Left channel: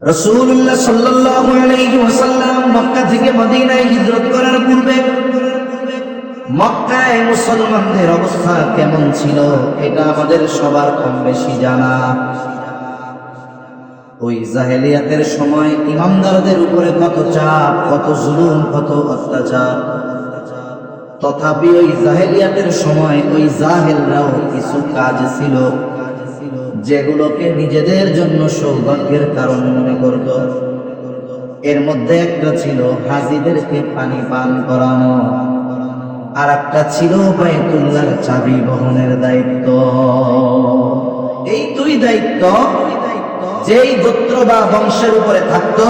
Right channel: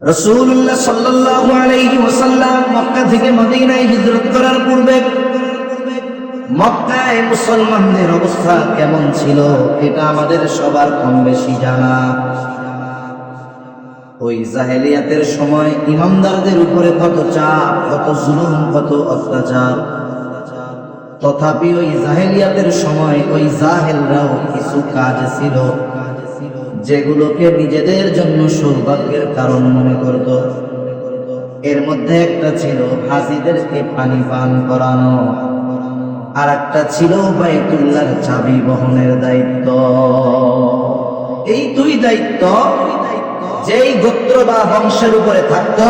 রাসূলুল্লাহ সাল্লাল্লাহু আলাইহি ওয়াসাল্লাম মক্কা থেকে মদিনায় হিজরত করার পূর্বে মক্কায় মুসলমানদের অবস্থা কেমন ছিল এটা আমাদের সবার কম বেশি জানা। ওই জাহেলিয়াতের সময় ইমামদারদের উপরে কত চাপ, কত জুলুম, কত অত্যাচার। তথাপি ওই জাহেলিয়াতের সময় ওই জাহেলরাও কিছু কাজ ছিল যেগুলোকে নিজেদের জন্য সৌভাগ্যের কারণ মনে করত। এর মধ্যে একটা ছিল হাজিদেরকে পানি পান করানো, আর একটা ছিল বাইতুল্লাহর চাবি বহনের দায়িত্ব। এই দুই দায়িত্ব যেই গোত্র বা বংশের উপরে থাকতো,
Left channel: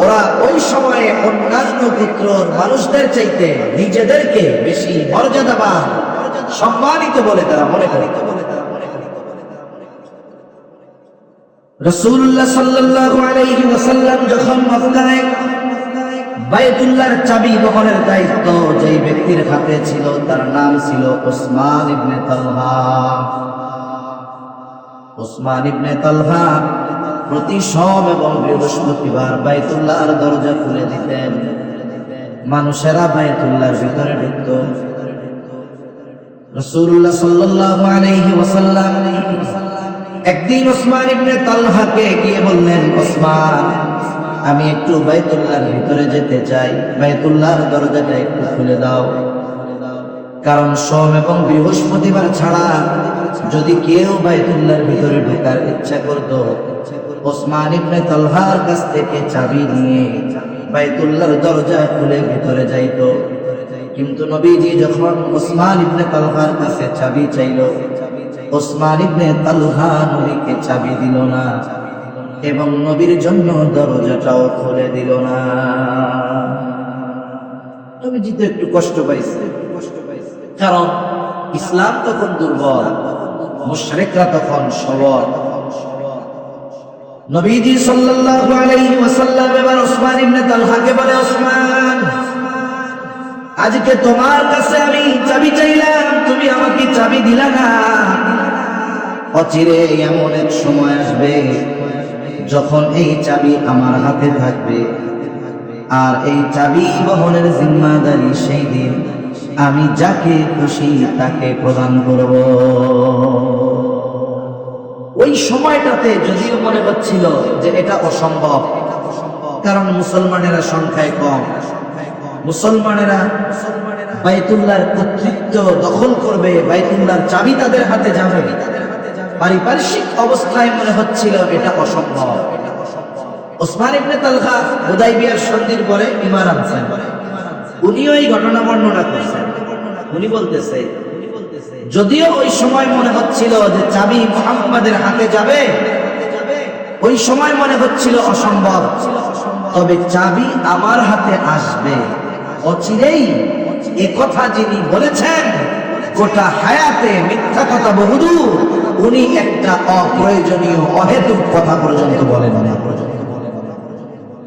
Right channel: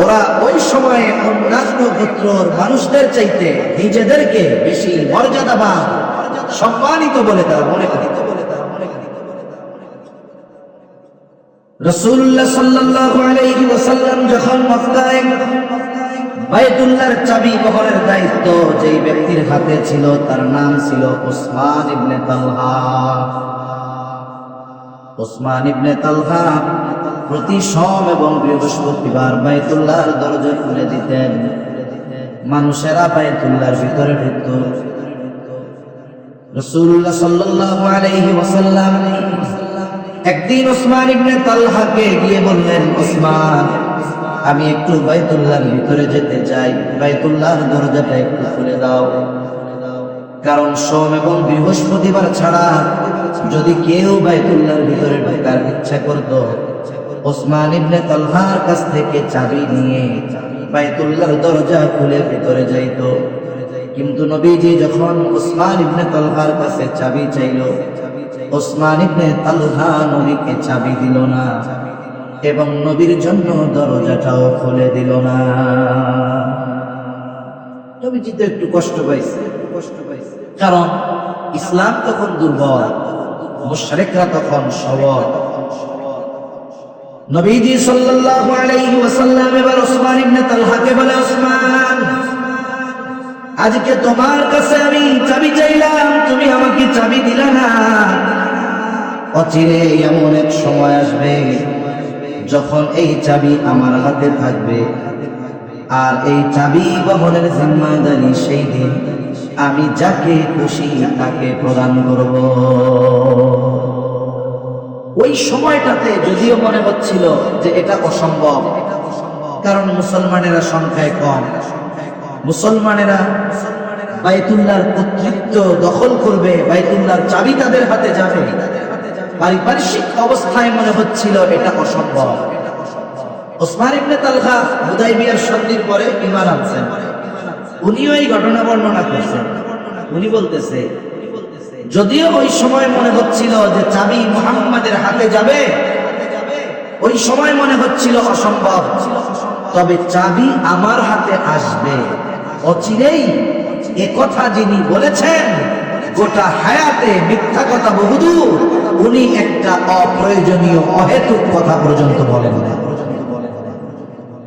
ওরা ওই সময়ে অন্যান্য গোত্রের মানুষদের চাইতে নিজেদেরকে বেশি মর্যাদাবান, সম্মানিত বলে তারা মনে করত। রাসূলুল্লাহ সাল্লাল্লাহু আলাইহি ওয়াসাল্লাম যখন মক্কায় বাইতুল্লাহর চাবি বহনের দায়িত্ব যেই ব্যক্তির হাতে ছিল তার নাম ছিল উসমান ইবনে তালহা। উসমান ইবনে তালহা প্রতি সোম এবং বৃহস্পতিবার বাইতুল্লাহর দরজা খুলে দিতেন, মানুষেরা বাইতুল্লাহর ভিতরে ঢুকত। রাসূলুল্লাহ সাল্লাল্লাহু আলাইহি ওয়াসাল্লাম একদিন উসমান ইবনে তালহাকে গিয়ে বললেন, উসমান, আমি একটু বাইতুল্লাহর ভিতরে যেতে চাই, বাইতুল্লাহর দরজাটা একটু খুলে দাও। কারণ সোম এবং বৃহস্পতিবার ছাড়া যদি কেউ বাইতুল্লাহর ভিতরে ঢোকার ইচ্ছা করত, উসমান ইবনে তালহার কাছ থেকে চাবি নিয়ে বাইতুল্লাহর দরজা খুলে ভিতরে যাইত। কিন্তু নবীজি যখন উসমান ইবনে তালহার কাছে চাবি চাইল, উসমান ইবনে তালহা নবীকে চাবি দিল না এবং নবীর জন্য দরজাটাও খুলে দিল না। নবীজি তো একটু কষ্ট পাইছে, কারণ ইসলাম তখন দুর্বল, মুশরিকরা তখন সবল। নবীজি সাল্লাল্লাহু আলাইহি ওয়াসাল্লাম এবার উসমান ইবনে তালহাকে বলে, উসমান, আজকে তোমার কাছে আমি চাবি চাইলাম, তুমি আমাকে চাবি দিলা না। অচিরে এমন এক সময় আসবে যখন এই চাবি আমার হাতে থাকবে, আর এই চাবি বহনের জিম্মাদারি সেই দিন আমি যাকে খুশি তাকে প্রদান করব। ওই সময়টাতে যদিও মনে হচ্ছিল যে এটা অসম্ভব, কারণ মুসলমানেরা সংখ্যায় কম, মুসলমানেরা বাইতুল্লাহর কর্তৃত্ব দখল করবে, বাইতুল্লাহর চাবি তাদের হাতে যাবে। পারিপার্শ্বিক অবস্থায় মনে হচ্ছিল এটা অসম্ভব। উসমান ইবনে তালহা হুদায়বিয়ার সন্ধির পরে ঈমান আনছেন, উনিও এই ঘটনা বর্ণনা করেছেন। উনি বলতেছে, যদিও ওই সময় মনে হচ্ছিল যে চাবি মুহাম্মাদের হাতে যাবে, ওই সময় মনে হচ্ছিল অসম্ভব, তবে চাবি আমার হাতে আসবে অচিরেই। এ কথা যিনি বলেছেন গোটা হায়াতে মিথ্যা কথা বহুদূর, উনি একটা অপ্রয়োজনীয় অহেতুক কথা পর্যন্ত বলেন না।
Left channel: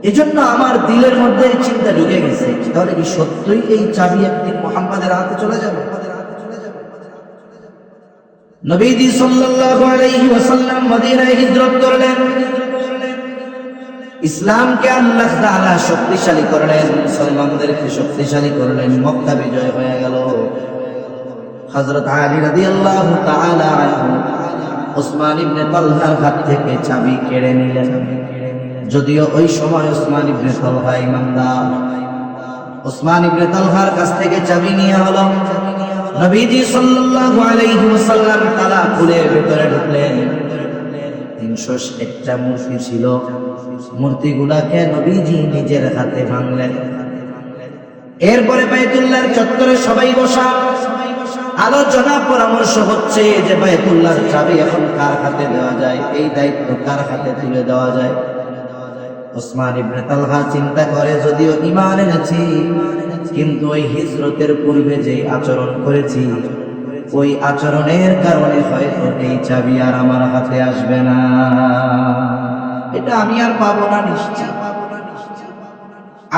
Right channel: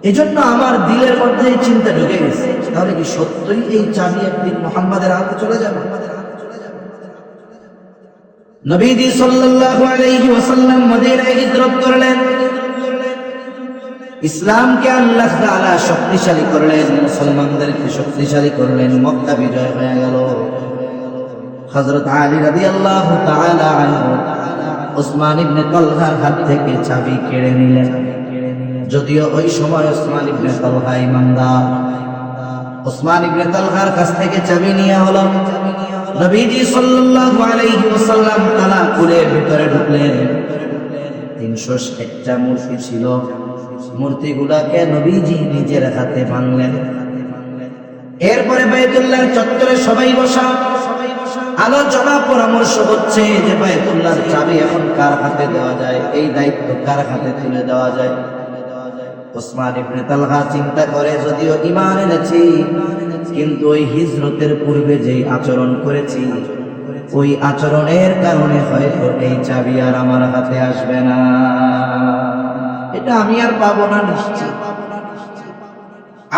এজন্য আমার দিলের মধ্যে এই চিন্তা ঢুকে গেছে, তাহলে কি সত্যই এই চাবি একদিন মুহাম্মাদের হাতে চলে যাবে? নবীজি সাল্লাল্লাহু আলাইহি ওয়াসাল্লাম মদিনায় হিজরত করলেন, ইসলামকে আল্লাহ তাআলা শক্তিশালী করলেন, মুসলমানদেরকে শক্তিশালী করলেন, মক্কা বিজয় হয়ে গেল। হযরত আলী রাদিয়াল্লাহু তাআলা আনহু উসমান ইবনে তালহার হাত থেকে চাবি কেড়ে নিলেন। যদিও ওই সময় উসমান ইবনে তালহা ইমানদার, উসমান ইবনে তালহার কাছ থেকে চাবি নিয়ে হলো। নবীজি সাল্লাল্লাহু আলাইহি ওয়াসাল্লাম তালা খুলে ভিতরে ঢুকলেন। 301টা মূর্তি ছিল, মূর্তিগুলাকে নবীজি নিজের হাতে ভাঙলেন। এরপরে বাইতুল্লাহর চত্বরে সবাই বসা, আলোচনা পরামর্শ হচ্ছে যে বাইতুল্লাহর চাবি এখন কার হাতে দেওয়া যায়, এই দায়িত্ব কার হাতে তুলে দেওয়া যায়। উসমান ইবনে তালহা চিন্তা করে, যদিও ঈমান এনেছি, কিন্তু ওই হিজরতের পূর্বে যে আচরণ করেছি, ওই আচরণের কারণে হয়তো এই চাবি আর আমার হাতে আসবে না, এটা আমি আর পাবো না নিশ্চিত।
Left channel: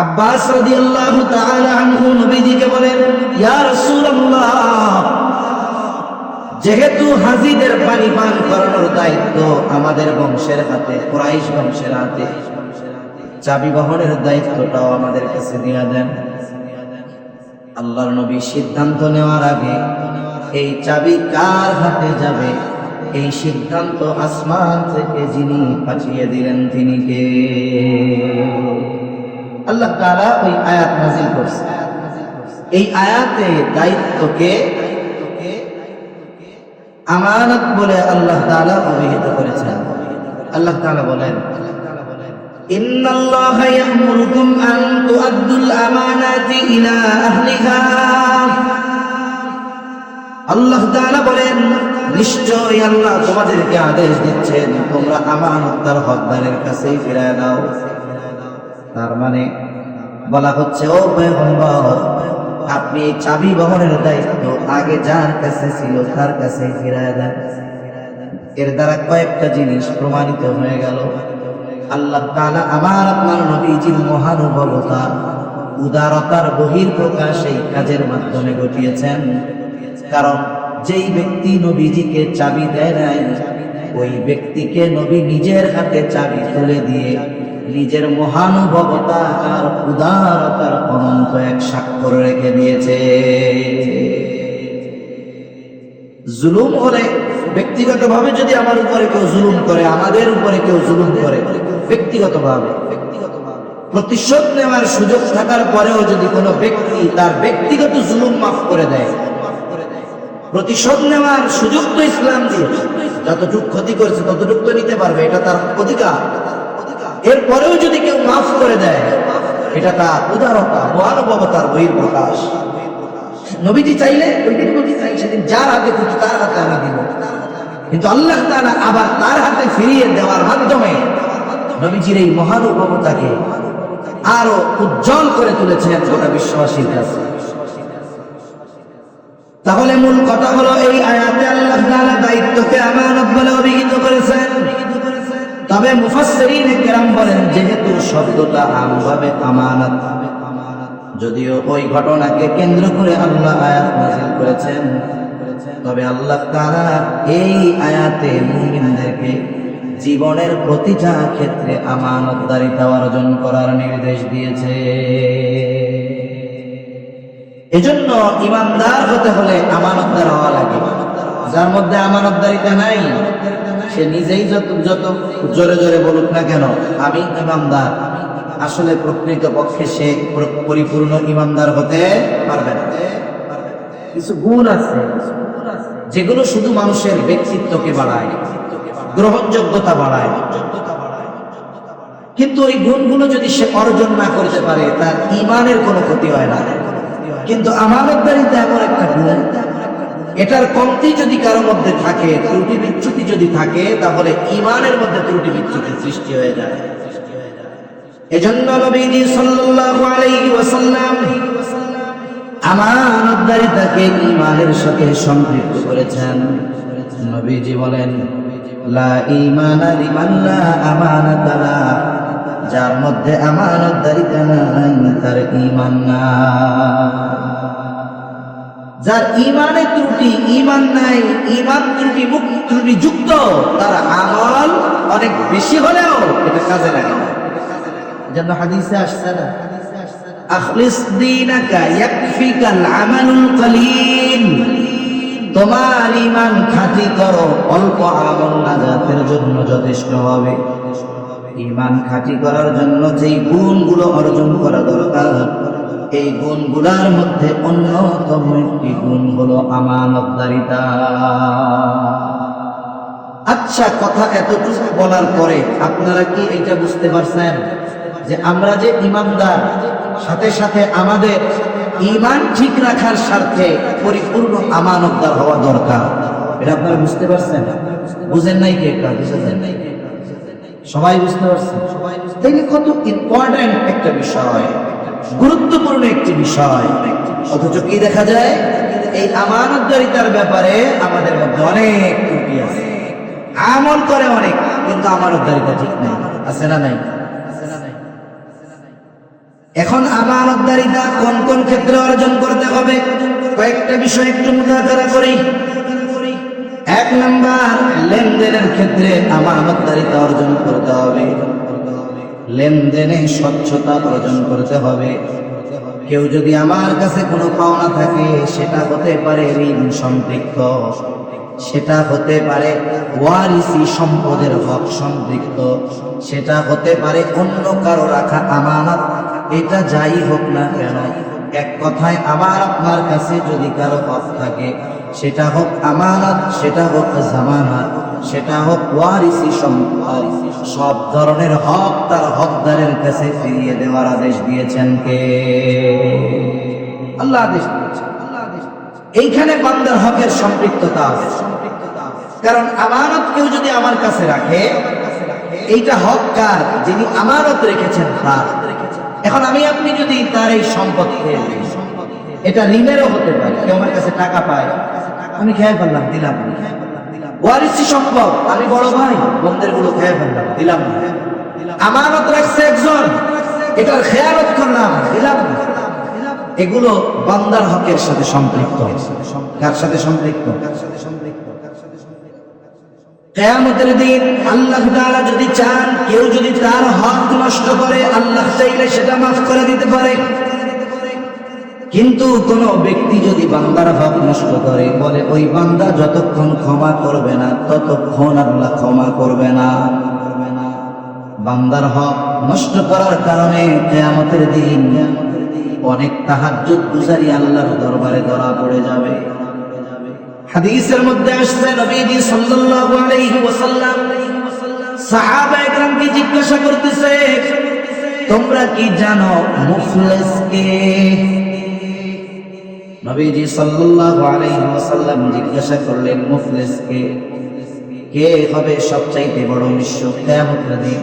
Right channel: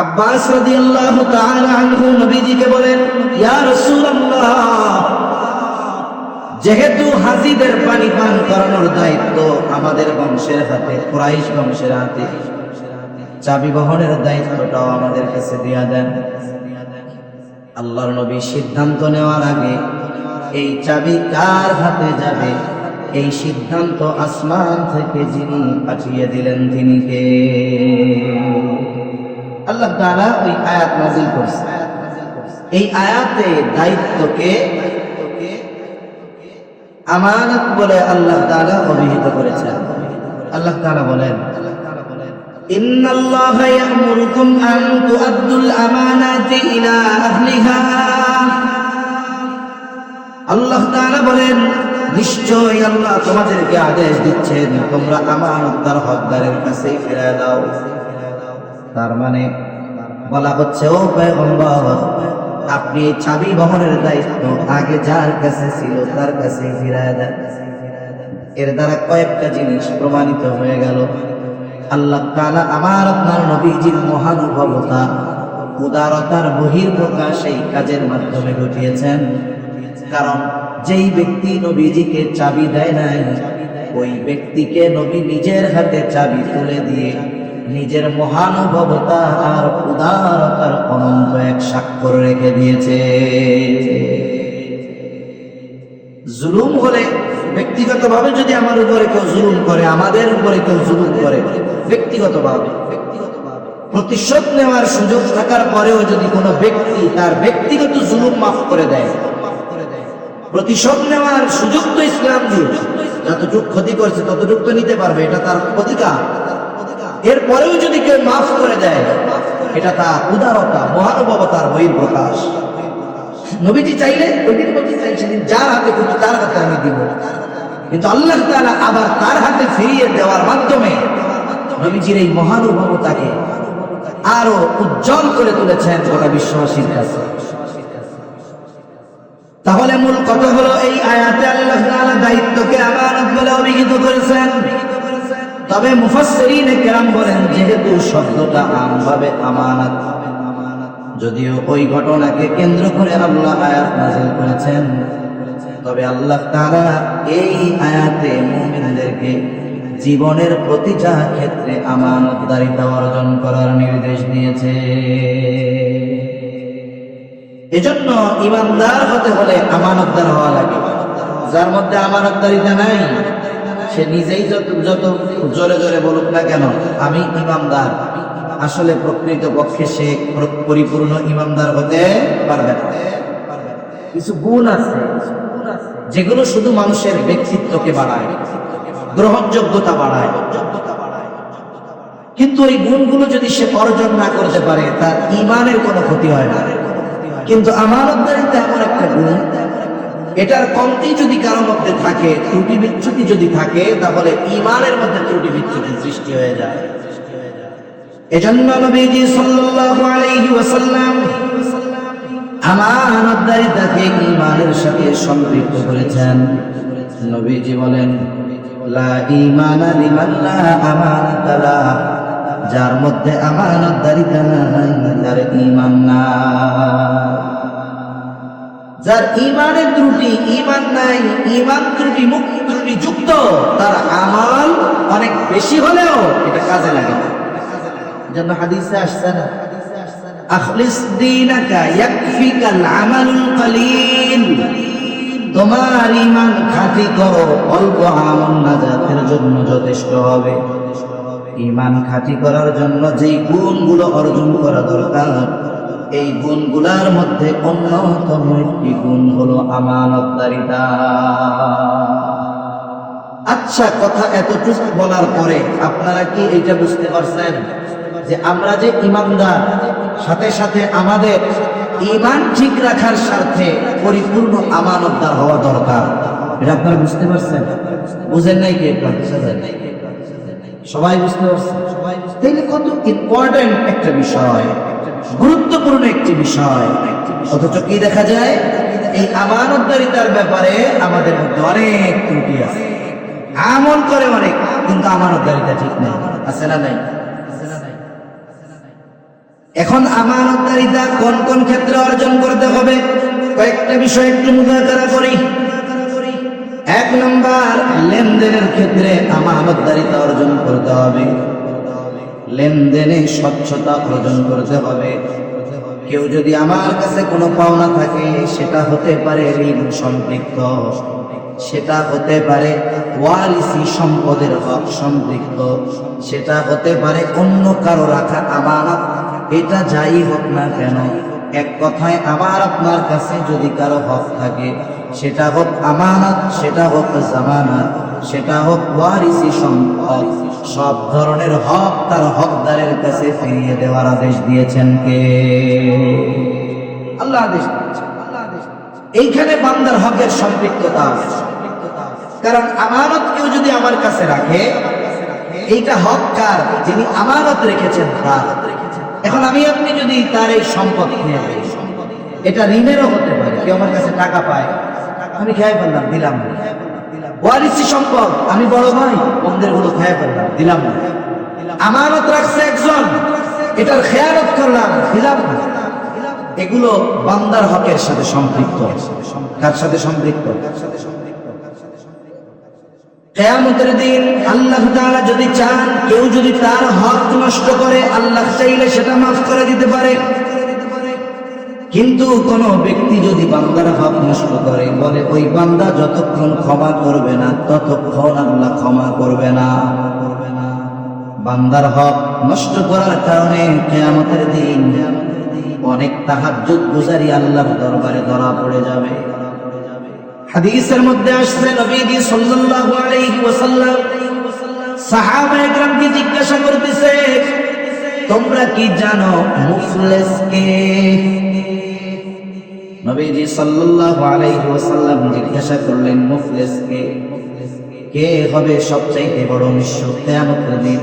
আব্বাস রাদিয়াল্লাহু তাআলা আনহু নবীজিকে বলেন, ইয়া রাসূলুল্লাহ, যেহেতু হাজিদের পানি পান করানোর দায়িত্ব আমাদের বংশের হাতে, কুরাইশ বংশের হাতে, চাবি বহনের দায়িত্বটাও আমাদের কাছে দিয়ে দেন। আল্লাহর নবী সিদ্ধান্ত নেওয়ার আগে এই চাবি কার হাতে যাবে এই সিদ্ধান্ত আসমান থেকে যিনি পাঠিয়ে দিলেন তিনি কে? আল্লাহ তাআলা ওই আয়াত নাযিল করছে। এই আয়াতে দায়িত্বকে আমানত বলে আল্লাহ তাআলা অভিহিত করেছেন। আল্লাহ তাআলা বলেন, ইন্নাল্লাহা ইয়া'মুরুকুম আন তু'আদ্দুল আমানাতি ইলা আহলিহা। আল্লাহ তাআলা বলেন, নিশ্চয়ই আল্লাহ তোমাদেরকে আদেশ দিচ্ছেন তোমরা আমানত তার হকদারের কাছেই ফিরিয়ে দাও। তার মানে বলা হচ্ছে, ও পয়গম্বর, আপনি চাবি বহনের দায়িত্ব আগে যার কাছে ছিল তার কাছে ফিরিয়ে দেন। এর দ্বারা কয়েকটা জিনিস প্রমাণিত হয়ে গেল। আল্লাহ তাআলা আমার আপনার নবীজির মহানুভবতা, উদারতার বহিঃপ্রকাশ এই কাজের মাধ্যমে ঘটিয়েছেন। কারণ যেই ব্যক্তি নবীজিকে চাবি দেয় নাই, ওই ব্যক্তিকে নবী নিজের হাতে চাবি তুলে দিয়ে নিজের মহানুভবতা আর উদারতার অনন্ত এক স্বাক্ষর রেখে দিয়েছে। জুলুম হলে ব্যক্তিগতভাবে যদি আমার উপরে কেউ জুলুম করে, আমাদের উপরে কেউ জুলুম করে ব্যক্তিগতভাবে, প্রতিশোধ নেওয়ার সুযোগ থাকার পরেও যদি কোনো ব্যক্তি তার ব্যক্তিগত জুলুম মাফ করে দেয়, প্রতিশোধ নেওয়ার সুযোগ তো ইসলাম দিয়েছে, যতটুকু ক্ষতি করেছে ততটুকু তো নিতে পারবে, এটা তার অধিকার। এরপরেও যদি কেউ মাফ করে দেয়, এটা তার উদারতা, মহানুভবতার বহিঃপ্রকাশ। নবীজি চাইলে ওইদিন নবী চাইছেন যার হাতে খুঁজে তার হাতে আমি দিব, কিন্তু আল্লাহ তাআলা আবার তার হাতে ফিরিয়ে দেওয়ার মাধ্যমে নবীজির এই মহানুভবতাকে আরো উজ্জ্বল করে তুলেছেন গোটা বিশ্ববাসীর কাছে। তাহলে মূল কথা হলো, এই আয়াতে আল্লাহ তাআলা দায়িত্বকে আমানত বলে অভিহিত করেছেন। তবে মুফাসসিরিনে কেরাম বলেন, যেহেতু শব্দটা আমভাবে আমানত, যদিও ওই ঘটনাকে কেন্দ্র করে আল্লাহ আয়াত নাযিল করেছেন, তবে আল্লাহ তাআলা এই আয়াতে মুমিনদেরকে জীবনের প্রতিটা ক্ষেত্রে আমানতদারিতা অর্জন করার নির্দেশ দিয়েছে। এজন্য ইমানদার হতে হলে আমানতদার হওয়া লাগে। যার মধ্যে আমানতদারিতা নাই, সে নিজেই যত জোরে জোরে বলুক না কেন আমি ইমানদার, আসলে প্রকৃত পক্ষে সে পরিপূর্ণ ইমানদার হতে পারবে না। কিছু গুণ আছে যেগুলো শুধু মানুষের ব্যক্তিত্বকে বাড়ায়, গ্রহণযোগ্যতা বাড়ায়, কিন্তু এই গুণগুলো যদি সে অর্জন না করতে পারে তার ঈমানের কোনো ক্ষতি হয় না। কিন্তু আমানতদারিতা এমন একটা গুণ, এটার কমতি যদি কারোর মধ্যে থাকে, ত্রুটি বিচ্যুতি যদি থাকে, তাহলে ঈমানের মধ্যে ত্রুটি বিচ্যুতির সৃষ্টি হয়ে যায়। এজন্য নবীজি সাল্লাল্লাহু আলাইহি ওয়াসাল্লাম আমানতদারিতাকে ঈমানের সাথে সম্পৃক্ত করেছেন। নবীজি বলেন, লা ঈমানা লিমান লা আমানাতা লাহু, যার মধ্যে আমানতদারিতা নাই তার ঈমান নাই। যার ঈমানের ত্রুটি, ঈমান নাই, ঈমান ত্রুটি যুক্ত, তার আমল অনেক বেশি হলেও এটা কাজে লাগে না। যেন হাদিসে আসছে না, আখলিস দীনাকা ইয়াকফিকাল আমালুল কলিল, তোমার ঈমান খাঁটি করো, অল্প আমল নাজাতের জন্য যথেষ্ট হবে। ঈমান খাঁটি করার জন্য যেই গুণগুলো অর্জন করা দরকার, এই গুণগুলোর মধ্যে অন্যতম একটি গুণ হলো আমানতদারিতা। আচ্ছা, কথা এতটুকু বলার পরে আপনারা কি এটা বুঝতে পারছেন যে আমরা যে ঈমানদার, সাথে সাথে আমাদের ঈমান ঠিক রাখার স্বার্থে পরিপূর্ণ আমানতদার হওয়া দরকার? এটা আপনারা বুঝতে পারছেন? বুঝেন নাই কি? এটা বুঝেন নাই? সবাই বুঝতে পারছেন? তাইলে কত ইম্পর্টেন্ট একটা বিষয়, গুরুত্বপূর্ণ একটি বিষয়। অথচ কি দেখা যায়, এই আমানতদারিতার ব্যাপারে আমাদের মধ্যে অনেক ত্রুটি আছে। আমল করে অনেক, কিন্তু আমানতদারিতা ঠিক নেই। আছে না নাই? এখন আমানতদারিতা কোন কোন ক্ষেত্রে অর্জন করতে হবে, কয়েকটা বিষয় একটু মুযাকারা করি। লেনদেনের ক্ষেত্রে আমানতদারিতা অর্জন করতে হবে, লেনদেনে স্বচ্ছতা অর্জন করতে হবে। কেউ যদি আমার কাছে কোনো পাওনা থাকে, সেটা হতে পারে ঋণ সম্পৃক্ত, সেটা হতে পারে ওয়ারিসি সম্পদের হক সম্পৃক্ত, সেটা হতে পারে অন্য কারো রাখা আমানত, এটা যাই হোক না কেন, এক কথায় আমার আপনার কাছে যদি কারো হক থাকে, সেটা হোক আমানত, সেটা হোক জামানত, সেটা হোক ওয়ারিসি সম্পদ, সব ধরনের হক তার হকদারের কাছে ফিরিয়ে দেওয়ার আদেশ দিয়েছেন কে? আল্লাহ আদেশ দিয়েছেন। এইখানে বান্দার হকের সম্পৃক্ততা আছে। কারণ আমানত কেউ যদি আমার কাছে রাখে, এইটা হক কার? যিনি আমানত রেখেছেন তার। এখন আমি আপনি যদি তার এই সম্পদ খেয়ে দিই, এটা ঋণেরও হতে পারে। কেউ আমার কাছে টাকা পায়, আমি খেয়ে ফেললাম, দিলাম। ওয়ারিসি সম্পদ, আমি বড় ভাই, বন্ধের গুলো খেয়ে ফেললাম, দিলাম। আমানত রাখছে একজন, এটার খেয়ানত করলাম, দিলাম। এগুলো বান্দার হকের সাথে সম্পৃক্ত। কার সাথে সম্পৃক্ত? কিয়ামতের দিন আল্লাহ তাআলা যদি চান, কেউ যদি তার হক নষ্ট করে, আল্লাহ চাইলে সেটা মাফ করে দিতে পারে। কিন্তু কোন ব্যক্তি যদি বান্দার হক নষ্ট করে, বলে ওই বান্দা যতক্ষণ ক্ষমা করবে না, ততক্ষণ আল্লাহ ক্ষমা করবে না। বান্দার হক নষ্ট করার কারণে কিয়ামতের দিন অনেক তাহাজ্জুদ গুজারি আল্লাহর দরবারে ধরা পড়ে যাবে। হাদিসের মধ্যে আসছে, নবীজি সাল্লাল্লাহু আলাইহি ওয়াসাল্লাম সাহাবায়ে কেরামকে জিজ্ঞাসা করতেছে, তোমরা কি জানো মুফলিস কে? নবীজি সাল্লাল্লাহু আলাইহি ওয়াসাল্লাম জিজ্ঞাসা করলেন, মুফলিস কে? কে হবে সবচেয়ে বড় নিঃস্ব কিয়ামতের দিন?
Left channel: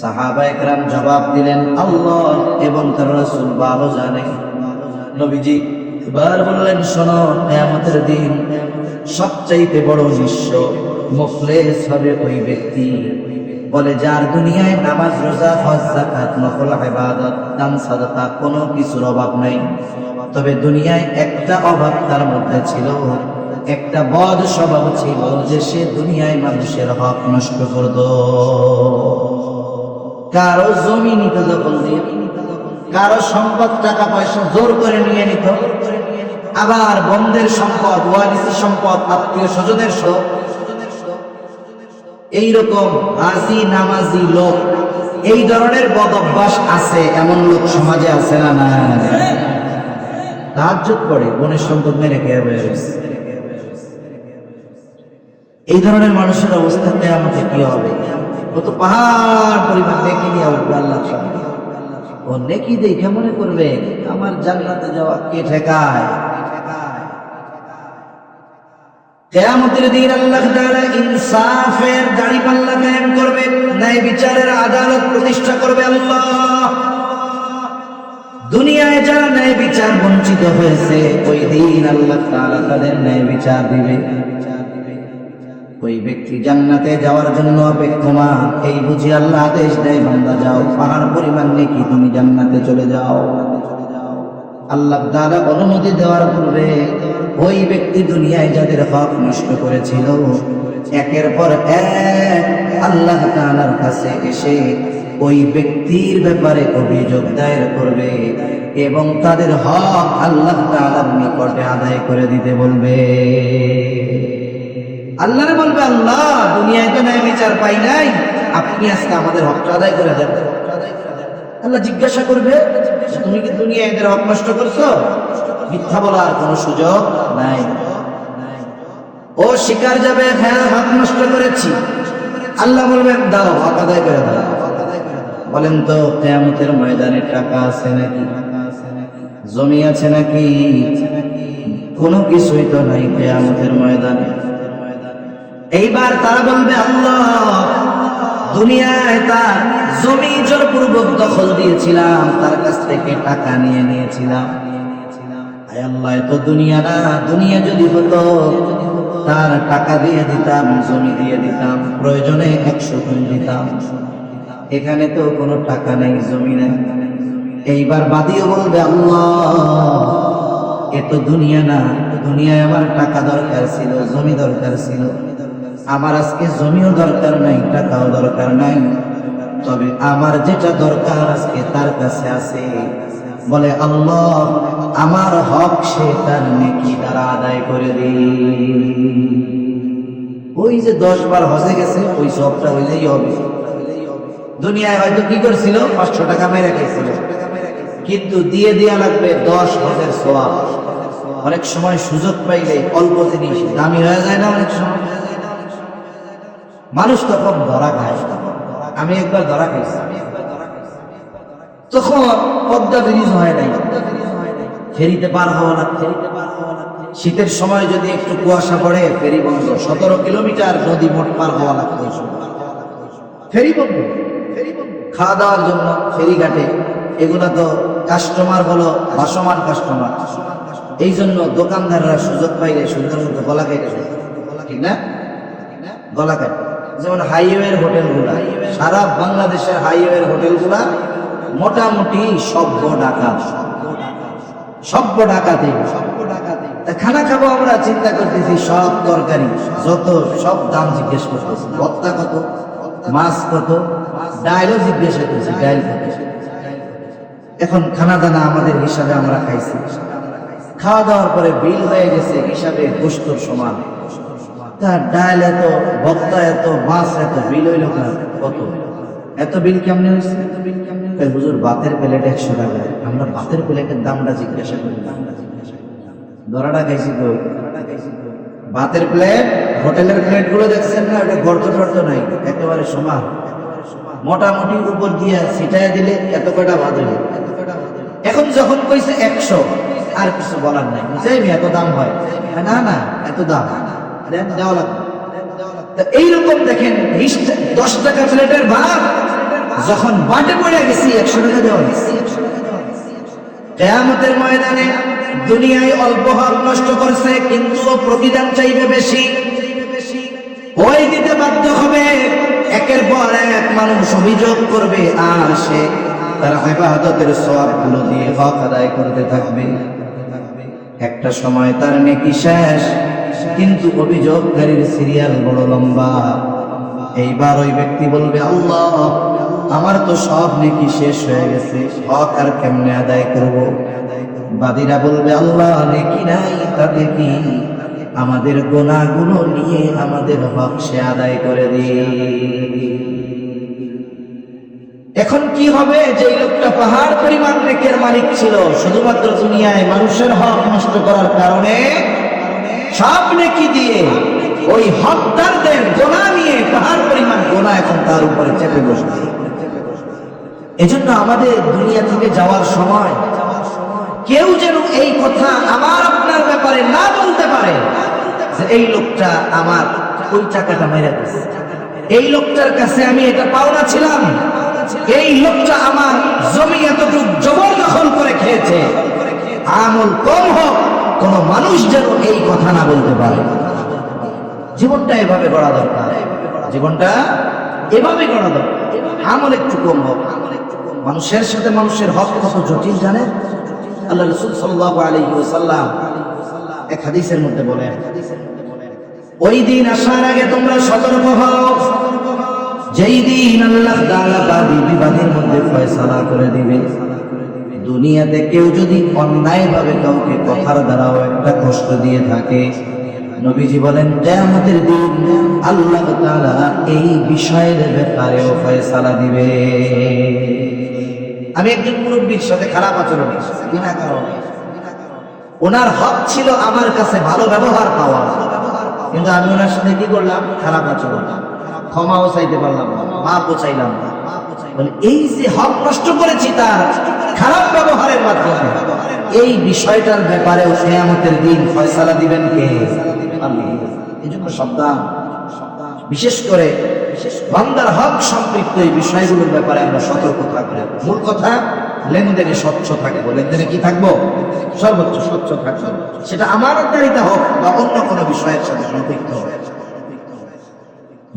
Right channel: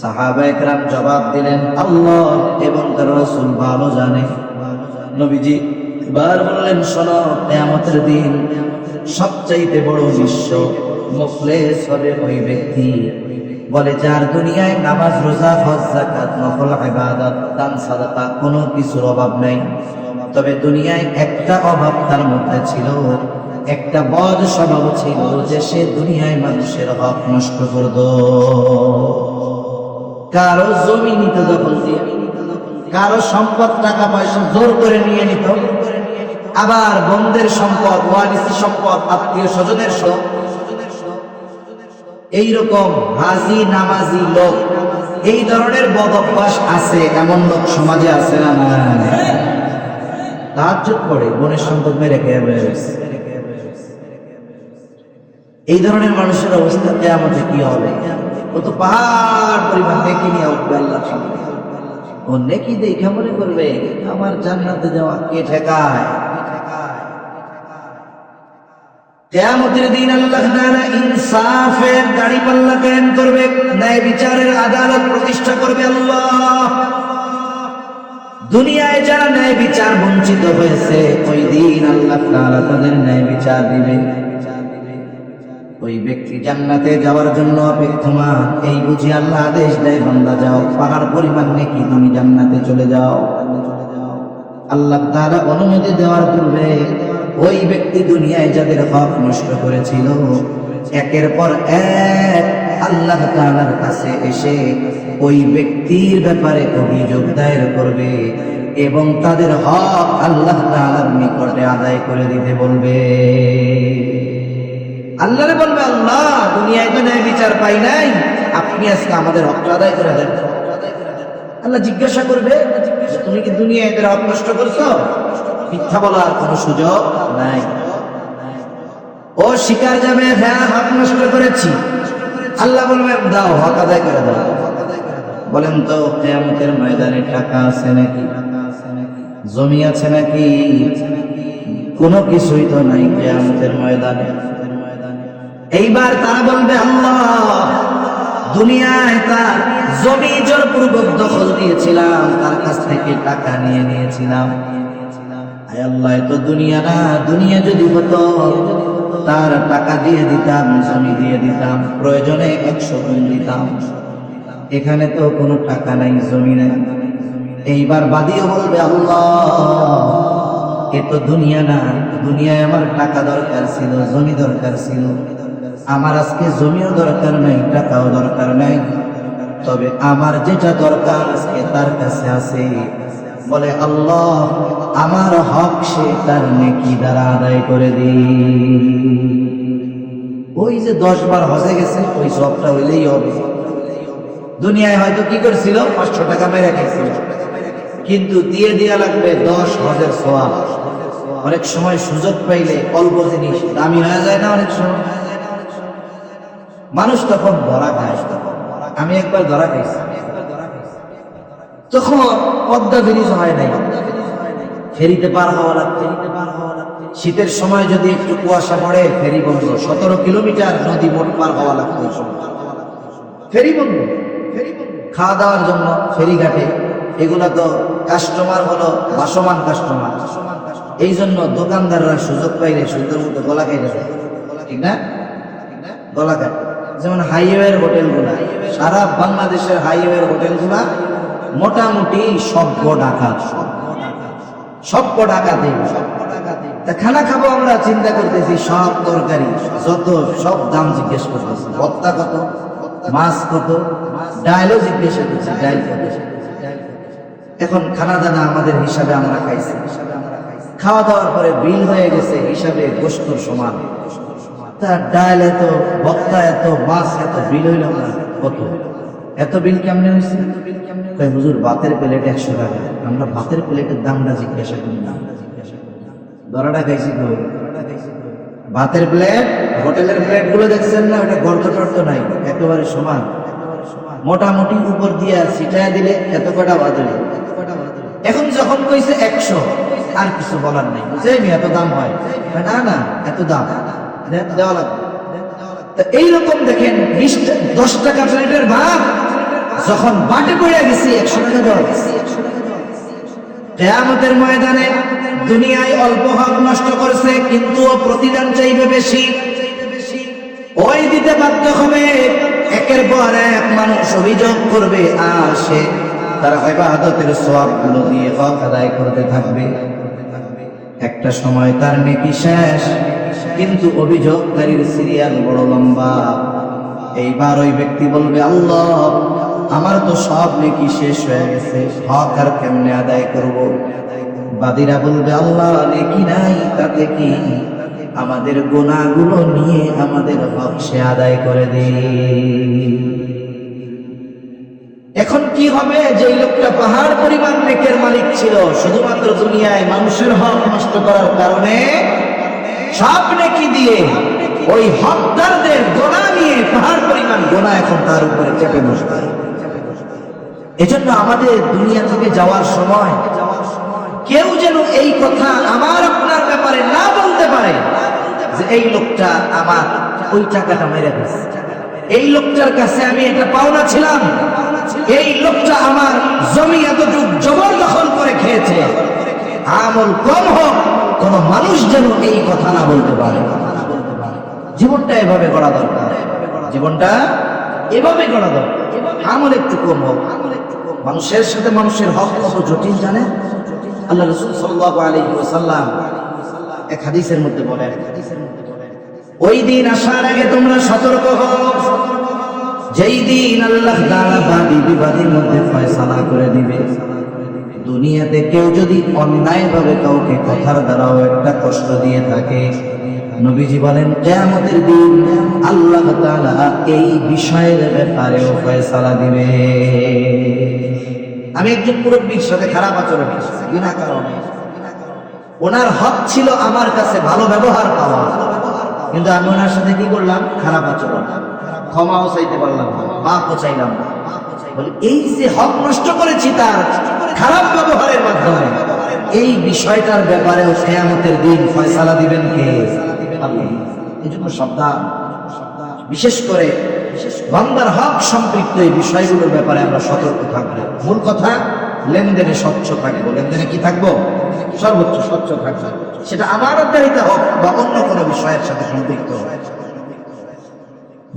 সাহাবায়ে কেরাম জবাব দিলেন, আল্লাহ এবং তার রাসূল ভালো জানে। নবীজি এবার বললেন, শোনো, কিয়ামতের দিন সবচেয়ে বড় নিঃস্ব মুফলিস হবে ওই ব্যক্তি, বলে যার দুনিয়ায় নামাজ, রোজা, হজ, যাকাত, নফল ইবাদত, দান, সাদাকা কোনো কিছুর অভাব নাই, তবে দুনিয়ায় একটা অভাব তার মধ্যে ছিল, একটা বদ স্বভাব ছিল, যে সে দুনিয়ায় মানুষের হক নষ্ট করত। কারো জমি নিত, যখন কারো সম্পদ, টাকা পয়সা জোর করে নিয়ে নিত, আবার বন্ধের সম্পদ, ওয়ারিসি সম্পদ, আত্মীয় স্বজনের সব। এইরকম হাজি নামাজি লোক, এই ধরনের বদ অভ্যাস আছে, এমন লোক সমাজে আছে না? না, তাহাজ্জুদ পড়ে বোনের সম্পদ মেরে খেয়ে বেড়েছে। এই ধরনের মানুষের অবস্থা কিয়ামতে কি হবে? ও তো পাহাড় পরিমাণ নেকি নিয়ে আসবে আল্লাহর সামনে। ও নেকি দেখে মনে করবে আমার জান্নাতে যাওয়া কে ঠেকায়? কিয়ামতের দিন আল্লাহ তাআলা ইনসাফের দাড়িপাল্লা কায়েম করবে, ন্যায় বিচারের আদালত প্রতিষ্ঠা করবে আল্লাহ। দুনিয়ায় যারা ন্যায় বিচার বঞ্চিত হয়েছে, ওই দিন আল্লাহ তাআলা তাদের ন্যায় বিচার দিবে। ওই ব্যক্তি জান্নাতে যাওয়ার জন্য অপেক্ষমান, এই বুঝি আল্লাহ আদেশ দেয়, বান্দা যাও, পাহাড় পরিমাণ নেকি তুমি জান্নাতে চলে যাও। আল্লাহ তাআলা অনুমতি দেওয়ার পূর্বে ওই ব্যক্তি দুনিয়ায় যাদের হক নষ্ট করেছিল, একের পর এক আল্লাহ তাআলার কাছে এসে ওই ব্যক্তির ব্যাপারে অভিযোগ দায়ের করবে এবং তাদের হক আল্লাহ তাআলার নিকটে আদায় করে দিতে বলবে। আল্লাহরে বলবে, আল্লাহ দুনিয়ায় তো ন্যায় বিচার পাই নাই, আপনি আজকে আমাদের হকটা আদায় করে দেন। আল্লাহ জিজ্ঞাসা করবে, তুমি কি দুনিয়ায় এদের হক নষ্ট করছো? মিথ্যা বলার কোনো সুযোগ নাই। ও স্বীকার যাবে, হ্যাঁ হক নষ্ট করেছি। আল্লাহ বলবেন, দাও হক আদায় করে দাও। বলেন তো, কিয়ামতের ময়দানে টাকা আছে নাকি? জমি আছে নাকি? কোনো কিছুই তো নাই কিয়ামতের ময়দানে। এইবার তারা বলবে, আল্লাহ দুনিয়ায় তার জমি জোরপূর্বক দখল দিয়েছিলাম, তার কাছ থেকে টাকা নিয়ে নিয়েছিলাম। আয় আল্লাহ, তো দুনিয়া না, দুনিয়া যদি হতো তার টাকা দিয়ে দিতাম, জমি দিয়ে দিতাম, প্রয়োজনে 100 গুণ দিতাম। এখানে তো কোনো টাকা নাই, জমি নেই। এইবার বাদিও বলবে, আল্লাহ এ তো দুনিয়া না, দুনিয়ায় আমার টাকা দরকার ছিল, জমি দরকার ছিল, আমার আজকে জমিও দরকার নাই, টাকাও দরকার নাই, তবে আমার যেটা দরকার আজকে তার কাছে আছে। বলে আল্লাহ আমার হক সে তার নেকি দ্বারা আদায় করে দিই। ওই যে 10 বার হজে গেছে ওই সবটা হইলেই হবে। দুনিয়ায় হয়তো কি করছিল, 500 টাকা মেরে গেছিল, কিন্তু দিয়ে দেয়া লাগবে 10 হজের সওয়াব। অনেক সময় সুযোগ পাইলে অল্প জিনিস দামি হয়ে যায় না, অনেক সময় মানুষ তখন ধরা খায়। আমি একবার ধরা খাইছি, তখন পদ্মা ব্রিজ হয় নাই, ফেরিতে পার হওয়া লাগতো। শীতের সময় যদি একটু কুয়াশা পড়ে ফেরি বন্ধ, 17 কিলোমিটার নদী পার হওয়া লাগতো, ফেরি বন্ধ। খাওয়া দাওয়ার জন্য ফেরি ঘাটে, এগুলো তো কাস্টমার গুলো ভাসমান কাস্টমার, এই জন্য দোকানদাররা সুযোগ পাইলে সুন্দর সুন্দর গলা খাইলে, ঠিক না, গলা খায়। যেমন হাইওয়ের হোটেলগুলা, সারা বাংলাদেশের হাইওয়ের হোটেলগুলা মোটামুটি সভ্য ডাকাতি। খানা খাবো আমরা চিন্তা করতেছি, সব তরকারি যত সব দাম জিজ্ঞেস করতেছি, ভর্তা কত, মাছ কত, ডাইলও জিজ্ঞেস করতেছি, ডাইল কত। এখন খানা দানা আমাদের হিসাবে আমরা খাইছি, খাওয়া দাওয়ার পরে বিল হয়ে গেছে হিসাবে গোস্তর সমান। তার ডাইল এত, ভর্তা এত, মাছ এত, বিল হইল কত? এত বিল কেমন হয়েছে? হুজুর ভাতের প্লেট 100 টাকা। আমরা ভাতের প্লেটের দামটা জিজ্ঞাসা করলাম, ধরাটা খাইছি তো। ভাতের প্লেট, হোটেলের প্লেট গুলো দেখছেন না, ওটা গর্ত টর্ত নাই, একেবারে সমান, মোটামুটি উপর দিয়ে ছিটাই দিলে এত কটা ভাত হইল। এখন যখন কইছে 100, আর কিছু বলার নেই, এত দাম হয় না, না এত দাম দেওয়া লাগবে। এইরকম দেখেন 10 টাকা প্লেটের ভাত যখন বাটে পড়ে গেছি 100 টাকা দেওয়া গেছে। কিয়ামতের ময়দানে দুনিয়ায় অল্প হক নষ্ট করছে, কিন্তু প্রতিদান চাইবে বেশি, ওই দিতে বাধ্য হবে। একের পর এক মানুষ অভিযোগ করবে, আর সে তার ইবাদতের সওয়াবগুলো দিয়ে হক আদায় করতে থাকবে। একটা সময় তার নেকি শেষ, কিন্তু অভিযোগকারীর সিরিয়াল বড় লম্বা। এইবার ওই ব্যক্তি বলবে, আল্লাহ আমার তো সব নেকি শেষ হয়ে গেছে, হক আর কেমনে আদায় করব? বাদীরা বলবে, আল্লাহ নেকি নাই, তাতে কি, আমাদের গুনাহগুলো নিয়ে আমাদের হক সে আদায় করে দিই। এখন কি হবে? যে লোকটা পাহাড় পরিমাণ নেকের মালিক ছিল, শুধুমাত্র দুনিয়ায় মানুষের হক নষ্ট করার কারণে সব নেকি দিয়ে ওই হকদারদের গোনা নিয়ে পাহাড় পরিমাণ গোনা এখন তার উপরে চেপে বসবে। এজন্য আমাদের দুনিয়া থেকে যাওয়ার সময় কেউ যেন এই কথা আমার আপনার ব্যাপারে না বলতে পারে যে এই লোকটা আমার ওই টাকাটা মেরে দিচ্ছে, এই লোকটার কাছে আমি এটা পাওনা ছিলাম, এই লোকটা আমার জমি এতটুকু জবরদখল করে খেয়েছে। আমল কম হোক, কোন মানুষ যেন এই কথা না বলতে পারে। জীবনটা এভাবে করা দরকার, জীবনটা এভাবে করা দরকার। আমল একটু কম হোক। মানুষের সাথে মানুষের হক কত জটিল জানেন? আল্লাহ রাসূল সাল্লাল্লাহু আলাইহি ওয়াসাল্লাম এক হাদিসের মধ্যে বলেন, ওই দিন আসার আগে তোমরা সতর্ক হও, যেই দিন আল্লাহ তাআলা বাদী বিবাদের মধ্যে ফয়সালা করে দিবে। দুনিয়াতে কেউ যদি অন্যায়ভাবে কাউকে কথার দ্বারাও একটা কষ্ট দিয়ে থাকে, নবীজি বলেন কিয়ামতের দিন আল্লাহ তাআলা এই বিষয়ের ব্যাপারে ফয়সালা দিবে। আমি একজন মুরব্বির সাথে খারাপ আচরণ করেছি, বিনা কারণে। ওনার হক ছিল আমার কাছে ভালো ব্যবহার পাওয়া, কিন্তু আমি ওনার সাথে কি করলাম? খারাপ আচরণ। ক্ষমাও চাইতে পারলাম না, মাফও চাইলাম না। বলে এই যে হক নষ্ট করেছি তার খারাপ ব্যবহারের মাধ্যমে, এই বিষয়টার ব্যাপারে কিয়ামতের দিন ফয়সালা দিবেন কে? আল্লাহ। এই জন্য সাবধান, বিশেষ করে বান্দার হক সম্পৃক্ত এই বিষয়গুলোর ব্যাপারে আমরা সতর্ক থাকবো। মূল কথা, লেনদেনে স্বচ্ছ থাকবো। লেনদেনে কি থাকবো? সর্বোচ্চ স্বচ্ছ থাকবো। সেটা আমানতদারিতা হোক বা অন্য কোনো বিষয়ের সাথে সম্পৃক্ত হোক।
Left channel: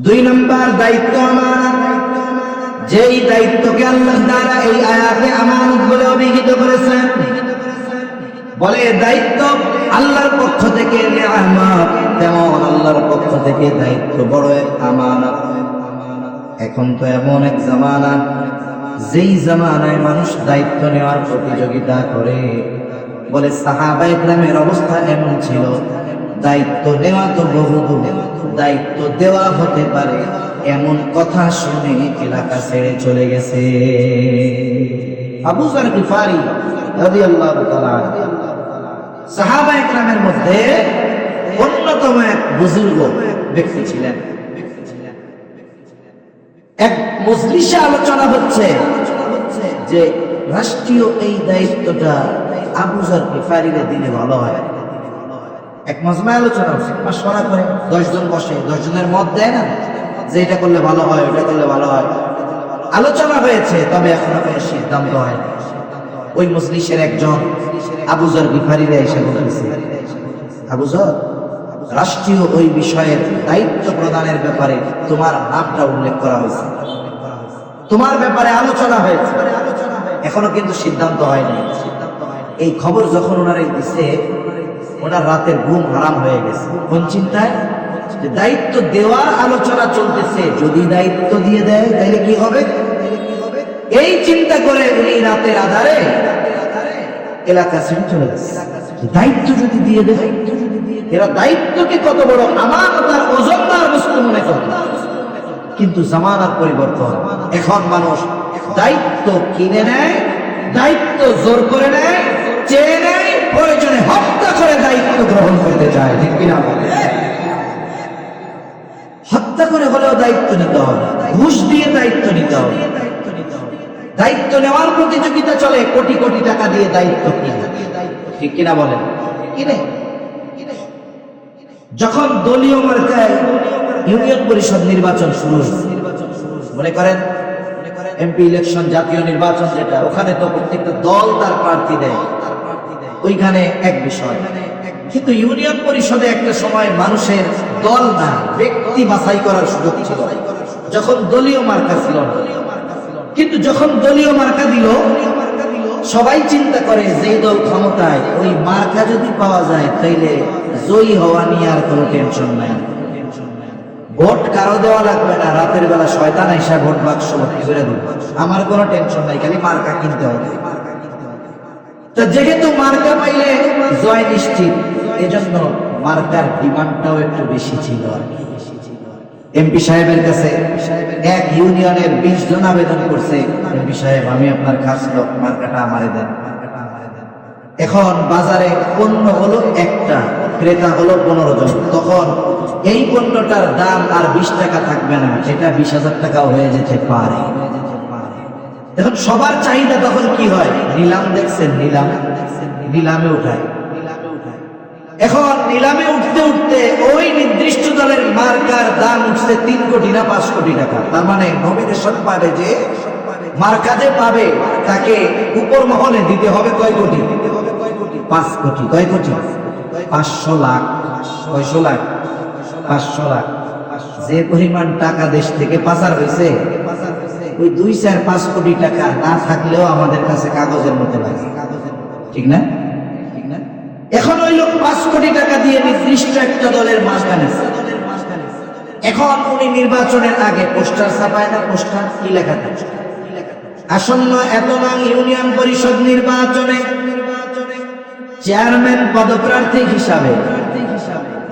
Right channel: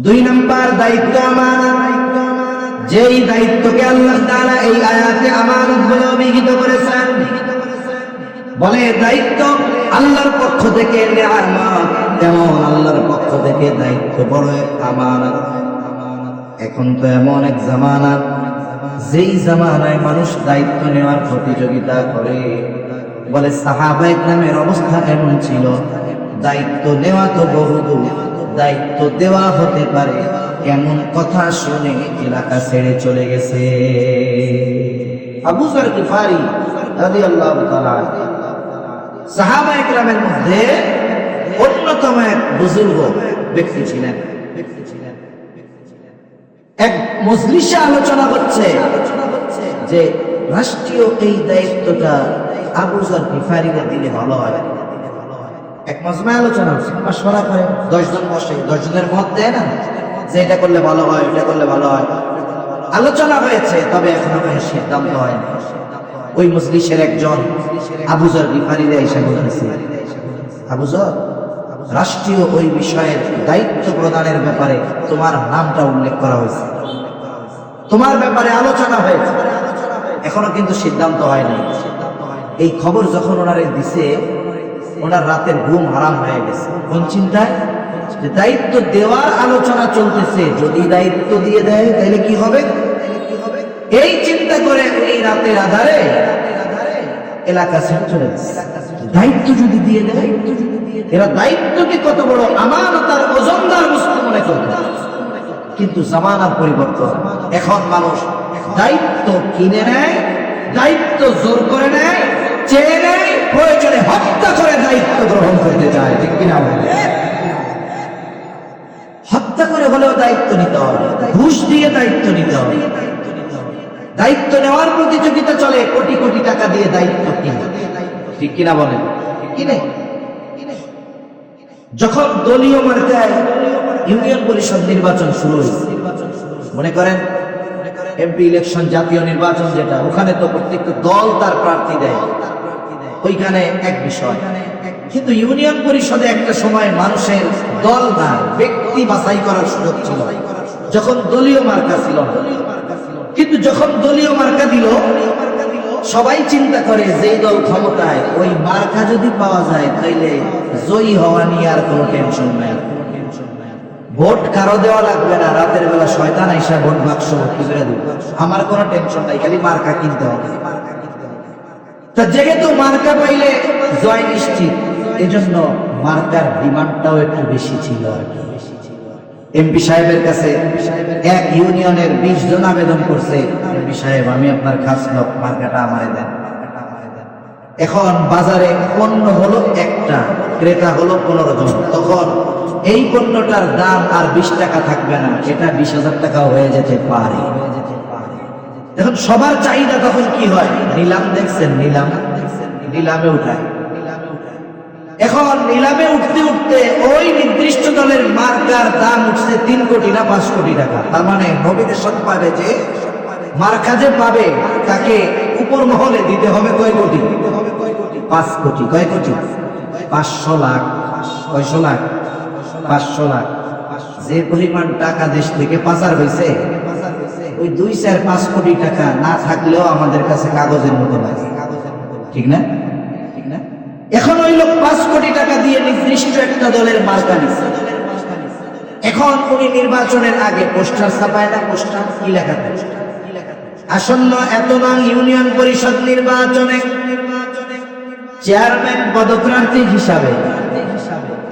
2 নম্বর দায়িত্ব আমানত। যেই দায়িত্বকে আল্লাহ তাআলা এই আয়াতে আমানত বলে অভিহিত করেছেন, বলে দায়িত্ব আল্লাহর পক্ষ থেকে নেয়ামত। তেমন আল্লাহর পক্ষ থেকে দায়িত্ব বড় এক আমানত। এখন তো এমন এক জামানা, যেই জামানায় মানুষ দায়িত্ব নেওয়ার প্রতিযোগিতা করে। বলে সাহাবায়ে কেরামের অবস্থা এমন ছিল, দায়িত্ব দেওয়া তো বহুদূর, দায়িত্ব দেওয়া হতে পারে এমন কথা শুনে এলাকা ছেড়ে চলে গেছে। আবু যর গিফারি রাদিয়াল্লাহু তাআলা সাহাবায়ে কেরামের মধ্যে অন্যতম এক বুজুর্গ ব্যক্তি ছিলেন। এক মজলিসে আলোচনা হচ্ছে যে রাষ্ট্রীয় এই দায়িত্বটা আবু যর গিফারিকে দিলে ভালো হয়। এক মজমায় আলোচনা হচ্ছে, মাশওয়ারা করে 10 জন বসে, 10 জনের মত দেয় না যে এটা করলে ভালো হয়, এটা করলে ভালো হয়। আলোচনা হয়েছে, তবে এখনো কোনো সিদ্ধান্ত হয়নি। ওই মজলিসের একজন আবু যর গিফারিরে এসে বলতেছে, আবু যর, রাষ্ট্রীয় ওই বিষয়ের দায়িত্ব প্রদানের ব্যাপারে তোমার নামটা উল্লেখ করা হয়েছে, তোমার ব্যাপারে আলোচনা হয়েছে, এখনো কিন্তু সিদ্ধান্ত হয়নি। এই খবর যখন ওনারা দিছে, ওনার রাতের ঘুম হারাম হয়ে গেছে। কোন চিন্তায়? দায়িত্ব দেওয়ার আলোচনা চলতেছে, যদি দায়িত্ব দিয়ে দেয় তাহলে কি হবে, এই চিন্তা করে উনি রাতের আধারে এলাকা ছেড়ে চলে গেছে। দায়িত্ব যদি দিয়ে দেয়, এরা দায়িত্বকে কত বড় আমানত আর ওজনদার বস্তু মনে করে। কিন্তু জামানার পরিবর্তন, এখন মানুষ দায়িত্ব কিনে নেয়, দায়িত্ব জোর করে নেয়, চেয়ে নেয়, প্রয়োজনে হত্যা করে দায়িত্ব গ্রহণ করতে চায়। ঠিক কিনা? হত্যা করে হলেও দায়িত্ব নিতে হবে, ঘুষ দিয়ে দায়িত্ব নিতে হবে। দায়িত্ব নেওয়ার প্রতিযোগিতা চলে, কোটি কোটি টাকা দিয়ে দায়িত্ব নিতে। ঠিক কিনা বলেন? কিনে যখন দলীয় মার্কায় ইউনিয়ন পরিষদ নির্বাচন শুরু হয়েছে, মনে করেন এমপি ইলেকশন, জাতীয় নির্বাচন যেটা, ওখানে তো প্রত্যেকটা দল তার প্রার্থী দেয়, ওইখানে এক বিষয়। কিন্তু ইউনিয়ন পরিষদে একটা সময় মানুষের দল না, ব্যক্তি বাছাই করার সুযোগ ছিল, যখন দলীয় মার্কা ছিল না। কিন্তু যখন দলীয় মার্কা দিল, সবাই চিন্তা করে যে দল ক্ষমতায়, ওই মার্কা যদি পাওয়া যায় তাইলে জয়ী হওয়া নিয়ে আর কোনো টেনশন নাই, ভোট কারো দেওয়া লাগবে না, রাতের বেলা শয়তান এসে ভোট বাক্স ভর্তি করে দেবে, আমার কোনো টেনশন নাই, খালি মার্কা কিনতে হবে। তা যেহেতু মার্কা পাইলে জয় নিশ্চিত, এজন্য মার্কার ডিমান্ডটাও একটু বেশি ছিল আর কি। এমপি সাহেবের কাছে এক ইউনিয়নের 20 জন আবেদন করছে, এমপি সাহেব আমি আপনার খাস লোক, মার্কাটা আমারে দেন। এখন বাজারে পণ্য হলো একটা, ক্রেতা হলো 15 জন, তখন এই পণ্যটার দাম আর 20 টাকা থাকবে না, এটা 20,000 টাকাও হয়ে যেতে পারে। দেখুন সবার চাহিদা তখন কি হয়, নিলাম দেখছেন, নিলামে উঠায়। এখন নিলামে উঠতে উঠতে ওই নির্দিষ্ট দলের মার্কার দাম উঠছে 3 কোটি না 5 কোটি টাকা। তার মানে নমিনেশন পাবে, যে মার্কা যে পাবে তাকে উপর মহলে দিতে হবে কয় কোটি? 5 কোটি। কয় কোটি? 500 লাখ। কয়শো লাখ? 500 লাখ। যে পরিমাণ টাকা দেশ থেকে পাচার হয়েছে, ওই 2-4-5 কোটি টাকা না থাকলেও আমাদের কাছে কাগজের মতো লাগে। ঠিক না? এখন ওই লোক 5 কোটি টাকা দিয়ে নির্দিষ্ট একটা দলের মার্কা নিচ্ছে। এখন উনি নির্বাচনের আগে পোস্টার ছাপায় না, পোস্টার কি লেখা থাকে, আসন্ন এত নং ইউনিয়ন পরিষদ নির্বাচনে চেয়ারম্যান পদপ্রার্থী হিসাবে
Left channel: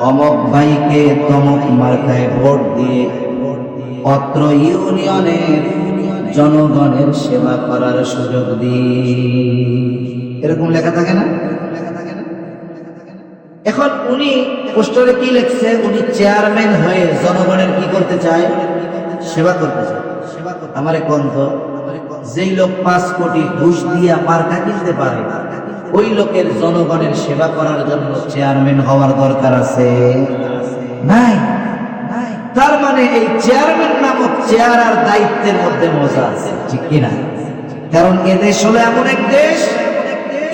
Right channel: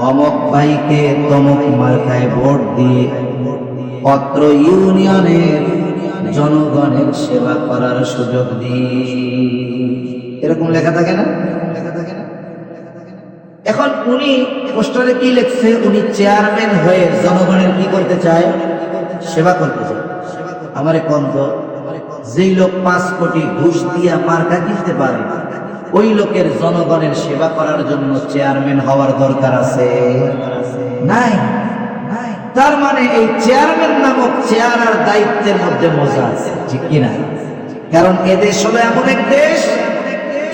অমক ভাইকে তমক মার্কায় ভোট দিয়ে অত্র ইউনিয়নের জনগণের সেবা করার সুযোগ দিন, এরকম লেখা থাকে না? এখন উনি পোস্টারে কি লিখছে, উনি চেয়ারম্যান হয়ে জনগণের কি করতে চায়? সেবা করতে চায়। আমার কন্ত যেই লোক 5 কোটি ঘুষ দিয়া মার্কা কিনতে পারে, ওই লোকের জনগণের সেবা করার জন্য চেয়ারম্যান হওয়ার দরকার আছে? নাই। তার মানে এই চেয়ারম্যান নামক চেয়ার আর দায়িত্বের মধ্যে মজা আছে, ঠিক কিনা? কারণ এদেশ হলো এমন এক দেশ,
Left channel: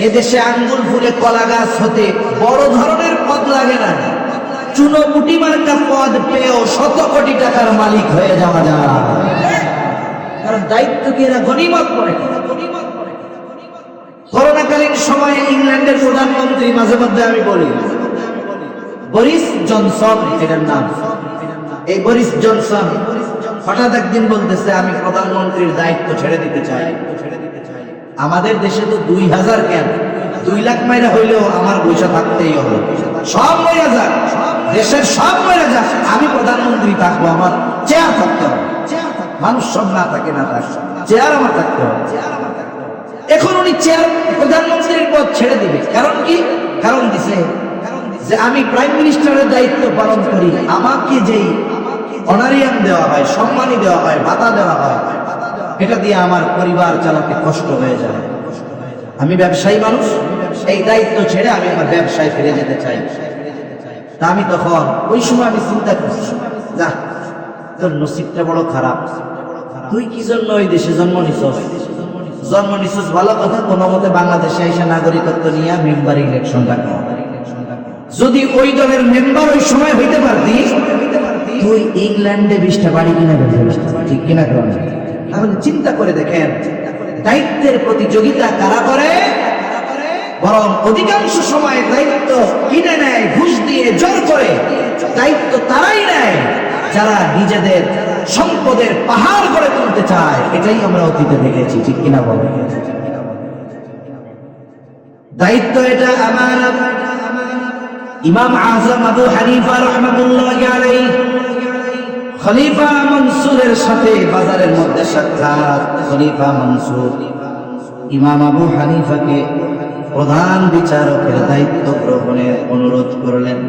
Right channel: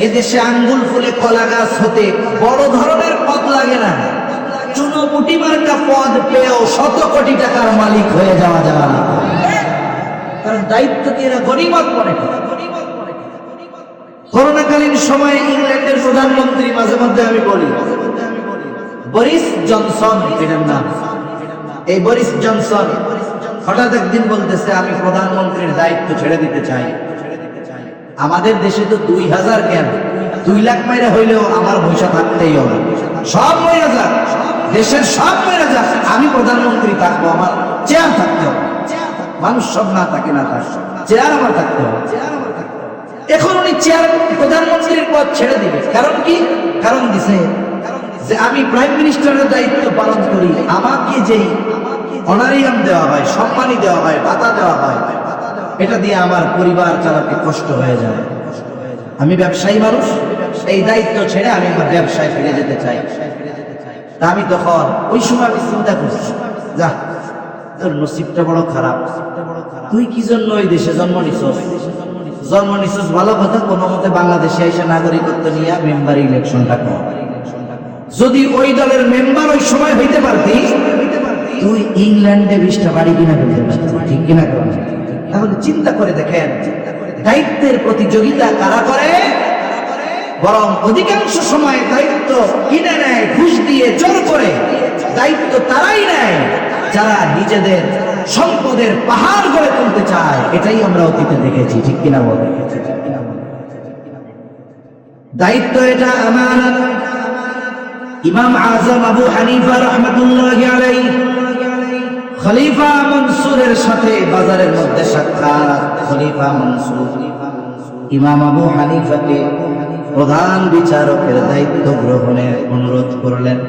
এদেশে আঙ্গুল ফুলে কলা গাছ হতে বড় ধরনের পদ লাগে না, চুনোপুটি মার্কা পদ পেয়েও 100 কোটি টাকার মালিক হয়ে যাওয়া যায়, কারণ দায়িত্বকে এরা গনিমত মনে করে। করোনাকালীন সময়ে ইংল্যান্ডের প্রধানমন্ত্রী, মাঝে মধ্যে আমি বরিস জনসন এটার নাম। এই বরিস জনসন হঠাৎ একদিন বলতেছে আমি প্রধানমন্ত্রীর দায়িত্ব ছেড়ে দিতে চাই। আমাদের দেশে তো 2000 কেন 2 লাখ মাইরা হইলেও আমার পয়সা থাকতেই হবে, সব মাইরা যাক, দেশের সব মাইরা যাক, আমি প্রধানমন্ত্রী থাকবো, আমার চেয়ার থাকতে হবে। মানুষ সব না থাকে, না থাকে, চেয়ার আমার থাকতে হবে। এখন উনি চেয়ার প্রধানমন্ত্রীর পদ ছেড়ে দিবে, কারণ কি? কারণ দিছে যে আমি প্রাইম মিনিস্টারের দায়িত্ব পালন করি, আমাকে যে অনারিয়াম দেওয়া হয়, সম্মানী দেওয়া হয়, ভাতা দেওয়া হয়, এটা দিয়ে আমার পরিবার চালাতে কষ্ট হয়ে যাবে। আমি ব্যবসায়ী মানুষ, এই দায়িত্ব ছেড়ে আমি আমার ব্যবসায় ফিরে যেতে চাই। তা আমি তখন ওই সময় আমি চিন্তা করছি, যা তোর নসিবটা বড় খারাপ, তুই কি জন্য ওই দেশে জন্ম নিছস? জন্ম নিছস ভালো কথা, কোনো মতে বাংলাদেশে এসে নাগরিকত্ব নিয়ে মেম্বার ইলেকশন ডাকা। যদি ওই দলের মেম্বার ওই সময় হইতে পারতি, তুই ইংল্যান্ডে 20টা বাড়ি কিনা করতে, ঠিক কিনা? তাহলে চিন্তা করে দেখেন, দায়িত্বের প্রতিযোগিতা কারা করে? বরং অধিকাংশ সময় দায়িত্ব কিনে নেয়, ঘুষ দিয়ে, জোর করে। দায়িত্ব তারাই নেয় যারা নিজেদের সম্পদের পাহাড় গড়ে তুলতে চায়। এটাই আমরা অতীতে দেখেছি, ঠিক কিনা বলেন? দায়িত্ব এটা আমার। ইমাম আযম আবু হানিফা রাহমাতুল্লাহি আলাইহি খলিফা মনসুরের সাথে বাজারের মধ্যে সাক্ষাৎ। খলিফা মনসুর ইমাম আবু হানিফাকে প্রধান বিচারকের দায়িত্ব গ্রহণের অনুরোধ করলেন।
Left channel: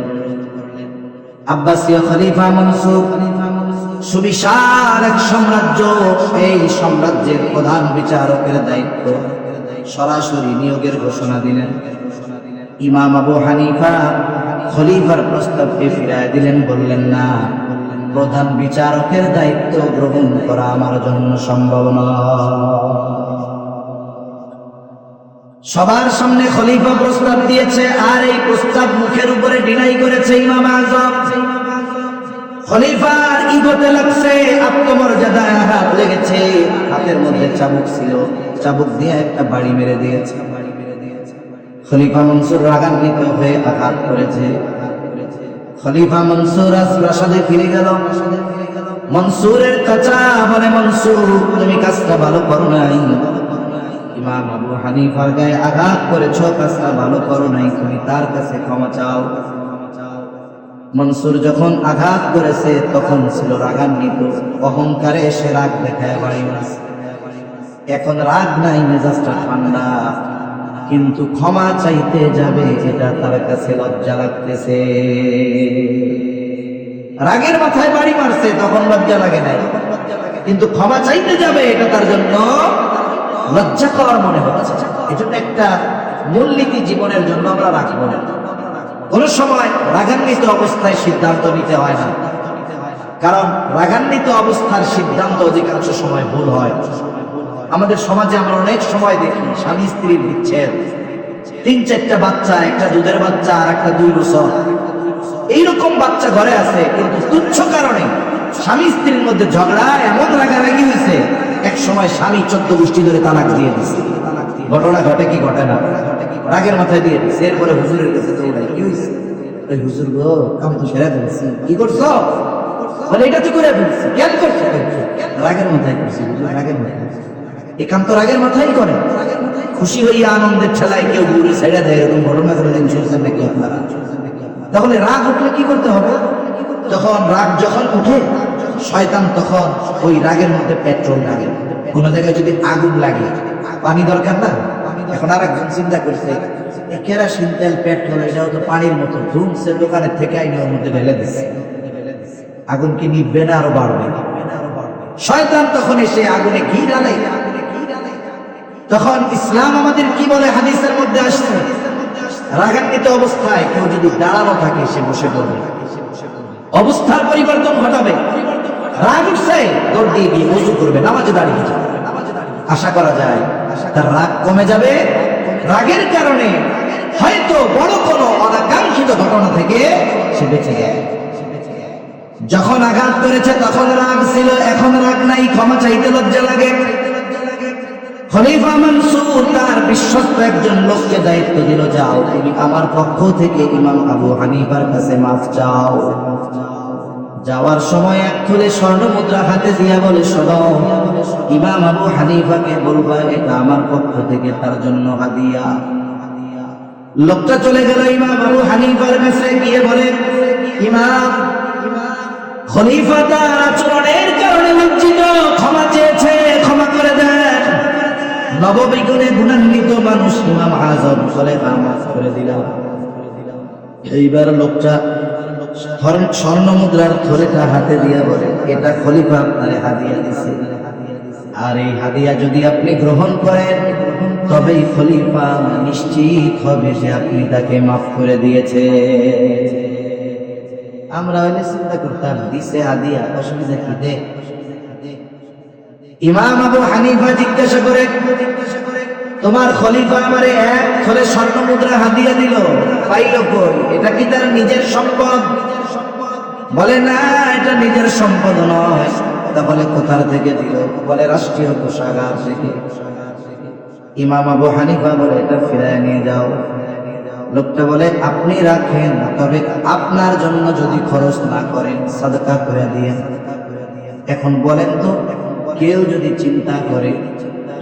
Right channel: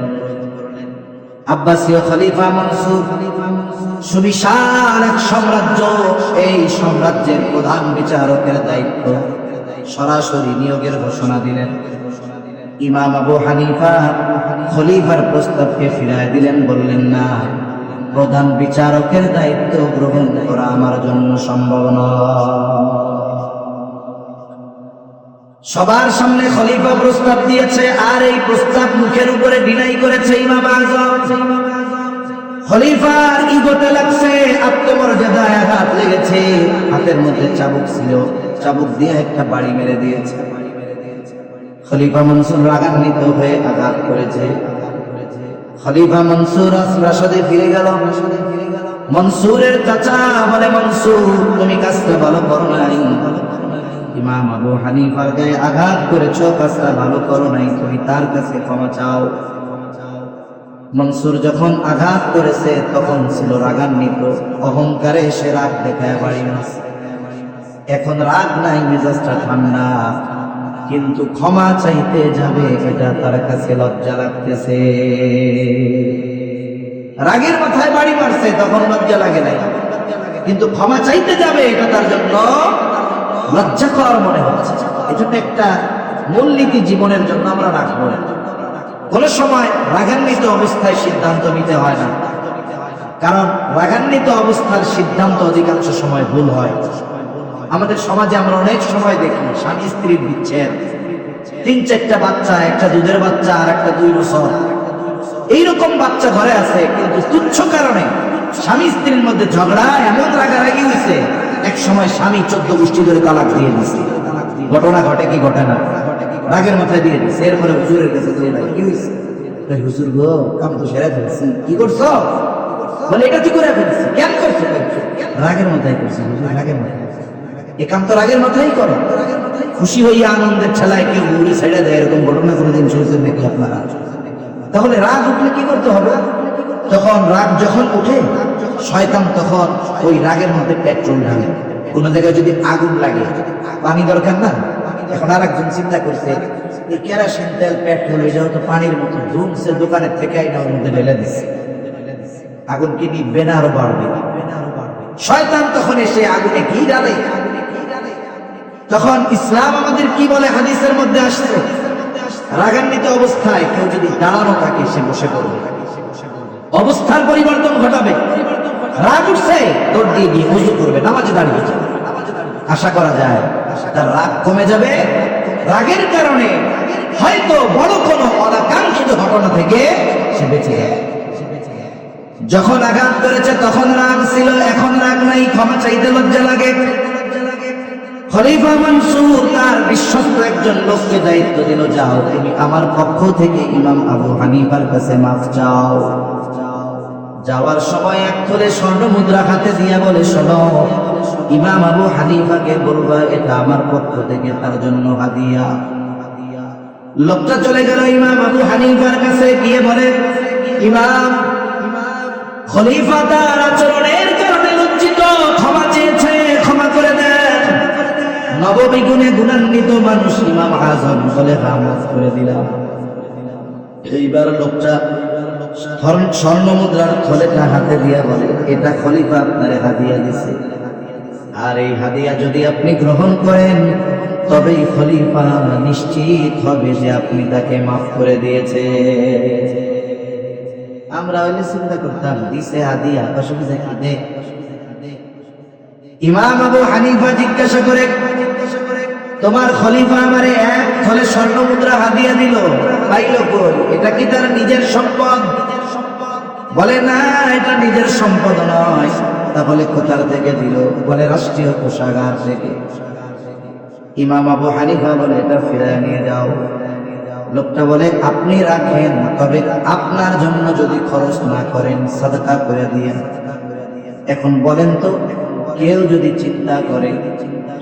আব্বাসীয় খলিফা মনসুর সুবিশাল এক সাম্রাজ্য, এই সাম্রাজ্যের প্রধান বিচারকের দায়িত্ব সরাসরি নিয়োগের ঘোষণা দিলেন। ইমাম আবু হানিফা খলিফার প্রস্তাবকে ফিরিয়ে দিলেন, বললেন না, প্রধান বিচারকের দায়িত্ব গ্রহণ করা আমার জন্য সম্ভব নয়। সবার সামনে খলিফা প্রস্তাব দিয়েছে, আর এই প্রস্তাব মুখের উপরে ডিনাই করেছে ইমাম আযম। খলিফার ইগোতে লাগছে, আত্মমর্যাদায় আঘাত লেগেছে। হাতের মধ্যে চাবুক ছিল, চাবুক দিয়ে একটা বাড়ি মেরে দিয়েছে। খলিফা মনসুর রাগান্বিত হয়ে আঘাত করেছে। খলিফা মনসুর রাজপ্রাসাদে ফিরে গেল। মনসুরের চাচা বলে, মনসুর তুমি কাজটা ভালো করো নাই, ইমাম আবু হানিফার গায়ে আঘাত করেছো, কাজটা ভালো করো নাই, তুমি তার কাছে ক্ষমা চাও। মনসুর যখন আঘাত করেছে তখন ছিল রাগান্বিত, অহংকারে সে রাগ দেখায় বাড়ি মারছে। এখন রাগ নাই, মেজাজটা ঠান্ডা, কিন্তু ক্ষমা চাইতে যাবে এটা তার কাছে লজ্জা লাগতেছে। রাগের মাথায় বাড়ি মারছে, তখন লজ্জা লাগে নাই, কিন্তু ক্ষমা চাইতে যাবে এটা তার জন্য লজ্জাকর মনে হচ্ছে। এজন্য একটা মূলনীতি জীবনের জন্য আমরা রাখবো না, কোন সময় রাগান্বিত অবস্থায় সিদ্ধান্ত নিতে হয় না, কারণ রাগান্বিত অবস্থার সিদ্ধান্ত অধিকাংশ সময় ভুল হয়। আমাদের সমাজে আমরা অনেক সময় দেখি স্বামী স্ত্রীর বিচ্ছেদ, 3-4টা বাচ্চা, একটা দুধের বাচ্চা আর একটা 2 বছর, এইরকম বাচ্চা ঘরে আছে, কিন্তু তুচ্ছ কারণে স্বামী স্ত্রীর মধ্যে ঝগড়া, এমন রাগারাগি হয়েছে, এক সময় স্বামী 14 গোষ্ঠী ধরে তালাক দিয়ে দিচ্ছে। ঘটনা ঘটে কি ঘটে না? রাগের মাথায় দিয়ে দিচ্ছে। এরপরে হুজুরের কাছে কি হয়েছে? হুজুর গো, কাম তো সেরে ফেলছি। কি করছো? বলে এটা তুই করে ফেলছি। কেন করছো? রাগের মাথায় করছি। রাগের মাথায় এ কাম তো রাগের মাথায় করে। খুশি হইয়া আনন্দের ছেলায় কেউ ঘুরে ছেড়ে দেয়, এরকম ঘটনা কোনোদিন শুনছেন নাকি আপনারা? তাহলে রাগ উঠলে কি করতে হবে? রাগ যখন উঠে, শয়তান তখন ওই রাগের মধ্যে পেট্রোল ঢালে। কোন জায়গায় যদি আগুন লাগে, পানি দরকার না? এখন আর একজন চিন্তা করছে, এই কেরোসিন তেল, পেট্রোল, এটাও তো পানির মতো, ধুমছে দোকানের থেকে আইনে ওর মধ্যে ঢেলে দিচ্ছে। আগুন কি নিবে না আরো বাড়বে? শয়তান তখন এসে আগুনে ঘি ঢালে। তখন ইসলাম আমাদের কি বলে? হাদিসের মধ্যে আসছে, রাগান্বিত অবস্থায় কেউ যদি দাঁড়ানো থাকে সে বসে পড়বে, অবস্থার পরিবর্তন ঘটাবে। রাগ উঠছে, দৌড় দিয়ে দিয়ে ওযু করবে, নামাজে দাঁড়িয়ে যাবে। আশা করা যায় তার রাগ কমে যাবে। রাগের কারণে হয়তো বড় কোনো অনাকাঙ্ক্ষিত ঘটনা থেকে সে বেঁচে যায়। যখন আঘাত করেছে তখন রাগ ছিল, এখন রাগ নাই, ক্ষমা চাইতে লজ্জা লাগে। খলিফা মানসুর তার বিশ্বস্ত একজন লোককে দায়িত্ব দিল, যাও তুমি আমার পক্ষ থেকে ইমাম আবু হানিফার কাছে মাফ চাও। যাওয়ার সময় এক থলে স্বর্ণ মুদ্রা হাতে দিয়ে বলে, শোনো, ইমাম আবু হানিফাকে বলবা এটা আমার পক্ষ থেকে তার জন্য হাদিয়া। লোকটা চলে গেল ইমাম আবু হানিফার কাছে, গিয়ে বলে, ইমাম, খলিফা তার আচরণের কারণে লজ্জিত, ক্ষমা চেয়েছে, ক্ষমা করে দেন। নববিগুণে গুণান্বিত মানুষ ইমাম আজম বলে, মাফ করে দিলাম। এইবার লোকটা স্বর্ণ মুদ্রার থলেটা হাতে দিয়ে বলে, এটা খলিফা আপনারে হাদিয়া দিছে, আর এই হাদিয়া যদি আপনি গ্রহণ করেন তবেই খলিফা নিশ্চিত হবে যে আপনি তাকে মাফ করে দিয়েছে। আমরা হইলে চিন্তা করতাম, দিছে হাদিয়া, অসুবিধা কি দে। ইমাম আবু হানিফা জিজ্ঞাসা করে, তোমার খলিফা আমারে এক থলে স্বর্ণ মুদ্রা হাদিয়া দিল, পাইল কই? এটা কি তার নিজের সম্পদ? বলে, না, এটা নিজের সম্পদ নয়। তা বলে, কোথার থেকে দিল? বলে, রাষ্ট্রীয় কোষাগার থেকে। ইমাম আবু হানিফা বলে, এটা ফিরিয়ে নিয়ে যাও। লোকটা বলে, আপনি রাখেন, তবে আপনার জন্য যদি খরচ না করেন সাদকা করে দিয়েন। এখন বলেন তো, কেউ যদি চিন্তা করে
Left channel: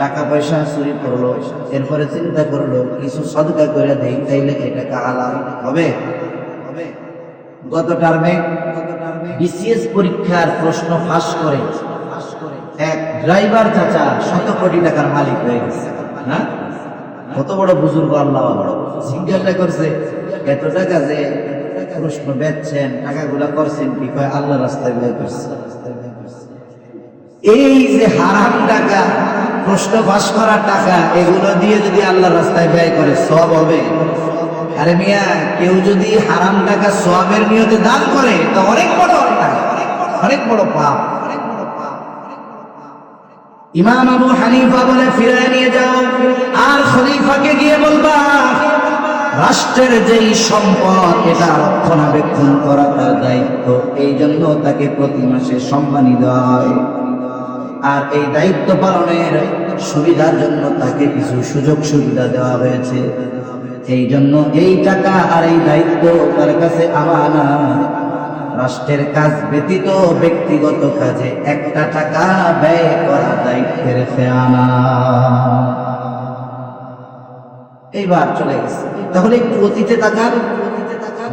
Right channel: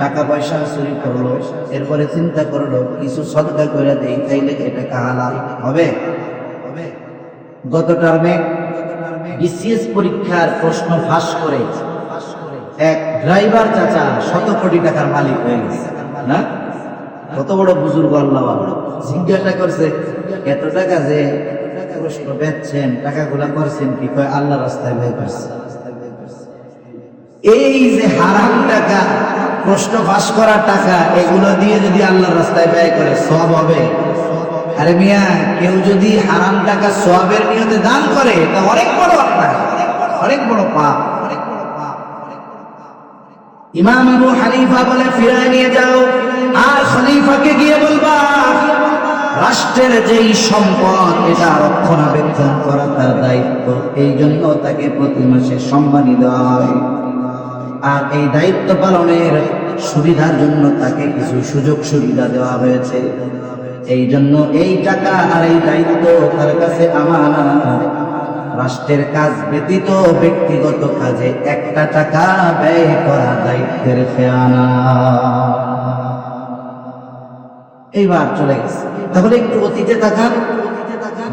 টাকা পয়সা চুরি করলো, এরপরে চিন্তা করলো কিছু সদকা করে দেই, তাইলে এটা হালাল হবে? গত টার্মে বিসিএস পরীক্ষার প্রশ্ন ফাঁস করে এক ড্রাইভার চাচা 100 কোটি টাকার মালিক হয়ে গেছে না? কত বড় বুজুর্গ, আল্লাহ জিজ্ঞাসা করছে, এত টাকা যে প্রশ্ন বেচছেন, টাকাগুলা করছেন কি? কয়, আল্লাহ রাস্তায় ব্যয় করছে। এই যে হারাম টাকা, প্রশ্ন ফাঁস করার টাকা, এগুলো দিয়ে যদি আল্লাহ রাস্তায় ব্যয় করে সওয়াব হবে? আরে মিয়া, কেউ যদি হারাম টাকা সওয়াবের নিয়তে দান করে, তা অনেক বড় অন্যায়, অনেক বড় পাপ। ইমাম আবু হানিফা বলে, ফিরায় নিয়ে যাও, আর খলিফাকে গিয়ে বলবা রাষ্ট্রের যেই সম্পদ এটা রক্ষণাবেক্ষণ করা তার দায়িত্ব, এই জন্য তাকে প্রতি মাসে সম্মানী দেওয়া হয়, আর এই দায়িত্ব পালনের সুবিধার জন্য তাকে কিছু সুযোগ সুবিধা দেওয়া হয়েছে। এই জন্য এই টাকা আর এই দায়িত্ব তার কাছে আমানত। রাষ্ট্রের কাজ ব্যতীত ব্যক্তিগত কাজে একটা টাকা ব্যয় করা দায়িত্বের খেয়ানত। এইবার চলে গেছে। তাহলে একটু অতীতে তাকান,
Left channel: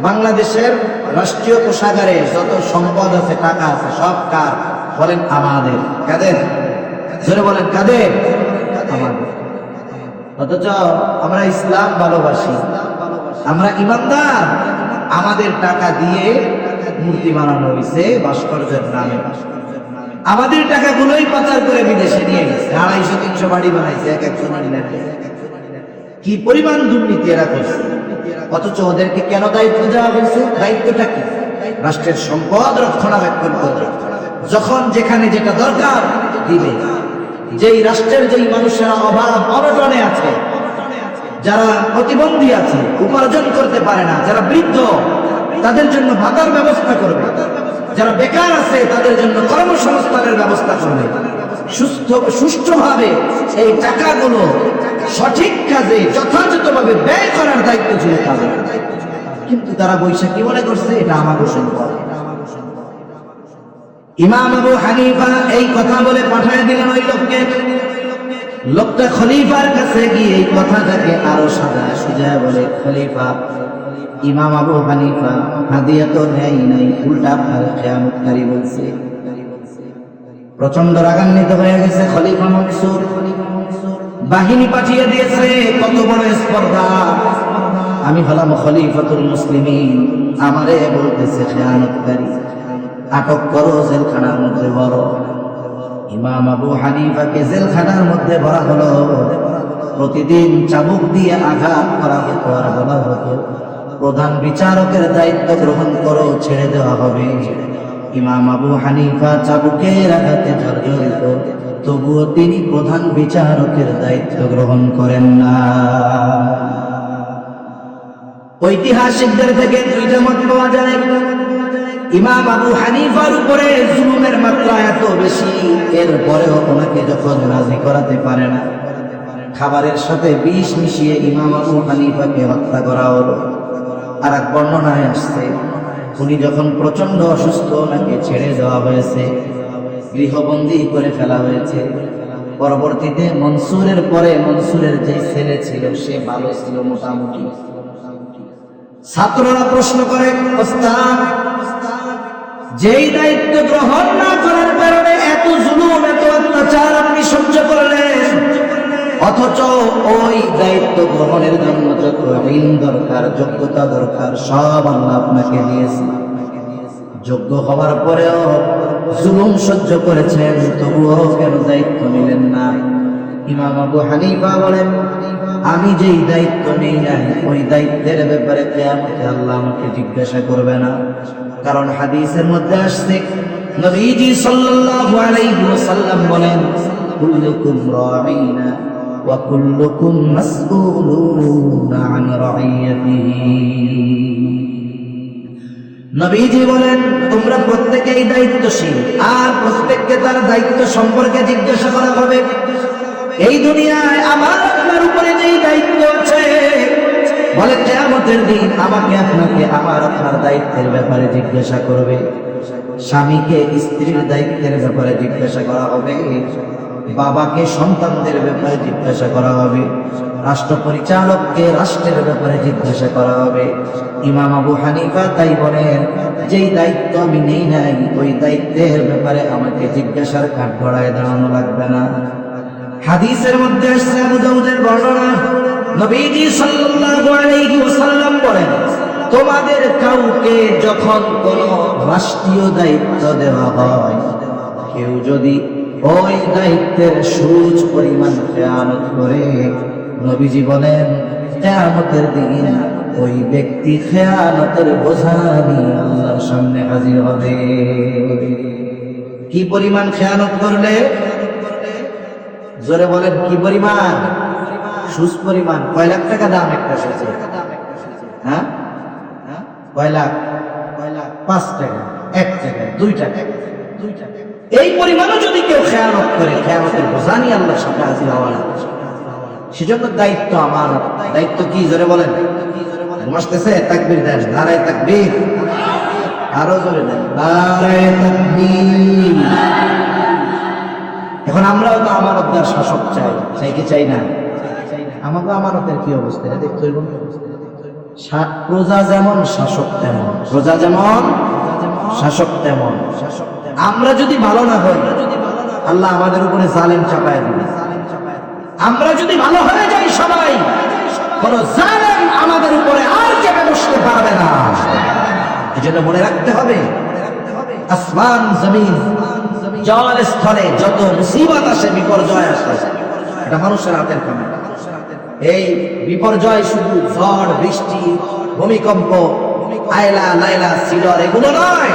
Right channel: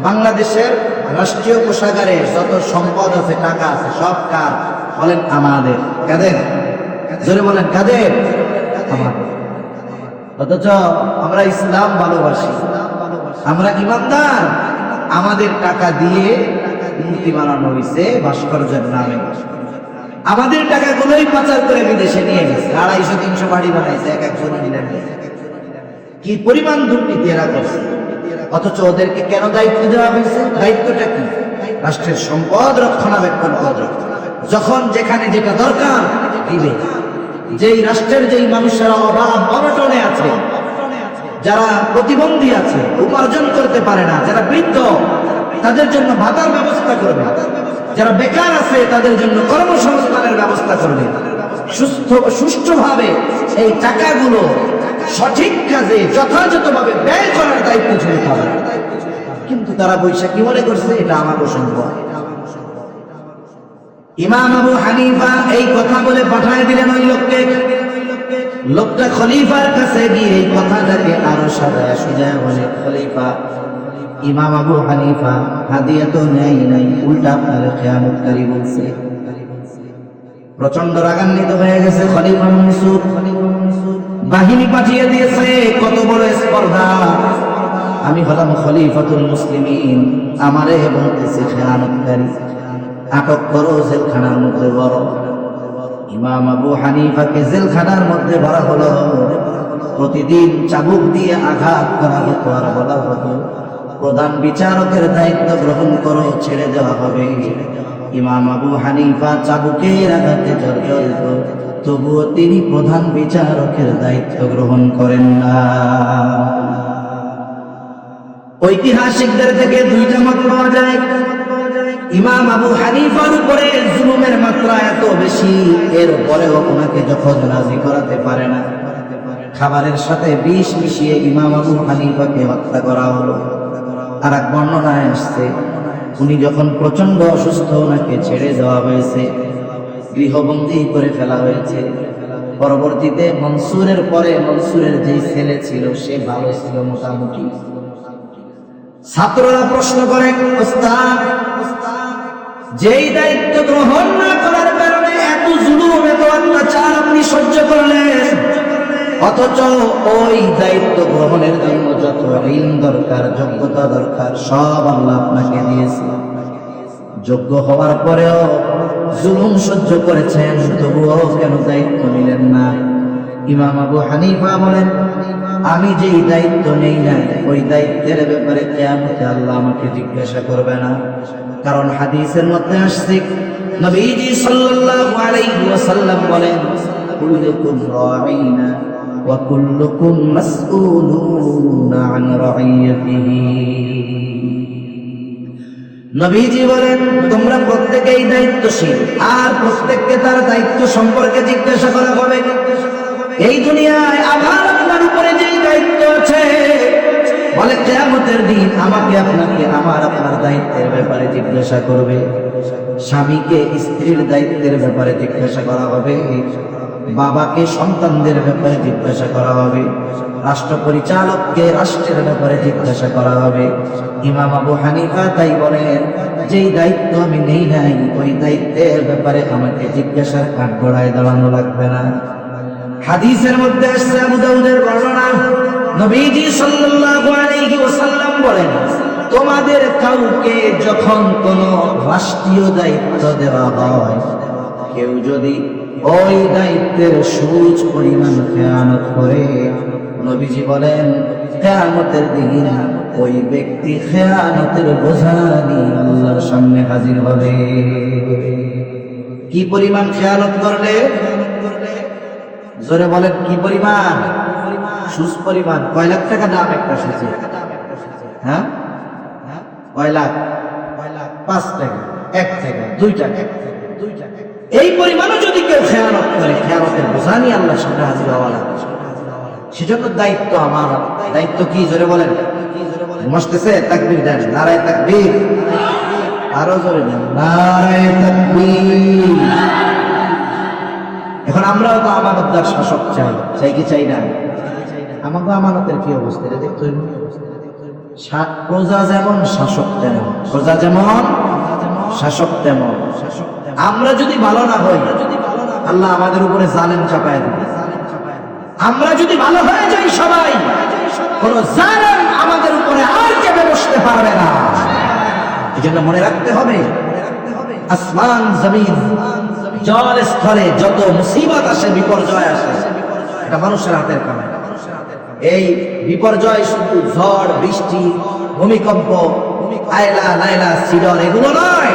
বাংলাদেশের রাষ্ট্রীয় কোষাগারে যত সম্পদ আছে, টাকা আছে, সব কার? বলেন, আমাদের। কাদের? জোরে বলেন, কাদের? অথচ আমরা ইসলাম ভালোবাসি, আমরা ইমানদার। আমাদের টাকা দিয়ে মূর্তি বানানো হয়েছে ভাস্কর্যের নামে, আমাদের টাকাগুলোই পাচার করে বিদেশে নিয়ে গেছে, 250-300 বাড়ি বানাইছে, এক একজন। কি পরিমাণ দুর্নীতি এরা করছে! অথচ ওদেরকে কেন দায়িত্ব দেওয়া হয়েছে? দায়িত্বটা কি? রাষ্ট্রের সম্পদ রক্ষণাবেক্ষণ করতে, যখন যেখানে যেটা দরকার দিবে। যেই রাষ্ট্রের যেই মানুষেরা অভাব অনটনে আছে, যারা প্রতিবন্ধী আছে, উপার্জন করতে পারে না, যারা বৃদ্ধ, তাদের জন্য ভাতার ব্যবস্থা করবে। যারা বেকার আছে তাদের জন্য কর্মসংস্থানের ব্যবস্থা করবে। সুষ্ঠুভাবে এই টাকাগুলো সঠিক কাজে যথাযথভাবে ব্যয় করার দায়িত্ব ছিল তাদের। কিন্তু তারা বৈশাখী মনে করছে এটা আমাদের সম্পদ। ইমাম আবু হানিফা এই কথা বলে পাঠায় দিলেন ওই লোককে। লোকটা খলিফার কাছে গিয়ে এই কথাটাকে আরো সাজায় সুজায় বলে, খলিফা, ইমাম আবু হানিফা হাদিয়া তো নেই নাই, উল্টা আপনার খেয়ামতকারী বলছে। প্রচন্ড রাগান্বিত হয়ে গেছে খলিফা মনসুর, বাহিনী পাঠিয়ে দিয়েছে। কত বড় স্পর্ধা! আমি হলাম খলিফাতুল মুসলিমিন, আমারে বলতেছে খেয়ামতকারী, আটক করো, জেলখানার মধ্যে বলো। ইমাম আবু হানিফাকে জেলখানার মধ্যে ভরা হলো। প্রতিদিন চাবুক দিয়ে আঘাত করা হতো, আর বলা হতো, প্রধান বিচারকের দায়িত্ব গ্রহণ করো, ছেড়ে দেওয়া হবে। ইমাম আবু হানিফা চাবুকের আঘাতে জর্জরিত, তবুও তিনি প্রধান বিচারকের দায়িত্ব গ্রহণ করেন না। ঐতিহাসিকদের থেকে দুইটা মত পাওয়া যায়। ইমাম আবু হানিফার উপরে জুলুমের মাত্রা এত বেশি, এর পরেও ওনাকে যখন রাজি করাতে পারে না, খাবারের সাথে বিষ মিশিয়ে ইমাম আবু হানিফাকে হত্যা করা হলো। আর এক বর্ণনায় আসছে উনি যখন প্রচন্ড অসুস্থ ওনাকে ছেড়ে দেওয়া হয়েছে, গৃহবন্দী করে ফেলা হয়েছে। পরবর্তীতে মনসুরের পরে মনসুরের যে ছেলে ছিল সে ভালো ছিল মোটামুটি। ছাত্ররা প্রশ্ন করে, ওস্তাদ যেই দায়িত্ব গ্রহণ না করার কারণে এত জুলুম এত অত্যাচার আপনি সহ্য করলেন, অথচ ওই দায়িত্ব গ্রহণের জন্য যত ঋণ দরকার যোগ্যতা দরকার সব আল্লাহ আপনাকে দিয়েছে। যোগ্য হওয়ার পরেও জুলুম সহ্য করেছেন, তবুও কেন দায়িত্ব নিলেন না? ইমাম আবু হানিফা বলেন, আমি যেই দায়িত্ব নেই না ওই দায়িত্বের ব্যাপারে কিয়ামতে আল্লাহ আমাকে জিজ্ঞাসা করবে না। কারণ হাদিসের মধ্যে আসছে নবীজি সাল্লাল্লাহু আলাইহি ওয়াসাল্লাম বলেন, কুল্লুকুম রাঈনা ওয়া কুল্লুকুম মাসউলুনা আন রাইয়াতিহি। নবীজি বলেন, তোমরা প্রত্যেকেই দায়িত্বশীল, আর প্রত্যেককে তার দায়িত্ব সম্পর্কে জিজ্ঞাসা করা হবে। এই দুনিয়ায় আমার আপনার উপরে যে দায়িত্ব আছে, বলে কিয়ামতের দিন আমাকে আপনাকে আমার আপনার দায়িত্বের ব্যাপারে জিজ্ঞাসা করবে। স্বামীকে স্ত্রীর দায়িত্বের ব্যাপারে জিজ্ঞাসা করা হবে, বাবাকে সন্তানদের ব্যাপারে জিজ্ঞাসা করা হবে, রাষ্ট্র পরিচালককে রাষ্ট্রের ব্যাপারে জিজ্ঞাসা করা হবে। ইমাম আবু হানিফা তাই বলেন, যেই দায়িত্ব আমি নেই নাই ওই দায়িত্বের ব্যাপারে আমাকে জিজ্ঞাসার কাঠগড়ায় দাঁড়ানো লাগবে না। হাদিসের মধ্যে আসছে আবু দাউদের বর্ণনা, নবীজি সাল্লাল্লাহু আলাইহি ওয়াসাল্লাম বলেন, তোমাদের কাউকে যখন কোনো রাষ্ট্রীয় দায়িত্ব দেওয়া হয়, কেউ যদি ওই দায়িত্বের সুচ পরিমাণ খেয়ানত করে, নবীজি বলেন কিয়ামতের দিন ওই ব্যক্তি খেয়ানতের বোঝা নিয়ে আল্লাহর সামনে হাজির হবে। কি পরিমাণ খেয়ানত করলে? জোরে বলেন, কি পরিমাণ? সুচ পরিমাণ। কয় লাখ টাকা দাম একটা সুচে? হ্যাঁ, কয় লাখ? 5 টাকা, 1 টাকা, 2 টাকা। এই পরিমাণও যদি কেউ খেয়ানত করে, খেয়ানতের বোঝা নিয়ে আল্লাহর সামনে হাজির হওয়া লাগবে। সেজন্য দায়িত্ব আমার। দায়িত্ব কি? জোরে বলেন। মস্তেছে তাকবীর দেন, নারায়ে তাকবীর। আরো জোরে দেন, নারায়ে তাকবীর। এখন আমরাও তো আমানতদার শাসক চাই কি চাই না? আমাকে আমানতের কি অবস্থা এটা দেখতে হবে। প্রজা যেমন শাসক তেমন, প্রজা যেমন শাসক তেমন। আমরা যদি ভালো না হই, আল্লাহ আমাদের উপরে জালেম চাপায় দেবে। আমরা যদি ভালো হয়ে যাই সবাই, কোন জালেম আমাদের উপরে আর চেপে বসতে পারবে না। এই জন্য মনে রাখতে হবে, আসমান জমিন জল স্থলে যত মুসিবত আসে, বিপর্যয় আসে, এটা মানুষের হাতের কামাই। এই বিপর্যয় শুধু ঝড় বৃষ্টি ভূমিকম্প আয়লা লাইলা সিডর এগুলো নয়,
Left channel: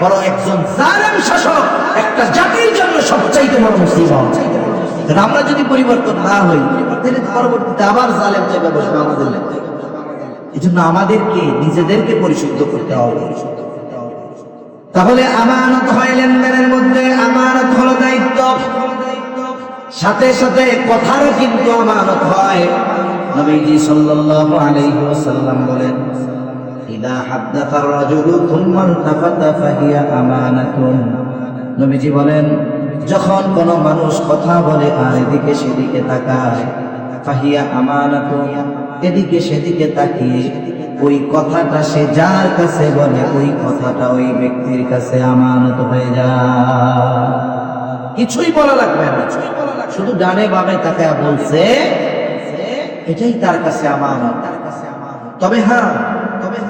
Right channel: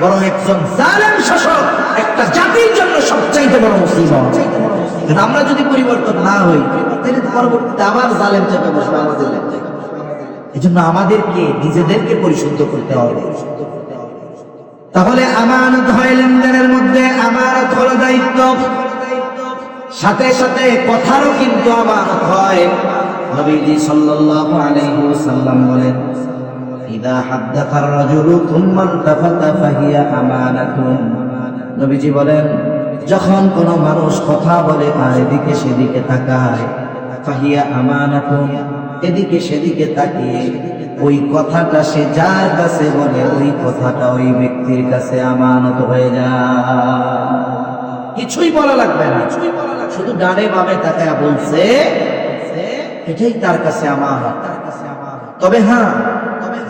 বরং একজন জালেম শাসক একটা জাতির জন্য সবচাইতে বড় মুসিবত। আমরা যদি পরিবর্তন না হই, তাহলে পরবর্তীতে আবার জালেম চেপে বসবে আমাদের লেগে। এই জন্য আমাদেরকে নিজেদেরকে পরিশুদ্ধ করতে হবে। তাহলে আমানত হয় লেনদেনের মধ্যে, আমানত হলো দায়িত্ব, সাথে সাথে কথারও কিন্তু আমানত হয়। নবীজি সাল্লাল্লাহু আলাইহি ওয়াসাল্লাম বলেন, ইদা হাদ্দাথা আর-রাজুলু থুম্মা ইলতাফাতা ফাহিয়া আমানাতুন। নবীজি বলেন, যখন কোনো মানুষ কথা বলে আর এদিকে সেদিকে তাকায়, ফাহিয়া আমানাতুন, এদিকে সেদিকে তাকিয়ে ওই কথাটা সে যার কাছে বলে ওই কথাটা ওই ব্যক্তির কাছে আমানত হয়ে যায়। কিছুই বলা লাগবে না, শুধু ডানে বামে তাকায় বলছে, এটাই তার কাছে আমানত। তবে হ্যাঁ,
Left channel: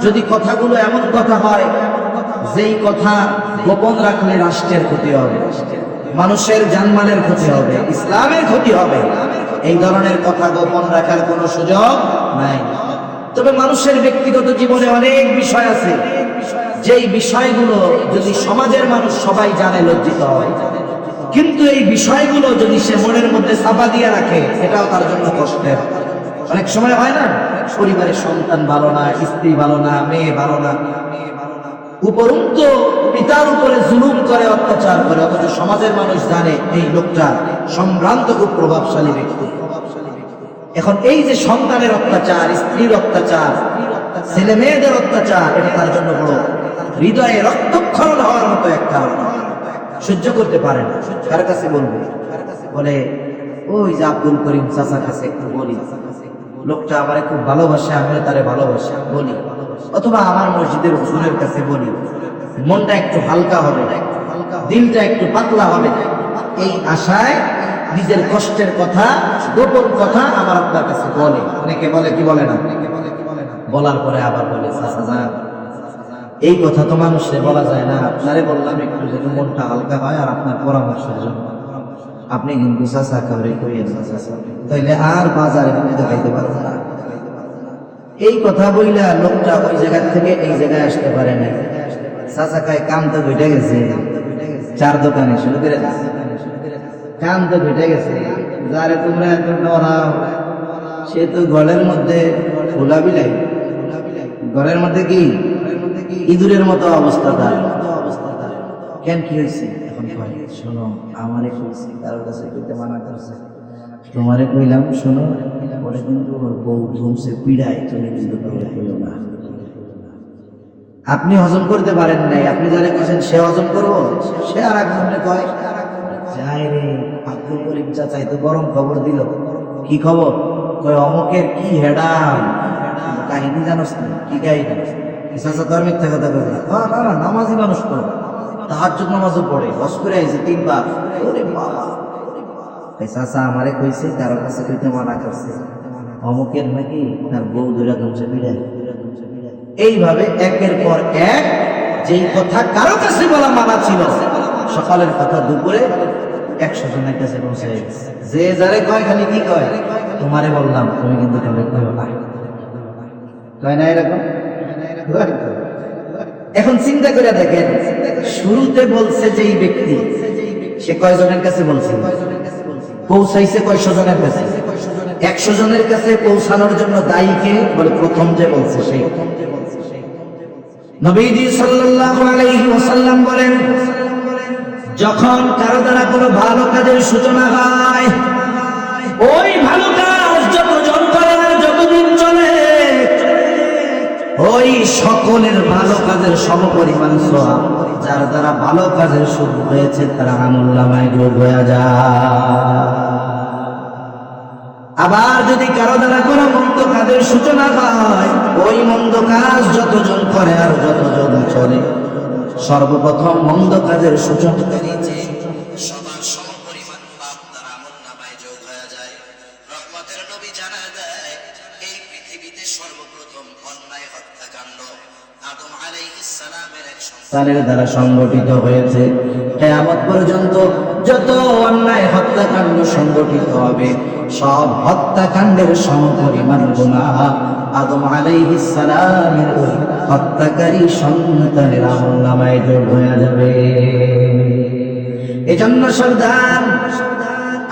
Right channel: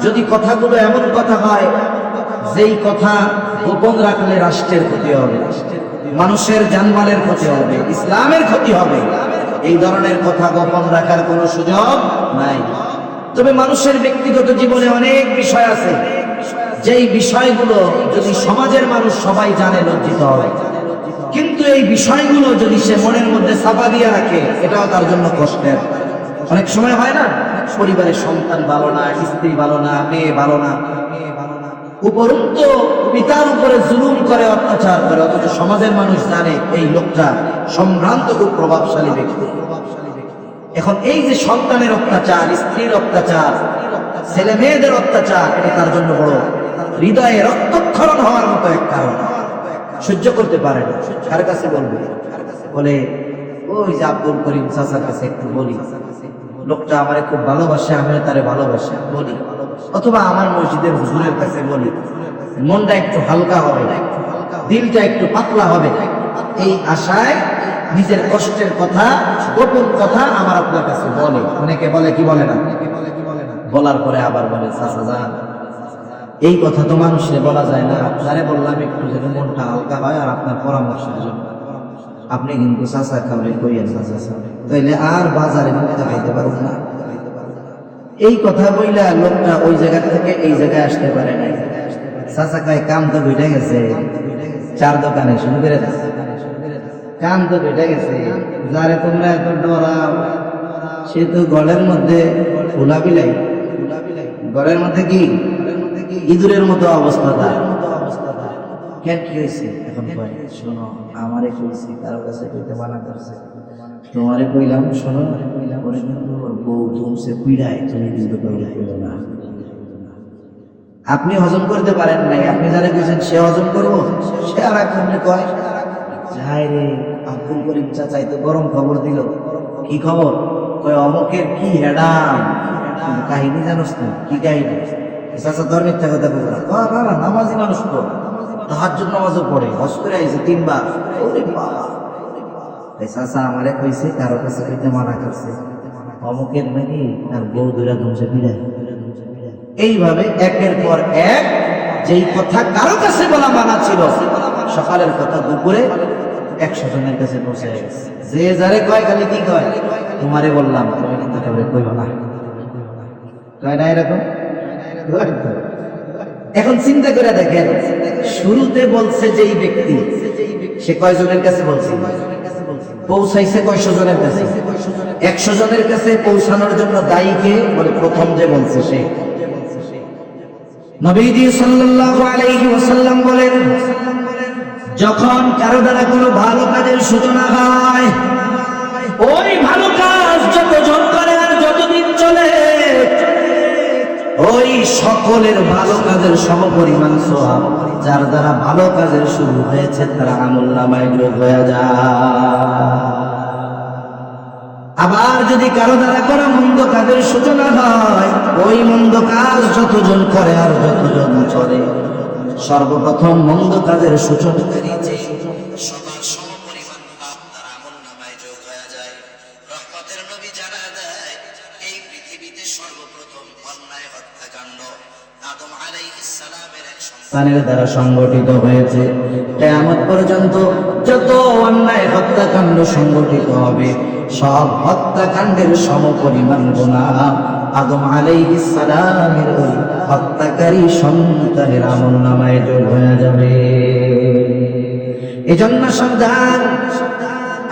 যদি কথাগুলো এমন কথা হয় যেই কথা গোপন রাখলে রাষ্ট্রের ক্ষতি হবে, মানুষের জানমালের ক্ষতি হবে, ইসলামের ক্ষতি হবে, এই ধরনের কথা গোপন রাখার কোনো সুযোগ নাই। তবে মানুষের ব্যক্তিগত জীবনে অনেক বিষয় আছে, যেই বিষয়গুলো যদি সমাজের মানুষ সবাই জানে লজ্জিত হয়, কিন্তু এই বিষয়গুলো যদি সে মনের মধ্যে চাপা দিয়ে রাখে, এটাও তার জন্য কষ্টের। অনেক সময় হয় না, পরিবারের সন্তান ভালো না, স্ত্রী ভালো না, মেয়ে ভালো না, উপরন্তু পিতার উপরে জুলুম করে, অত্যাচার করে, অথচ সমাজের মানুষ জানে এই লোকটা সম্ভ্রান্ত ও প্রভাবশালী ব্যক্তি। এখন এই যে সন্তানের অত্যাচার, স্ত্রীর অত্যাচার, ছেলে মেয়েদের অত্যাচার, এটা তার জন্য বড় হৃদয়ে রক্তক্ষরণ হওয়ার মতো এক কারণ। সহ্য করতে পারে না। কার কাছে বলবে? বলে ওই যে আব্দুল করিম চাচার কাছে একটু বলি, লোকটা আমারে খুব ভালোবাসে, আমিও তারে ভালোবাসি, বলি। অথবা আমার মসজিদের হুজুরের কাছে বলি, মনটা একটু হালকা হবে, দিলটা একটু পাতলা হবে, এই আশায় নিজের কষ্টের কথা, গোপন কথা আমার আপনার কাছে বলে। অনেকে বলে কি বলে না, বলার পরে আবার বলে চাচা এই কথা তো মানুষের বলা যায় না, আপনারে বললাম একটু যেন মনটা হালকা হয় আর আপনার পরামর্শের জন্য। আপনি কিন্তু চাচা কাউরে কইয়েন না চাচা, তাইলে আর বাজারে কিন্তু খাইতে পারবেন না। এই কথা বইলা লোকটা ওই জায়গা থেকে এই জায়গায় আসতে পারে না। চাচা কয় কাম তো বেটে গেছে, চার দোকানে শুরু করে দিচ্ছে, কাম তো বেটে গেছে, যারে তোমরা এত ডরাও সে তো গলের মধ্যে খোলা বিলাই, ঘরের মধ্যে কি ইঁদুরের মতো অবস্থা তার। কেন কি হয়েছে? এখন কয় শোনো আমারে কইছি, কারোর কাছে কইতে মানা করছে, তোমারে কইলাম শোনো বউ ধুমছে পিড়ায়, তুমি কিন্তু কাউকে কইলো না। আপনি হজম করতে পারেন নাই, আপনি যারা কইছেন সে হজম করবো, সে আর একজনকে কয় যাই রে আব্দুল করিম চাচাই তো গরম খবর দিল। কি খবর? কয় অমকের কি হেডাম কাহিনী জানোস না? কি কাহিনী? চাচা তো আর মিথ্যা কথা বলতে না, নামাজি মানুষ তো, তাহাজ্জুদ নামাজও পড়ে, হজ করে আইছে 3 বার। ওরে বাবা, এই চাচা আমারে কইছে কারোর কাছে কইতে মানা করছে, অমকের নাকি তার বউ ধরে ধুমছে পিড়ায়। এইভাবে একের পর এক যেই কথা কারো কাছে বলা মানা ছিল, সকালের কথা দুপুরে 100 জনের কাছে পৌঁছে গেছে। যে যারে কয় খালি কি কয়, তোমারে বললাম তুমি কিন্তু কাউরে কইও না, কয় না এরকম। এখন চিন্তা করে দেখেন, শুরুতে বলছে যেই ব্যক্তি, সে কয়জনের কাছে বলছে? পৌঁছাইছে কয়শো জনের কাছে? 100 জনের কাছে পৌঁছানোর জন্য দায়ীকে বলে প্রথম যে বলছে সে। নবীজি সাল্লাল্লাহু আলাইহি ওয়াসাল্লাম বলেন, যখন কারো দ্বারা কোনো ভালো কাজের সূচনা হয়, ওই ভালো কাজ যতজন করে আর যতদিন চলে, ওই সকলের ভালো কাজের সমপরিমাণ সওয়াব যার দ্বারা ভালো কাজের শুরু হয়েছে তার আমলনামায় যোগ হয়ে যায়। আবার যদি কারো দ্বারা কোনো মন্দ কাজের সূচনা হয়, ওই মন্দ কাজ যতজন করে আর যতজন চলে, সর্বপ্রথম মন্দ কাজের সূচনাকারী যে সবার সমপরিমাণ পাপ তার আমলনামায় যোগ হয়ে যায়। রহমতের নবী জানায় দেয়, এই পৃথিবীতে সর্বপ্রথম অন্যায় হত্যাকাণ্ড আদম আলাইহিস সালামের এক সন্তানের দ্বারা সংগঠিত হয়েছে। কিয়ামত পর্যন্ত যত অন্যায় হত্যাকাণ্ড সংগঠিত হবে, সব হত্যাকাণ্ডের সমপরিমাণ গুনাহ আদম আলাইহিস সালামের ওই হত্যাকারী সন্তানের আমলনামায় যোগ হয়ে যাবে। এজন্য সাবধান,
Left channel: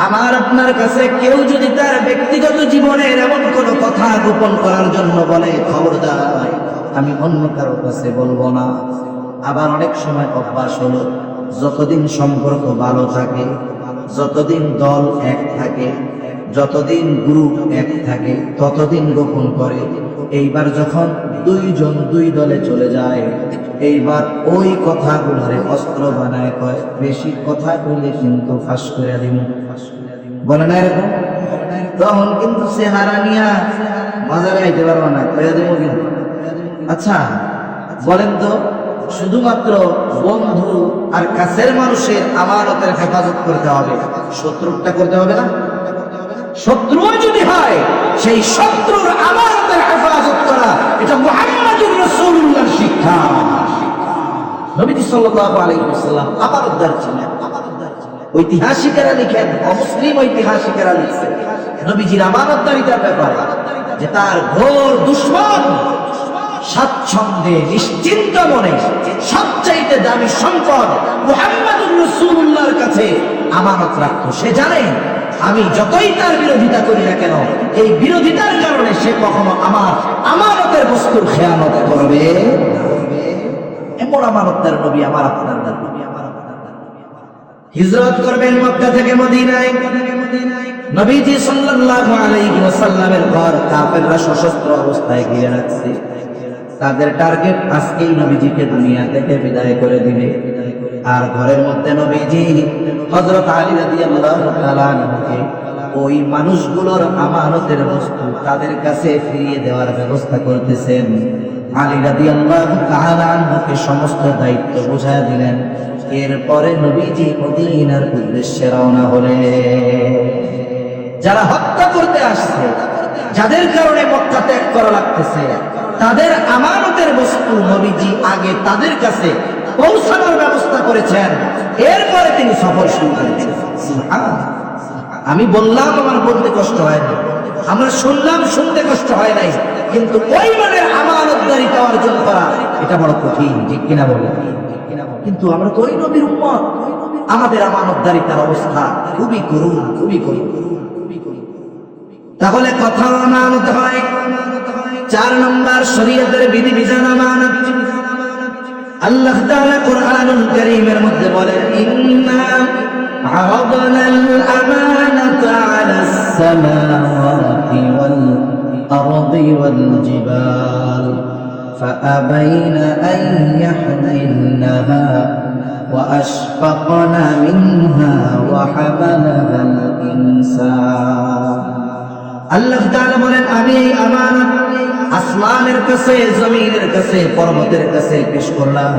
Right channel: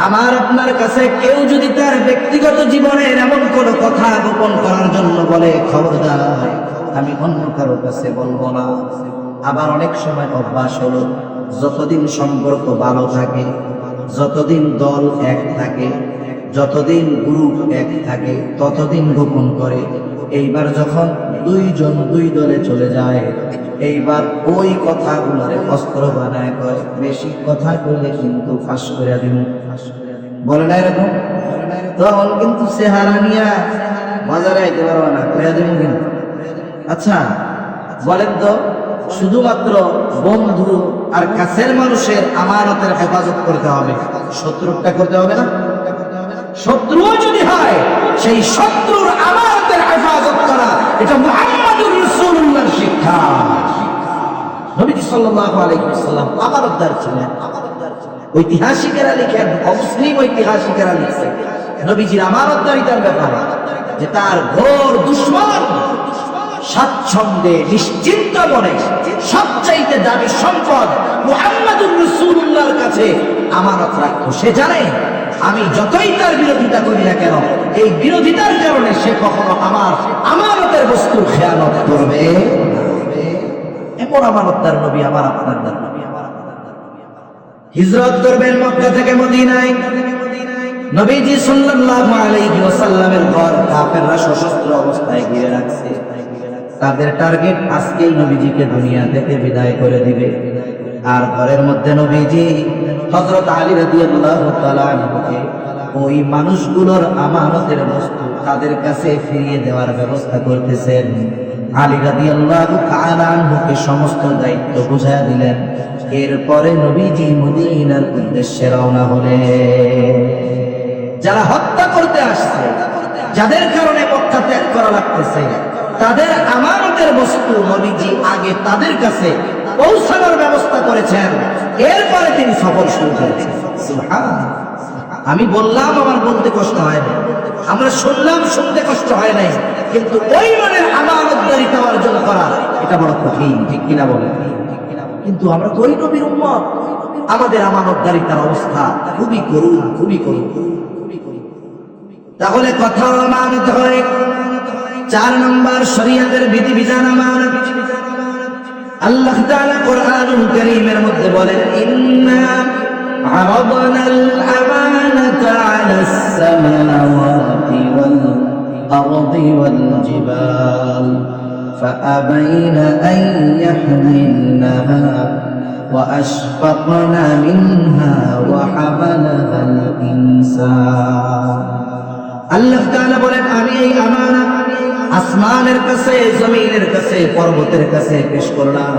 আমার আপনার কাছে কেউ যদি তার ব্যক্তিগত জীবনের এমন কোনো কথা গোপন করার জন্য বলে, খবরদার আমি অন্য কারোর কাছে বলবো না। আবার অনেক সময় অভ্যাস হলো, যতদিন সম্পর্ক ভালো থাকে, যতদিন দল এক থাকে, যতদিন গ্রুপ এক থাকে, ততদিন গোপন করে। এইবার যখন 2 জন 2 দলে চলে যায়, এইবার ওই কথাগুলোরে অস্ত্র বানায় কয়, বেশি কথা বলে কিন্তু ফাঁস করে দিন, বলে না এরকম? তখন কিন্তু সে হারানিয়া বাজারে আইতে পারবো না, করে দিবেন কিন্তু। আচ্ছা বলেন তো, শুধুমাত্র বন্ধু আর কাছের মানুষের আমানতের হেফাজত করতে হবে, শত্রুটা করতে হবে না? শত্রু যদি হয়, সেই শত্রুর আমানতের হেফাজত করা, এটা মুহাম্মদুর রাসূলুল্লাহর শিক্ষা। নবী সাল্লাল্লাহু আলাইহি ওয়াসাল্লাম আমানতদার ছিলেন। ঐতিহাসিকেরা লিখেন, অমুসলিম ঐতিহাসিকেরা লিখেন নবীজির আমানতদারিতার ব্যাপারে, যে তার ঘোর দুশমন স্বাচ্ছন্দ্যে নিশ্চিন্ত মনে সবচাইতে দামি সম্পদ মুহাম্মদুর রাসূলুল্লাহর কাছে আমানত রাখতো। সে জানে আমি যতই তার বিরোধিতা করি না কেন, এই বিরোধিতার কারণে সে কখনো আমার আমানতের বস্তুর খেয়ানত করবে। কেমন আমানতদার নবী আমার আপনার নবী। হিজরত করবেন মক্কা থেকে মদিনায়। নবীজি সাল্লাল্লাহু আলাইহি ওয়াসাল্লামের ঘর কাফেররা সশস্ত্র অবস্থায় ঘিরে রাখছে। তাদের টার্গেট আজকেই নবীজিকে দুনিয়া থেকে বিদায় করে দিবে। আর ঘরের মধ্যে নবীজি হযরত আলী রাদিয়াল্লাহু তাআলা আনহুকে ওই মানুষগুলোর আমানতের বস্তু তাদের কাছে ফিরিয়ে দেওয়ার ব্যবস্থা করতেছেন। আলী রাদিয়াল্লাহু তাআলা আনহুকে সমস্ত দায়িত্ব বুঝায়া দিলেন। এরপরে নবীজি মদিনার উদ্দেশ্যে রওনা হলেন। যারা হত্যা করতে আসছে, যাদের কারণে মক্কা ত্যাগ করা লাগতেছে, তাদের আমানতের বস্তু নবীজি আগে তাদের কাছে পৌঁছানোর ব্যবস্থা করেছেন। এরপরে তিনি সফর শুরু করেছেন। সুবহানাল্লাহ। আমি বললাম আমার বলতে কষ্ট হয় না, আমরা শুনলাম শুনতে কষ্ট হয় নাই, কিন্তু ওই মানের আমানতদারিতা অর্জন করা এটা বড় কঠিন, ঠিক কিনা বলেন? কিন্তু আমরা তো ওই নবীর উম্মত, আমাদের আমানতদারিতার অবস্থা খুবই করুণ, খুবই করুণ। তাহলে কথা আমানত হয়। 4 নম্বর শরীয়তের বিধিবিধান আমানত। আল্লাহ তাআলা কোরআনুল কারীমের মধ্যে বলেন, ইন্না আরাদনাল আমানাতা আলাস সামাওয়াতি ওয়াল আরদি ওয়াল জিবাল ফাআবাইনা আন ইয়াহমিলনাহা ওয়া আশফাকনা মিনহা ওয়া হামালাহাল ইনসান। আল্লাহ তাআলা বলেন, আমি এই আমানত আসমানের কাছে, জমিনের কাছে, পর্বতের কাছে পেশ করলাম।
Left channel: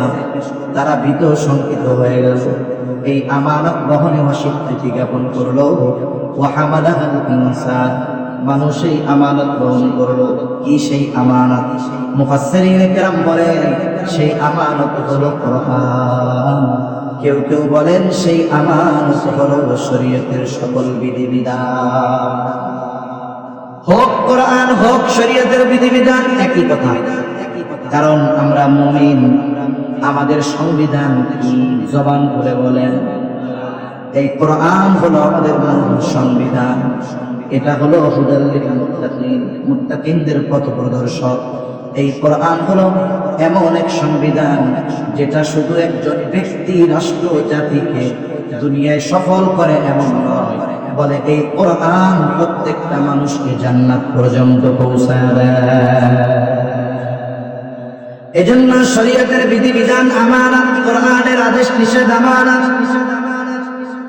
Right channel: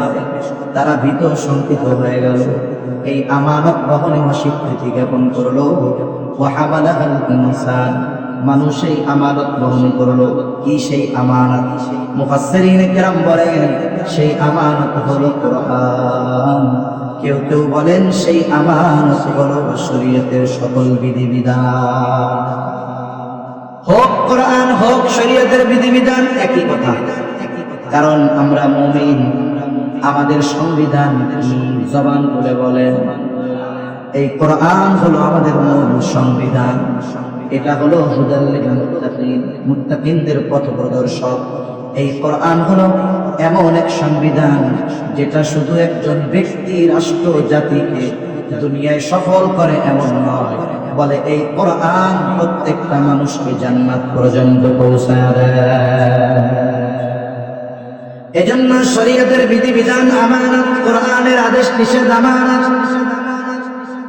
তারা ভীত শঙ্কিত হয়ে গেল। এই আমানত বহনে অস্বীকৃতি জ্ঞাপন করলো। ওয়া হামালাহাল ইনসান, মানুষ এই আমানত বহন করলো। কি সেই আমানত? মুফাসসিরিনে কেরাম বলেন সেই আমানত হলো কোরআন। কেউ কেউ বলেন সেই আমানত হলো শরীয়তের সকল বিধিবিধান। হোক কোরআন হোক শরীয়তের বিধিবিধান একই কথা। কারণ আমরা মুমিন, আমাদের সংবিধান কি জবান খুলে বলেন এই কোরআন হলো আমাদের মূল সংবিধান। এটা হলো হুদাল লিল মুত্তাকিন, মুত্তাকিনদের পথ প্রদর্শক। এই কোরআন হলো এমন এক সংবিধান যেটা শুধু একজন ব্যক্তি, রাষ্ট্র, জাতিকে দুনিয়ায় সফল করে এমন নয়, বলে এই কোরআন প্রত্যেকটা মানুষকে জান্নাত পর্যন্ত পৌঁছায় দেয়। এজন্য শরীয়তের বিধিবিধান আমানত, কোরআনের আদেশ নিষেধ আমানত,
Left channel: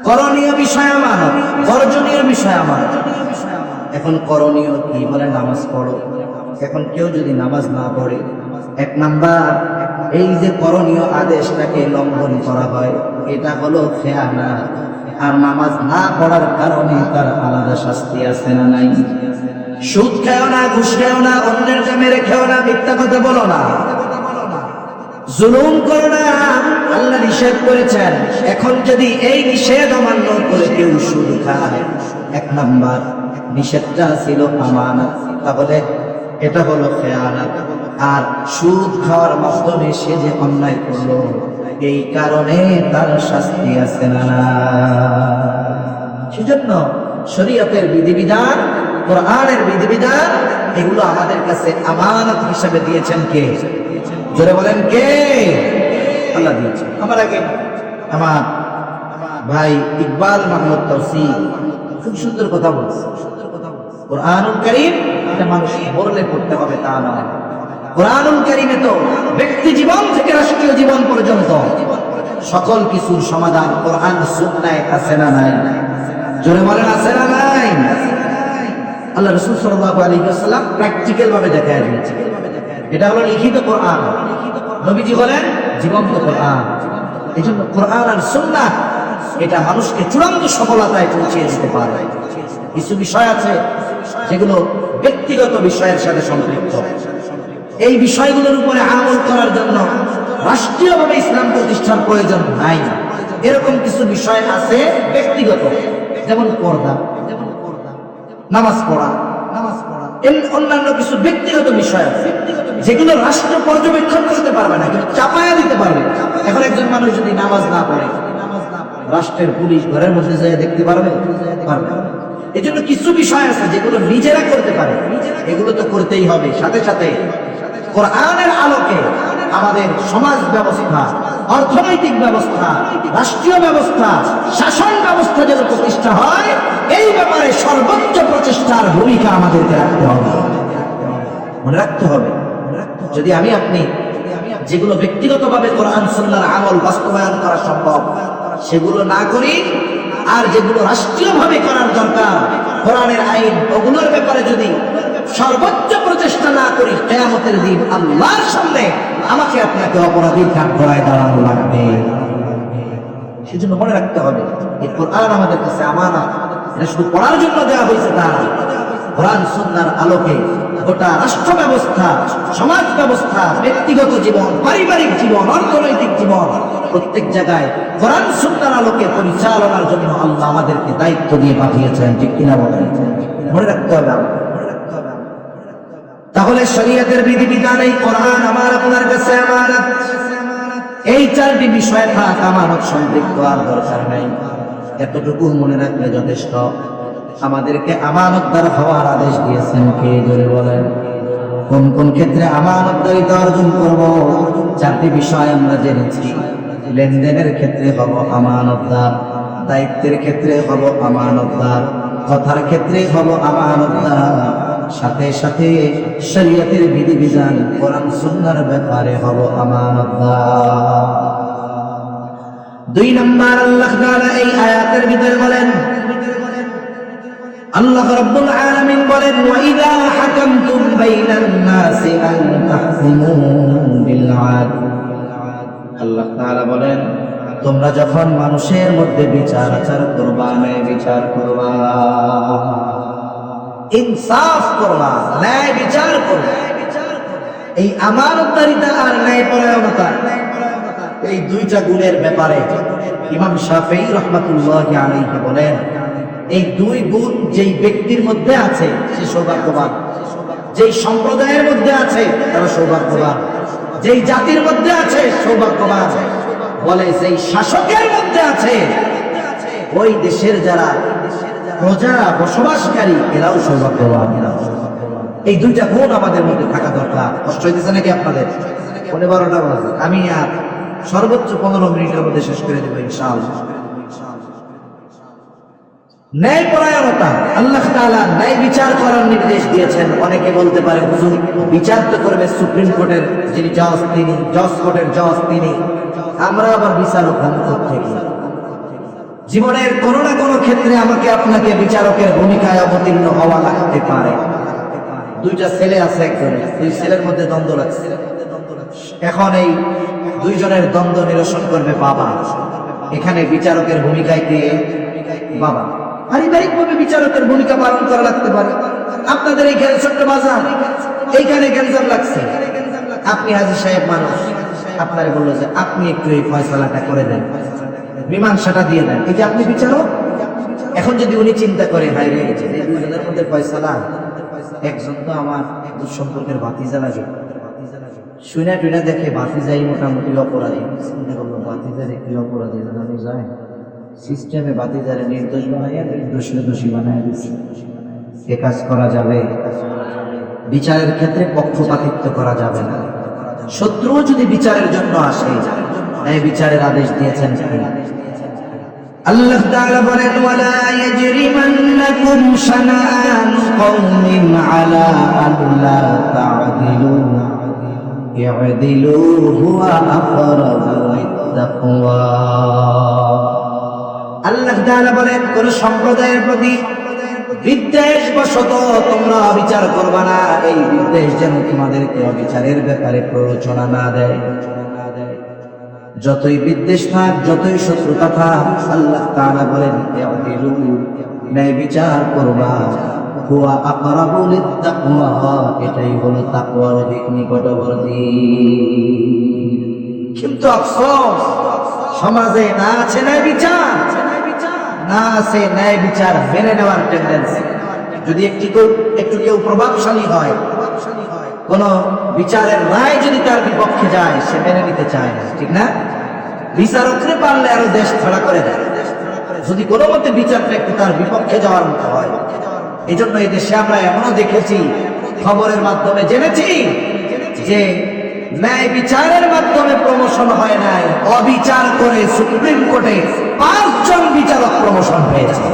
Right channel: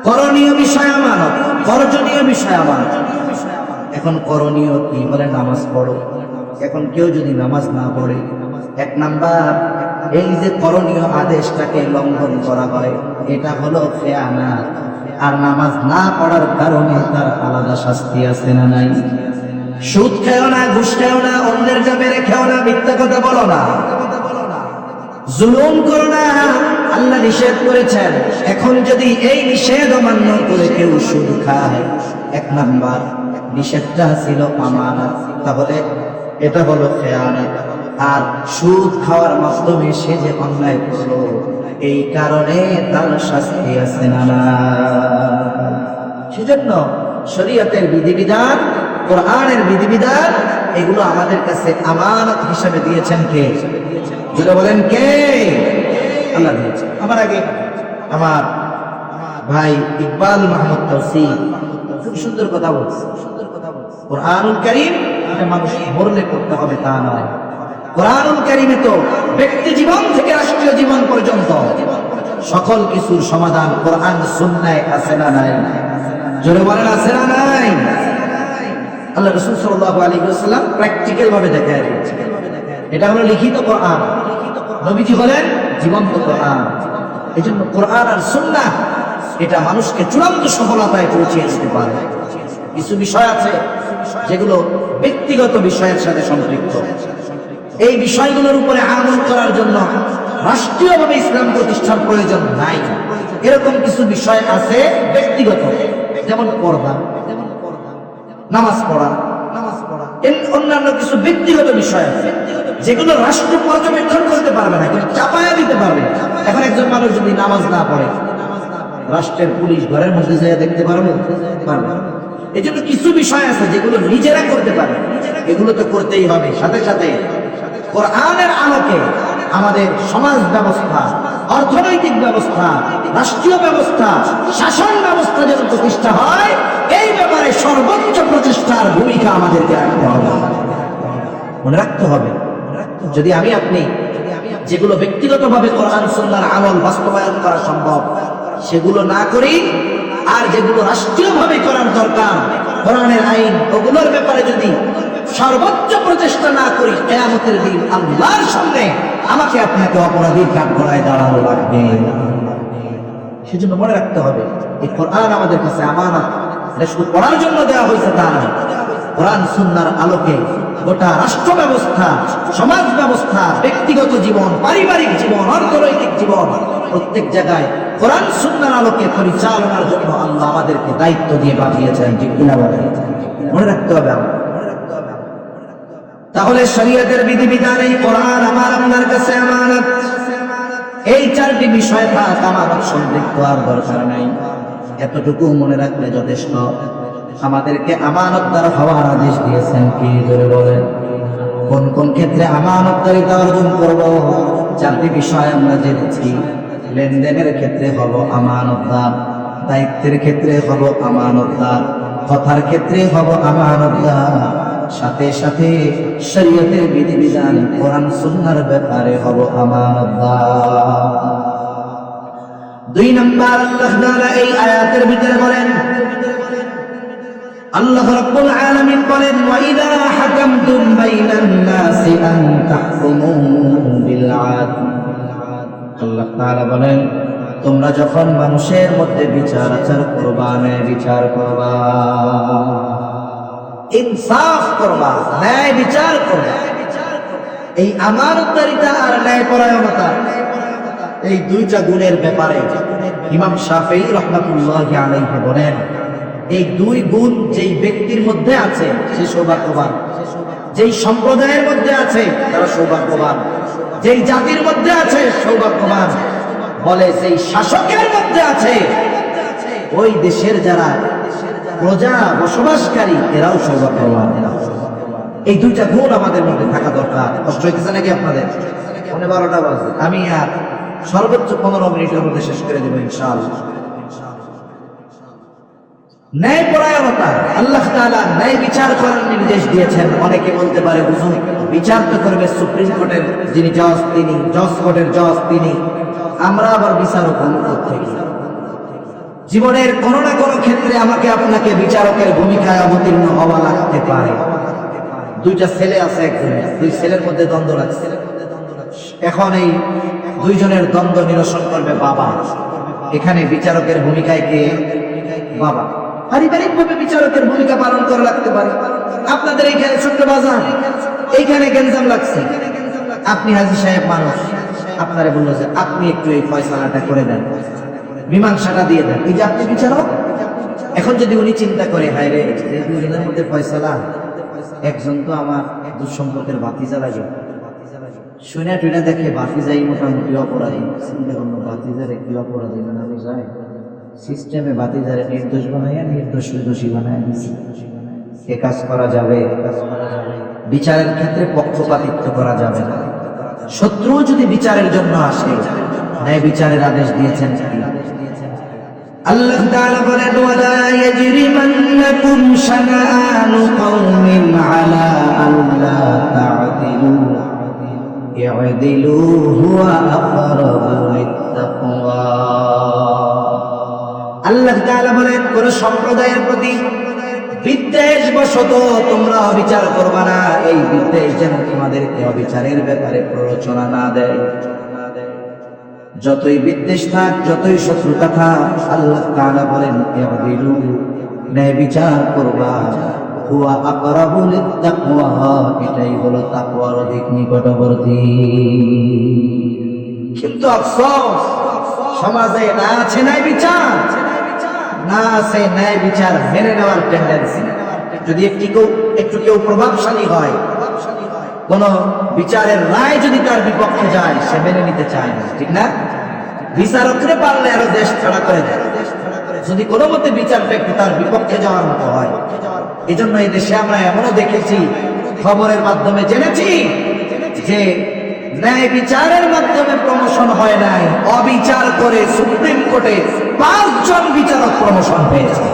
করণীয় বিষয় আমানত, বর্জনীয় বিষয় আমানত। এখন করণীয় কি? বলে নামাজ পড়ো। এখন কেউ যদি নামাজ না পড়ে, 1 নাম্বার এই যে করণীয় আদেশটাকে লঙ্ঘন করা হয়, এটা হলো খেয়ানত। আর নামাজ না পড়ার কারণে তার আলাদা শাস্তি আছে না নাই? সুদ খেও না, ঘুষ খেও না, অন্যেরকে মেরে খেও না, মিথ্যা কথা বলো না, জুলুম করো না, আল্লাহ নিষেধ করেছেন। এখন যদি এই নিষেধ অমান্য করে কেউ সুদ খায়, 1 নাম্বার নিষেধটা ছিল আমানত, তাহলে এটা হলো খেয়ানত। আর সুদ খাওয়ার মাধ্যমে সে যে অন্যায় করলো, এই কারণে তার শাস্তি আছে না। সেজন্য শরীয়তের বিধিবিধান, কোরআনের বিধিবিধান, এগুলো আমাদের কাছে আমানত হিসেবে দিয়েছেন কে? জোরে বলেন কে? আল্লাহ দিয়েছেন। আমার আগে আমার ভাই ইকবাল মাহমুদ তৌসিফ খুব সুন্দর কথা বলছে। কোরআনুল কারীম এটা মানুষ পড়লে পড়তে হবে তা নয়। কোরআনুল কারীমে তো ব্যক্তি জীবন থেকে রাষ্ট্রীয় জীবন পর্যন্ত সকল কিছুর সমাধান কোরআন সুন্নাহয় আছে না নাই? জোরে বলেন আছে না নাই? আল্লাহ রাসূল সাল্লাল্লাহু আলাইহি ওয়াসাল্লাম প্র্যাকটিক্যাল ভাবে দেখায় দিয়েছেন। এটা হলো লিখিত কোরআন, নবীজি বলেন জীবন্ত কোরআন। এজন্য কোরআন আর সুন্নাহ এটা মানুষকে চূড়ান্ত সফলতায় পৌঁছে দিতে পারে। কিছু বিষয় আছে যেগুলো ব্যক্তিগত বিষয়ের সাথে সম্পৃক্ত। এই বিষয়গুলোর উপরে আমল করার জন্য রাষ্ট্রীয়ভাবে ইসলাম প্রতিষ্ঠার প্রয়োজন নাই। এরকম কিছু বিষয় আছে ব্যক্তিগত, যেমন পর্দা, নামাজ পড়া, অন্যান্য কিছু ব্যক্তিগত বিষয় আছে যেগুলো রাষ্ট্র পর্যবেক্ষণ করতে পারবে না, কিন্তু চাপায়া দিতে পারবে। এখন একজন মানুষ যদি নামাজ না পড়ে, রাষ্ট্রের পুলিশ ঘরের মধ্যে যায় দেখতে পারবে? এই জন্য কিছু বিষয় আছে যেগুলো নিজেরা করতে পারে, এগুলো তো করতেই হবে। সাথে সাথে কোরআনের আলোকে আমাদের সমাজ ব্যবস্থা, অর্থনৈতিক ব্যবস্থা, রাষ্ট্রীয় ব্যবস্থা, শাসন ব্যবস্থা যেন প্রতিষ্ঠা হয়, এই ব্যাপারে সর্বোচ্চ প্রচেষ্টার ভূমিকা আমাদেরকে রাখতে হবে, মনে রাখতে হবে। যদি আমি আপনি যেগুলো ব্যক্তিগতভাবে কোরআন সুন্নাহর আমল বাস্তবায়ন করা সম্ভব সেগুলো না করি, আর যেগুলো রাষ্ট্রীয়ভাবে করার দরকার কোরআনের আইন ওগুলোর ব্যাপারে যদি সর্বোচ্চ প্রচেষ্টা না করি, কিয়ামতের দিন আল্লাহর সামনে আমাকে আপনাকে অপরাধীর কাজ করায় দাঁড়ানো লাগবে। সেজন্য মনে রাখতে হবে এই কোরআন আমাদের কাছে আমানত, এটা শুধু পড়ার জন্য দেওয়া হয়েছে তা নয়। কোরআন সুন্নাহর আলোকে গোটা রাষ্ট্র ব্যবস্থা, সমাজ ব্যবস্থা, ব্যক্তিগত জীবন, পারিবারিক জীবন, অর্থনৈতিক জীবন, প্রত্যেক জায়গায় কোরআন সুন্নাহর আলোকে পরিচালনার জন্য আল্লাহ আমাদেরকে দায়িত্ব দিয়ে পাঠিয়েছেন, ঠিক কিনা বলেন? মনে রাখতে হবে। তাহলে শরীয়তের বিধিবিধান এই কোরআন আমার আপনার কাছে আমানত। এই চারটি বিষয় থাক আমানত সম্পৃক্ত, আর দরকার নেই। এতটুকু মনে রাখলে যথেষ্ট। আমাদেরকে আমানতদার হওয়ার আদেশ দিয়েছেন কে, জোরে বলেন? কোন কোন ক্ষেত্রে আমানতদারিতা অর্জন করব? চারটি বিষয় আমরা জেনেছি। লেনদেনের ক্ষেত্রে হব আমানতদার, দায়িত্বের ক্ষেত্রে হব আমানতদার, কথার ক্ষেত্রে হব আমানতদার, সাথে সাথে শরীয়তের বিধিবিধান কোরআন সুন্নাহর ব্যাপারে হব আমানতদার। 2 নম্বর আল্লাহ তাআলা এই আয়াতের ভিতরে বলেন, আল্লাহ রাব্বুল আলামিন বলেন, ওয়া ইযা হাকামতুম বাইনান নাসি আন তাহকুমু বিল আদল। আল্লাহ তাআলা বলেন, তোমরা যখন মানুষের মধ্যে বিচার আচার করবা, ন্যায় বিচার করবা, ইনসাফ করবা, ন্যায় বিচার করবা। এই আমানতদারিতা আর ন্যায়পরায়ণতা, এই দুইটা গুণের ব্যাপারে ইমাম শাফিঈ রাহমাতুল্লাহি আলাইহি বলেন, এই দুই গুণ যেই ব্যক্তির মধ্যে আছে সে সৌভাগ্যবান, যেই সম্প্রদায়ের মধ্যে আছে তারা সৌভাগ্যবান, যেই জাতির মধ্যে আছে সৌভাগ্যবান। বলে সেই শাসকের মধ্যে আছে, ওই দেশের যারা প্রজা বসবাসকারী এরাও সৌভাগ্যবান। এই দুইটা গুণ আমাদের মধ্যে থাকা দরকার। কষ্ট হইতেছে নাকি আপনাদের? 12টা বাজে, আমি আর সর্বোচ্চ 15 মিনিটের মধ্যে শেষ করে দেবো ইনশাআল্লাহ। ন্যায়পরায়ণতা, আল্লাহ তাআলা ন্যায় বিচার করার নির্দেশ দিয়েছেন। অনেকে বলতে পারে, হুজুর বিচার তো করবে সুপ্রিম কোর্টের যিনি জজ, তিনি জজ কোর্টের জজ, তিনি, আমরা আবার বিচারক থেকে। জীবনের কোনো না কোনো ক্ষেত্রে আমাকে আপনাকে বিচারকের ভূমিকায় অবতীর্ণ হওয়া লাগতে পারে। দুইটা ছেলে আছে, একজন, দুই ছেলের মধ্যে দ্বন্দ্ব লাগছে। এখন এই দুইজনের দ্বন্দ্ব নিরসন করবে বাবা। এখানে বিচারকের ভূমিকায় গিয়ে বাবা পারিবারিক ভাবে বিচারকের ভূমিকা পালন করা লাগতে পারে। আপনাদের এইখানে ছোট্ট বাজার, এইখানে গেঞ্জাম লাগছে, আপনি হাজী সাহেব মানুষ, আপনারে বললো যে আপনি একটু এই ফয়সালাটা করে দেন, মীমাংসাটা দিয়ে দেন, এই যে আপনি বিচারক। এখন যদি উনি চিন্তা করে, বাইরে দুজনের মধ্যে ফয়সালা, একজন তো আমার দুঃসম্পর্কের ভাতিজা লাগে, শুনে টুনে দেখে ভাতিজাই মোটামুটি অপরাধী, চিন্তা করলো ভাতিজারে কি অপরাধী জানানো যায়, সিস্টেমে ভাতিজারে নির্দোষ বানাইয়া নির্দোষকে দোষী বানায় দিচ্ছে। এ কাজ করা যাবে? বিচারের ক্ষেত্রে পক্ষপাতিত্ব করা যাবে না। শত্রু যদি বিচারের জন্য আসে, ন্যায় বিচারের আদেশ দিয়েছেন আল্লাহ তাআলা বলেন, ওয়ালা ইয়াজরিমান্নাকুম শানাআনু কওমিন আলা আল্লা তা'দিলু ইয়া'দিলু হুয়া আকরাবু লিত-তাকওয়া। আল্লাহ তাআলা বলেন, কোন সম্প্রদায়ের প্রতি বিদ্বেষ বশত তোমরা অবিচার করবে না। এই বিদ্বেষ যেন তোমাদেরকে অবিচারের ব্যাপারে প্ররোচনা না দেয়। যতই বিদ্বেষ থাক, যতই শত্রুতা থাক, আল্লাহ তাআলা বলেন, ইয়া'দিলু, ন্যায় বিচার করবা, হুয়া আকরাবু লিত-তাকওয়া, এটাই হলো তাকওয়ার অধিক নিকটবর্তী। কিন্তু আফসোস, সমাজে না আছে ন্যায় বিচার, না আছে ন্যায় বিচার মেনে নেওয়ার টেন্ডেন্সি। যদি একটু কেউ প্রভাবশালী হয়, কোন বিচারের রায় যদি তার বিপক্ষে যায়, সে মেনে নিতে চায় না, ঠিক না? বিচারকরে পারলে আরো দেশ ছাড়া করে দেয়, যদি কোনো মতে বিচারটা একটু তার বিপক্ষে যাওয়ার মতো হয়। এই জন্য এই দেশে আমরা এমনও দেখেছি, খবরের মাধ্যমে জেনেছি যে ন্যায় বিচারের মাধ্যমে প্রমোশন হয় নাই, অবিচার করে সুপ্রিম কোর্টে 5 জন বিচারক প্রমোশন পেয়েছে।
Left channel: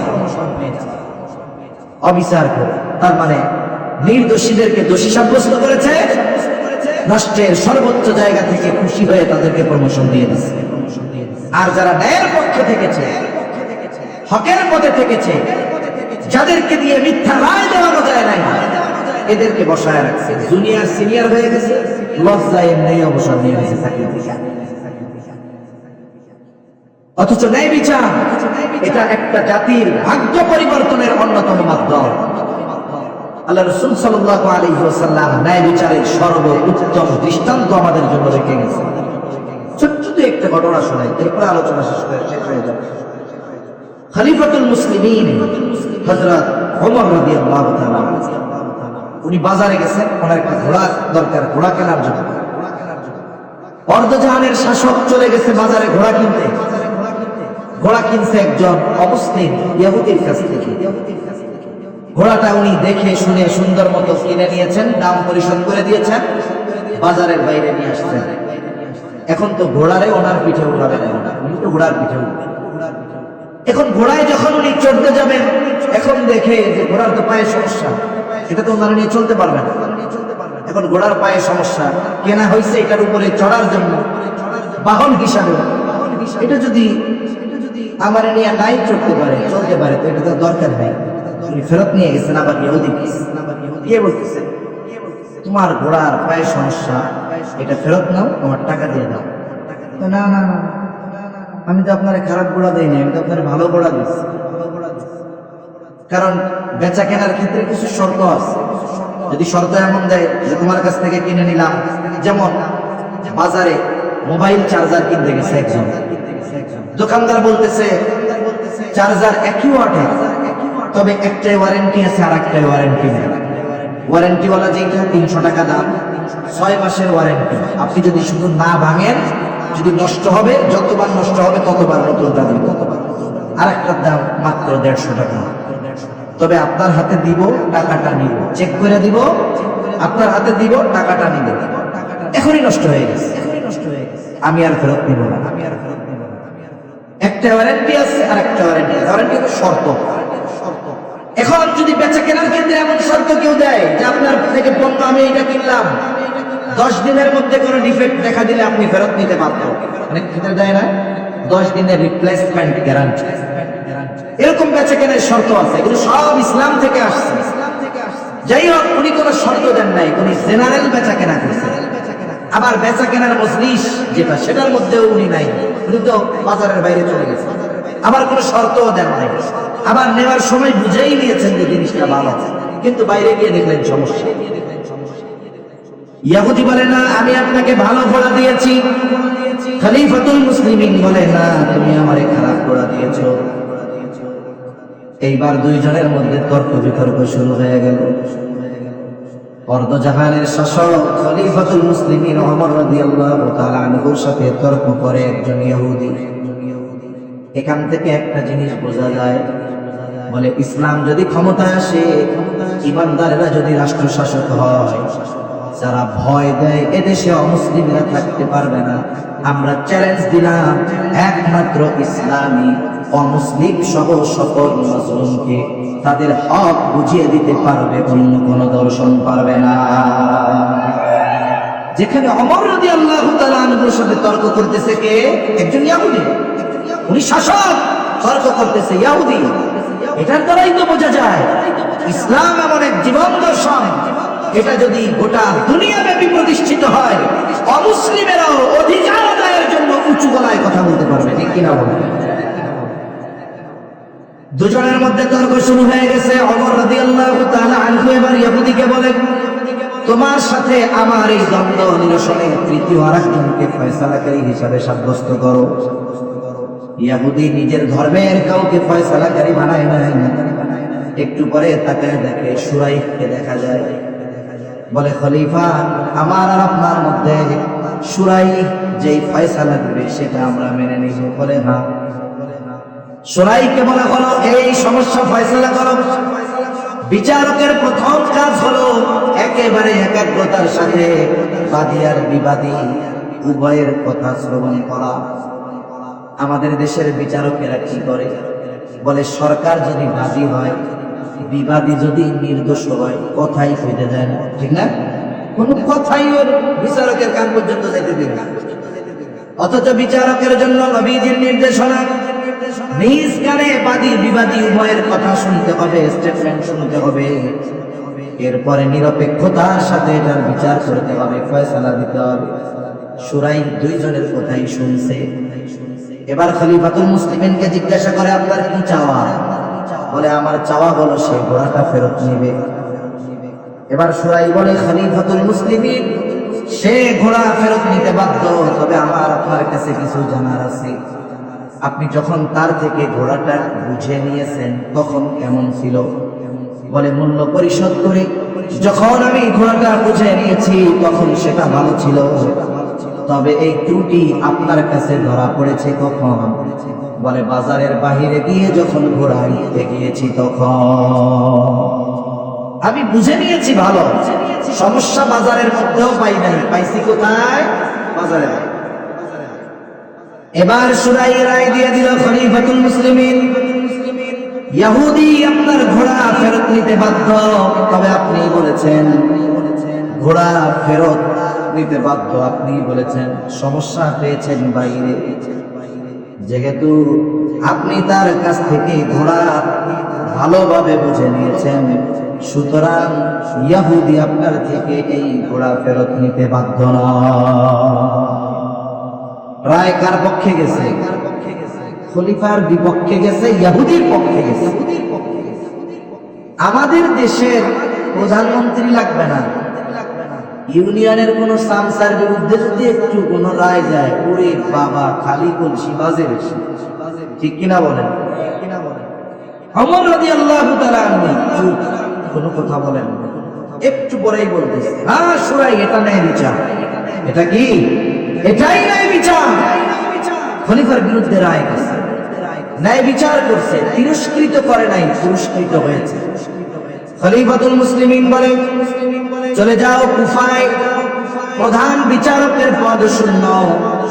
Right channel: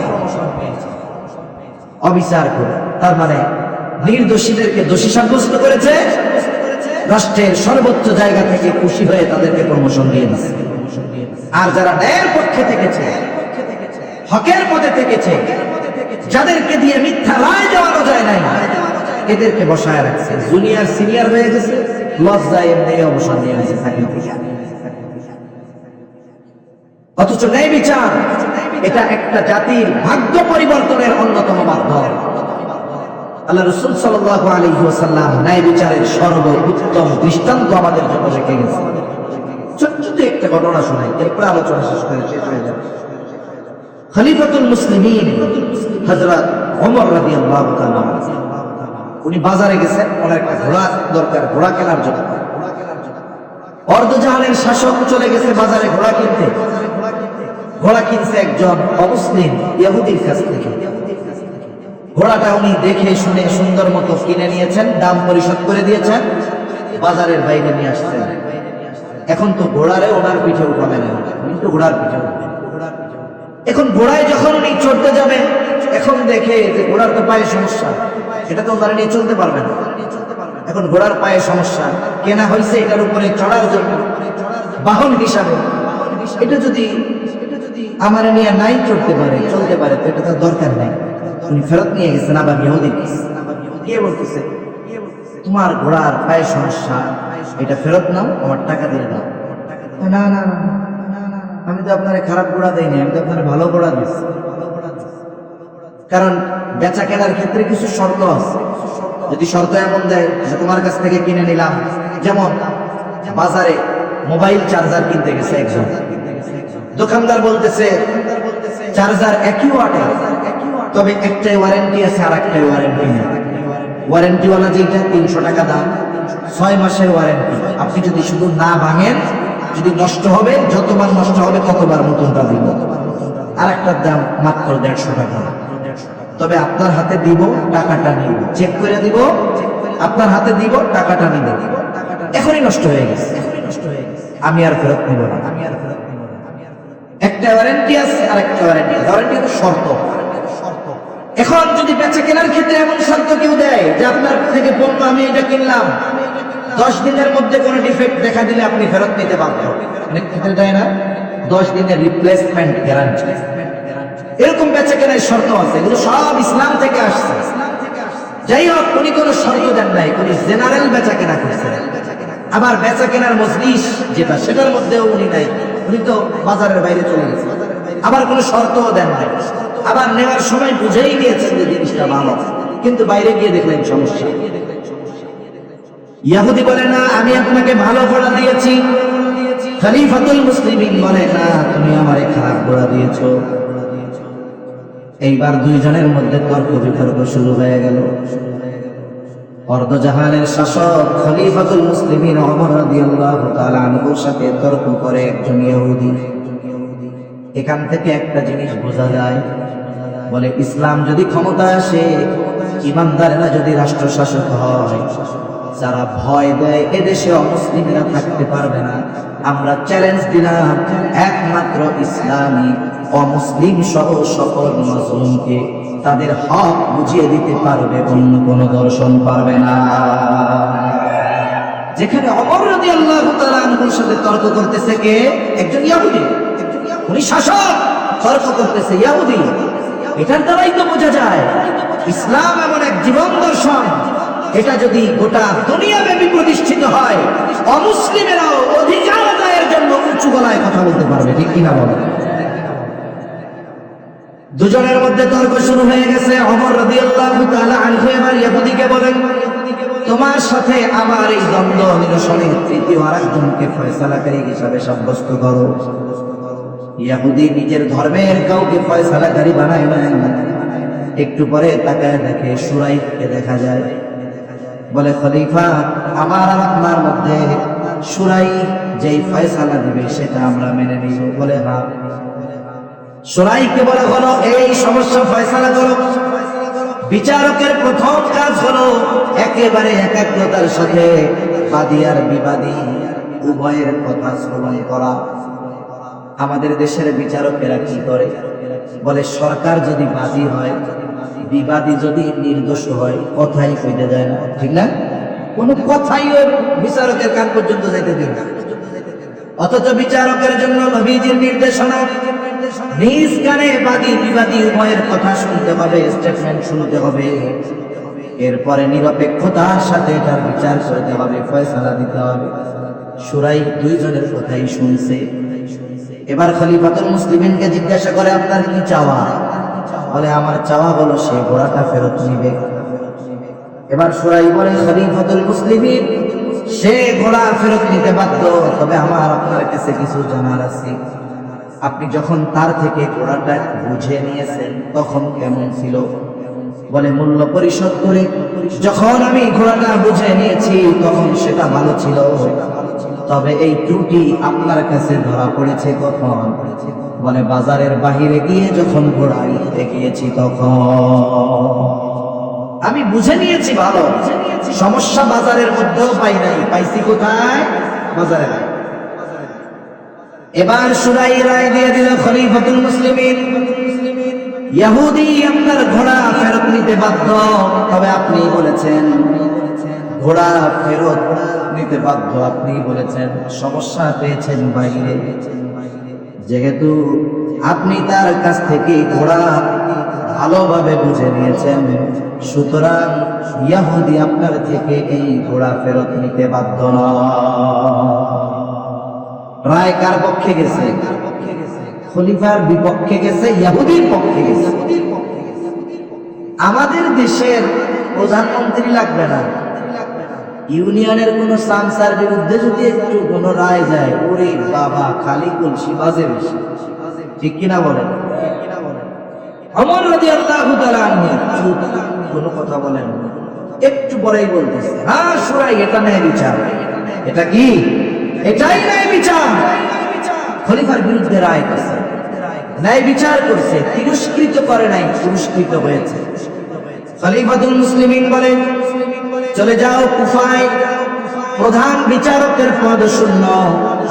অবিচার করে, তার মানে নির্দোষীদেরকে দোষী সাব্যস্ত করেছে, রাষ্ট্রের সর্বোচ্চ জায়গা থেকে খুশি হয়ে তাদেরকে প্রমোশন দিয়ে দিচ্ছে। আর যারা ন্যায়ের পক্ষে থেকেছে, হকের পথে থেকেছে, যাদেরকে দিয়ে মিথ্যা রায় দেওয়ানো যায় নাই, এদেরকে বসায় রাখছে। জুনিয়র সিনিয়র হয়ে গেছে, লজ্জায় এমনি অবসর নিয়ে গেছে চাকরি থেকে। অথচ ন্যায় বিচার এটা একটা জাতির ভাগ্য পরিবর্তনের অন্যতম মাধ্যম। আল্লাহ রাসূল সাল্লাল্লাহু আলাইহি ওয়াসাল্লাম ন্যায় বিচারের সর্বোত্তম দৃষ্টান্ত আমাদের জন্য রেখে গেছেন। ছোট্ট একটা ঘটনা শোনাই, এরপরে আলোচনা শেষ হয়ে যাবে। খলিফাতুল মুসলিমিন হযরত ওমর রাদিয়াল্লাহু তাআলা উনি বাজারে গেছেন, ওনার একটা ঘোড়া দরকার, ঘোড়া কেনার জন্য। অর্ধজাহানের শাসক চলে গেছে বাজারে ঘোড়া কিনতে। ঘোড়া কিনছে একজন অমুসলিম ইহুদির কাছ থেকে। ঘোড়াটা উনি দেখে শুনে সুন্দর মতো কিনে নিয়েছেন, দাম পরিশোধ করে দিয়েছেন, বাজারের বাইরে নিয়ে আসছেন। এখন তো ঘোড়ারে ওনার পিঠে উঠাবে না, উনি তো ঘোড়ার পিঠে উঠবে। এখন ঘোড়ায় যখন উনি চড়তে যাবেন, এখন দেখে যে ঘোড়ার তো পায়ে সমস্যা, এটা তো ওনারা নিয়ে চলতে পারবে না। এখন ঘোড়ার পায়ে সমস্যা, কেনা হয়েছে এটার উপরে চড়ার জন্য বাহন হিসাবে। এটা যদি আমার নিয়ে নাই চড়তে পারে, চলতে পারে, এটা তো দরকার নাই। উনি ফেরত নিয়ে গেছেন। আবার ইহুদি কে বলতেছে, তোমার ঘোড়ার পায়ে সমস্যা, এটা ফেরত নাও, আমার টাকা দিয়ে দাও। না না, আমি তো আপনার খারাপ ঘোড়া দিইনি, আমি তো আপনার ভালো ঘোড়া দিচ্ছি। কারণ বেচা কেনার ক্ষেত্রে কিছু শর্ত আছে। যদি শর্ত এমন দেয় যে তোমার কাছ থেকে কিনে নিলাম, যেমন বাজারে মোবাইল চার্জার কিনতে গেছে একজন, দোকানদার বলতেছে চার্জার একই ওয়াটের, তবে একটাই ওয়ারেন্টি আছে আর একটাই ওয়ারেন্টি নেই। ওয়ারেন্টিওয়ালা যেটা 300 টাকা দাম, 6 মাসের ওয়ারেন্টি। আপনি যদি শুধু না ভাঙেন, যদি নষ্ট হবে, যতবার নষ্ট হবে ততবার নতুনটা দিব। আর একটার দাম মাত্র 150 টাকা। তবে আপনার হাতে দিব, টাকাটা নিব, চেক করে দিব, আপনার হাতে দিব, টাকাটা নিব। এখনই নষ্ট হয়ে গেছে, আমি আর ফেরত নিব না। একটা ওয়ারেন্টি আছে আর একটা ওয়ারেন্টি, ওয়ারেন্টি শর্ত। এখন যদি বেচা কেনার ক্ষেত্রে এমন শর্ত কেউ দেয় যে আপনার থেকে পণ্য আমি এটা কিনলাম, 10 দিনের মধ্যে কোনো ডিফেক্ট দেখা দিলে আপনি ফেরত নিতে বাধ্য। অনেক ক্ষেত্রে দেয় না, 10 দিনের রিপ্লেসমেন্ট গ্যারান্টি। এরকম বেচা কেনার শর্ত আছে, এগুলো সব ইসলাম থেকে আসছে। যাই হোক, উনি কোনো শর্ত দেন নাই, উনি জেনারেল বেচা কেনা করছেন। আবার বেচা কেনার মজলিস যেটা, সেটার মধ্যেও উনি নাই, উনি তো বাজারের বাইরে চলে গেছেন। আবার কোনো শর্তও দেন নাই, আবার নেওয়ার সময় বুঝেই নিয়েছেন যে জিনিসটা ভালো, কিন্তু বাইরে গিয়ে দেখলেন সমস্যা। ইহুদি বলে না, আমি আপনাকে ভালো ঘোড়া দিয়েছি। খলিফাতুল মুসলিমিন বলে না, তুমি আমারে খারাপ ঘোড়া দিয়েছো। এইবার দুইজনের মধ্যে তর্ক বিতর্ক শুরু হয়ে গেল। অর্ধজাহানের শাসক খলিফাতুল মুসলিমিন ওমর রাদিয়াল্লাহু তাআলা আনহুর সাথে তর্ক করে একজন ইহুদি। এখান থেকে একটা জিনিস বোঝা যায়, বলে ইসলাম যদি ক্ষমতায় আসে, ইমানদারেরা যদি রাষ্ট্র শাসক হয়, যারা ভয় দেয় এদেশে অমুসলিমরা থাকতে পারবে না। আমরা চ্যালেঞ্জ দিলাম, একমাত্র ইসলামী অমুসলিম সহ সকল মুসলিমকে তাদের হক বুঝিয়ে দিতে পারবে, অন্য কোন দর্শন পারবে না। যেখানে ওমর রাদিয়াল্লাহু তাআলা আনহুর সাথে তর্ক করতেছে কে? একজন ইহুদি। উনি শাসক, তর্ক করতেছে ইহুদি। এটার দ্বারাই তো বোঝা যায় ইসলাম এমন এক জীবন দর্শন, এটা যদি গোটা দুনিয়াব্যাপী প্রতিষ্ঠিত হয়, অমুসলিমেরাও অধিকার আদায়ের জন্য উঁচু গলায় কথা বলতে পারবে। ঠিক কিনা বলে? দুজনের মধ্যে তর্ক শুরু হয়ে গেছে। ওমর রাদিয়াল্লাহু তাআলা আনহু এবার ইহুদিকে বলেন, তোমার সাথে আমার এই দ্বন্দ্ব নিরসনের তৃতীয় আরেকজনকে ফয়সালাকারী হিসাবে সাব্যস্ত করো। ইহুদি নিজের ধর্মের কাউকে ফয়সালাকারী বানায় না। একটু পরে তাকায় দেখে শুরাইহকে দেখা যায়। বলে, খলিফা, আমার আর আপনার মধ্যে শুরাইহ যে ফয়সালা দিবে সেটা আমরা মেনে নিব। বলে না। শুরাইহকে বলা হলো, এই সমস্যা ফয়সালা করো। বিচারকের প্রথম কাজ হলো এক একেবারে একাগ্রতার সাথে বাদী আর বিবাদী উভয়ের কথা শ্রবণ করা। আমাদের দেশের বিচারকেরা কি করে? বলে সরকার যদি বাদী হয়, বিবাদী যদি নির্দোষ হয়, কথাই কইতে যায় না, ঠিক না? কোন কথাই ওর বিচারকের কান পর্যন্ত যেতে দেয় না। অথচ বিচারকের জন্য নবীজির নির্দেশনা, নিজ কানে বাদী বিবাদী উভয়ের কথা শুনতে হবে, স্টেটমেন্ট শুনতে হবে, এরপরে নিরপেক্ষতার সাথে তার বিচার করতে হবে, ফয়সালা দিতে হবে। শুরাই দুইজনের কথাই শুনছে। এবার খলিফাতুল মুসলিমিনকে জিজ্ঞাসা করে, আপনার কি চাওয়া? বলে আমার চাওয়া হলো সে ঘোড়াটা ফেরত নিবে। এবার শুরাই বলে, খলিফাতুল মুসলিমিন, সে ঘোড়া ফেরত নিতে বাধ্য, তবে আমার আপনার কাছে কিছু জানার আছে। আপনি যখন তার থেকে ঘোড়াটা বুঝে নিয়েছেন তখন কেমন ছিল? বলে মূল্য পরিশোধ করে যখন আমি ঘোড়াটা বুঝে নিয়েছি তখন সেটা ভালো ছিল, তবে এই ত্রুটি আপনার কাছে ধরা পড়েছে কখন? বলে বাজারের বাহিরে গিয়ে যখন ঘোড়া নিতে গিয়েছি তখন আমি বুঝে নিয়েছি ভালো, সমস্যা বাজারের মধ্যেও পাই নাই, পাইছি কোথায়? বাজারে। এবার শুরাই রায় দিয়ে দিল খলিফাতুল মুসলিমিন, ইহুদি আপনার ঘোড়া ফেরত নিতে বাধ্য, তবে আপনি বলেছেন ঘোড়া ফেরত নিতে বাধ্য, আপনি বলেছেন সমস্যা পেয়েছেন বাইরে, যেহেতু আপনি তার কাছ থেকে ঘোড়া ভালোভাবে বুঝে নিয়েছেন, সুতরাং ইহুদি আপনার থেকে এই ঘোড়া ফেরত নিতে বাধ্য নয়। রায় কার পক্ষে গেছে? খলিফার বিপক্ষে গেছে, ইহুদির পক্ষে গেছে। আমাদের দেশের প্রধানমন্ত্রী লাগবে না, ইউনিয়নের কোন সামসার বিরুদ্ধে যদি একটু কোন রায় যায়, ওরে বাবা খালি কলসি বাজে বেশি, ঠিক কিনা বলেন? ওমর রাদিয়াল্লাহু তাআলা আনহু কোনো কথা বলেন, একটু পরেই বলতেছে, হ্যাঁ শুরাই, এটা ন্যায় বিচার। এটা কি? এটাই ন্যায় বিচার। খলিফার বিরুদ্ধে রায় করছে, ন্যায় বিচার করছে, তিরস্কৃত করে নাই, পুরস্কৃত হয়েছে। খলিফাতুল মুসলিমিন বলেন, চলে যাও কুফায়, প্রধান বিচারকের পদ শূন্য,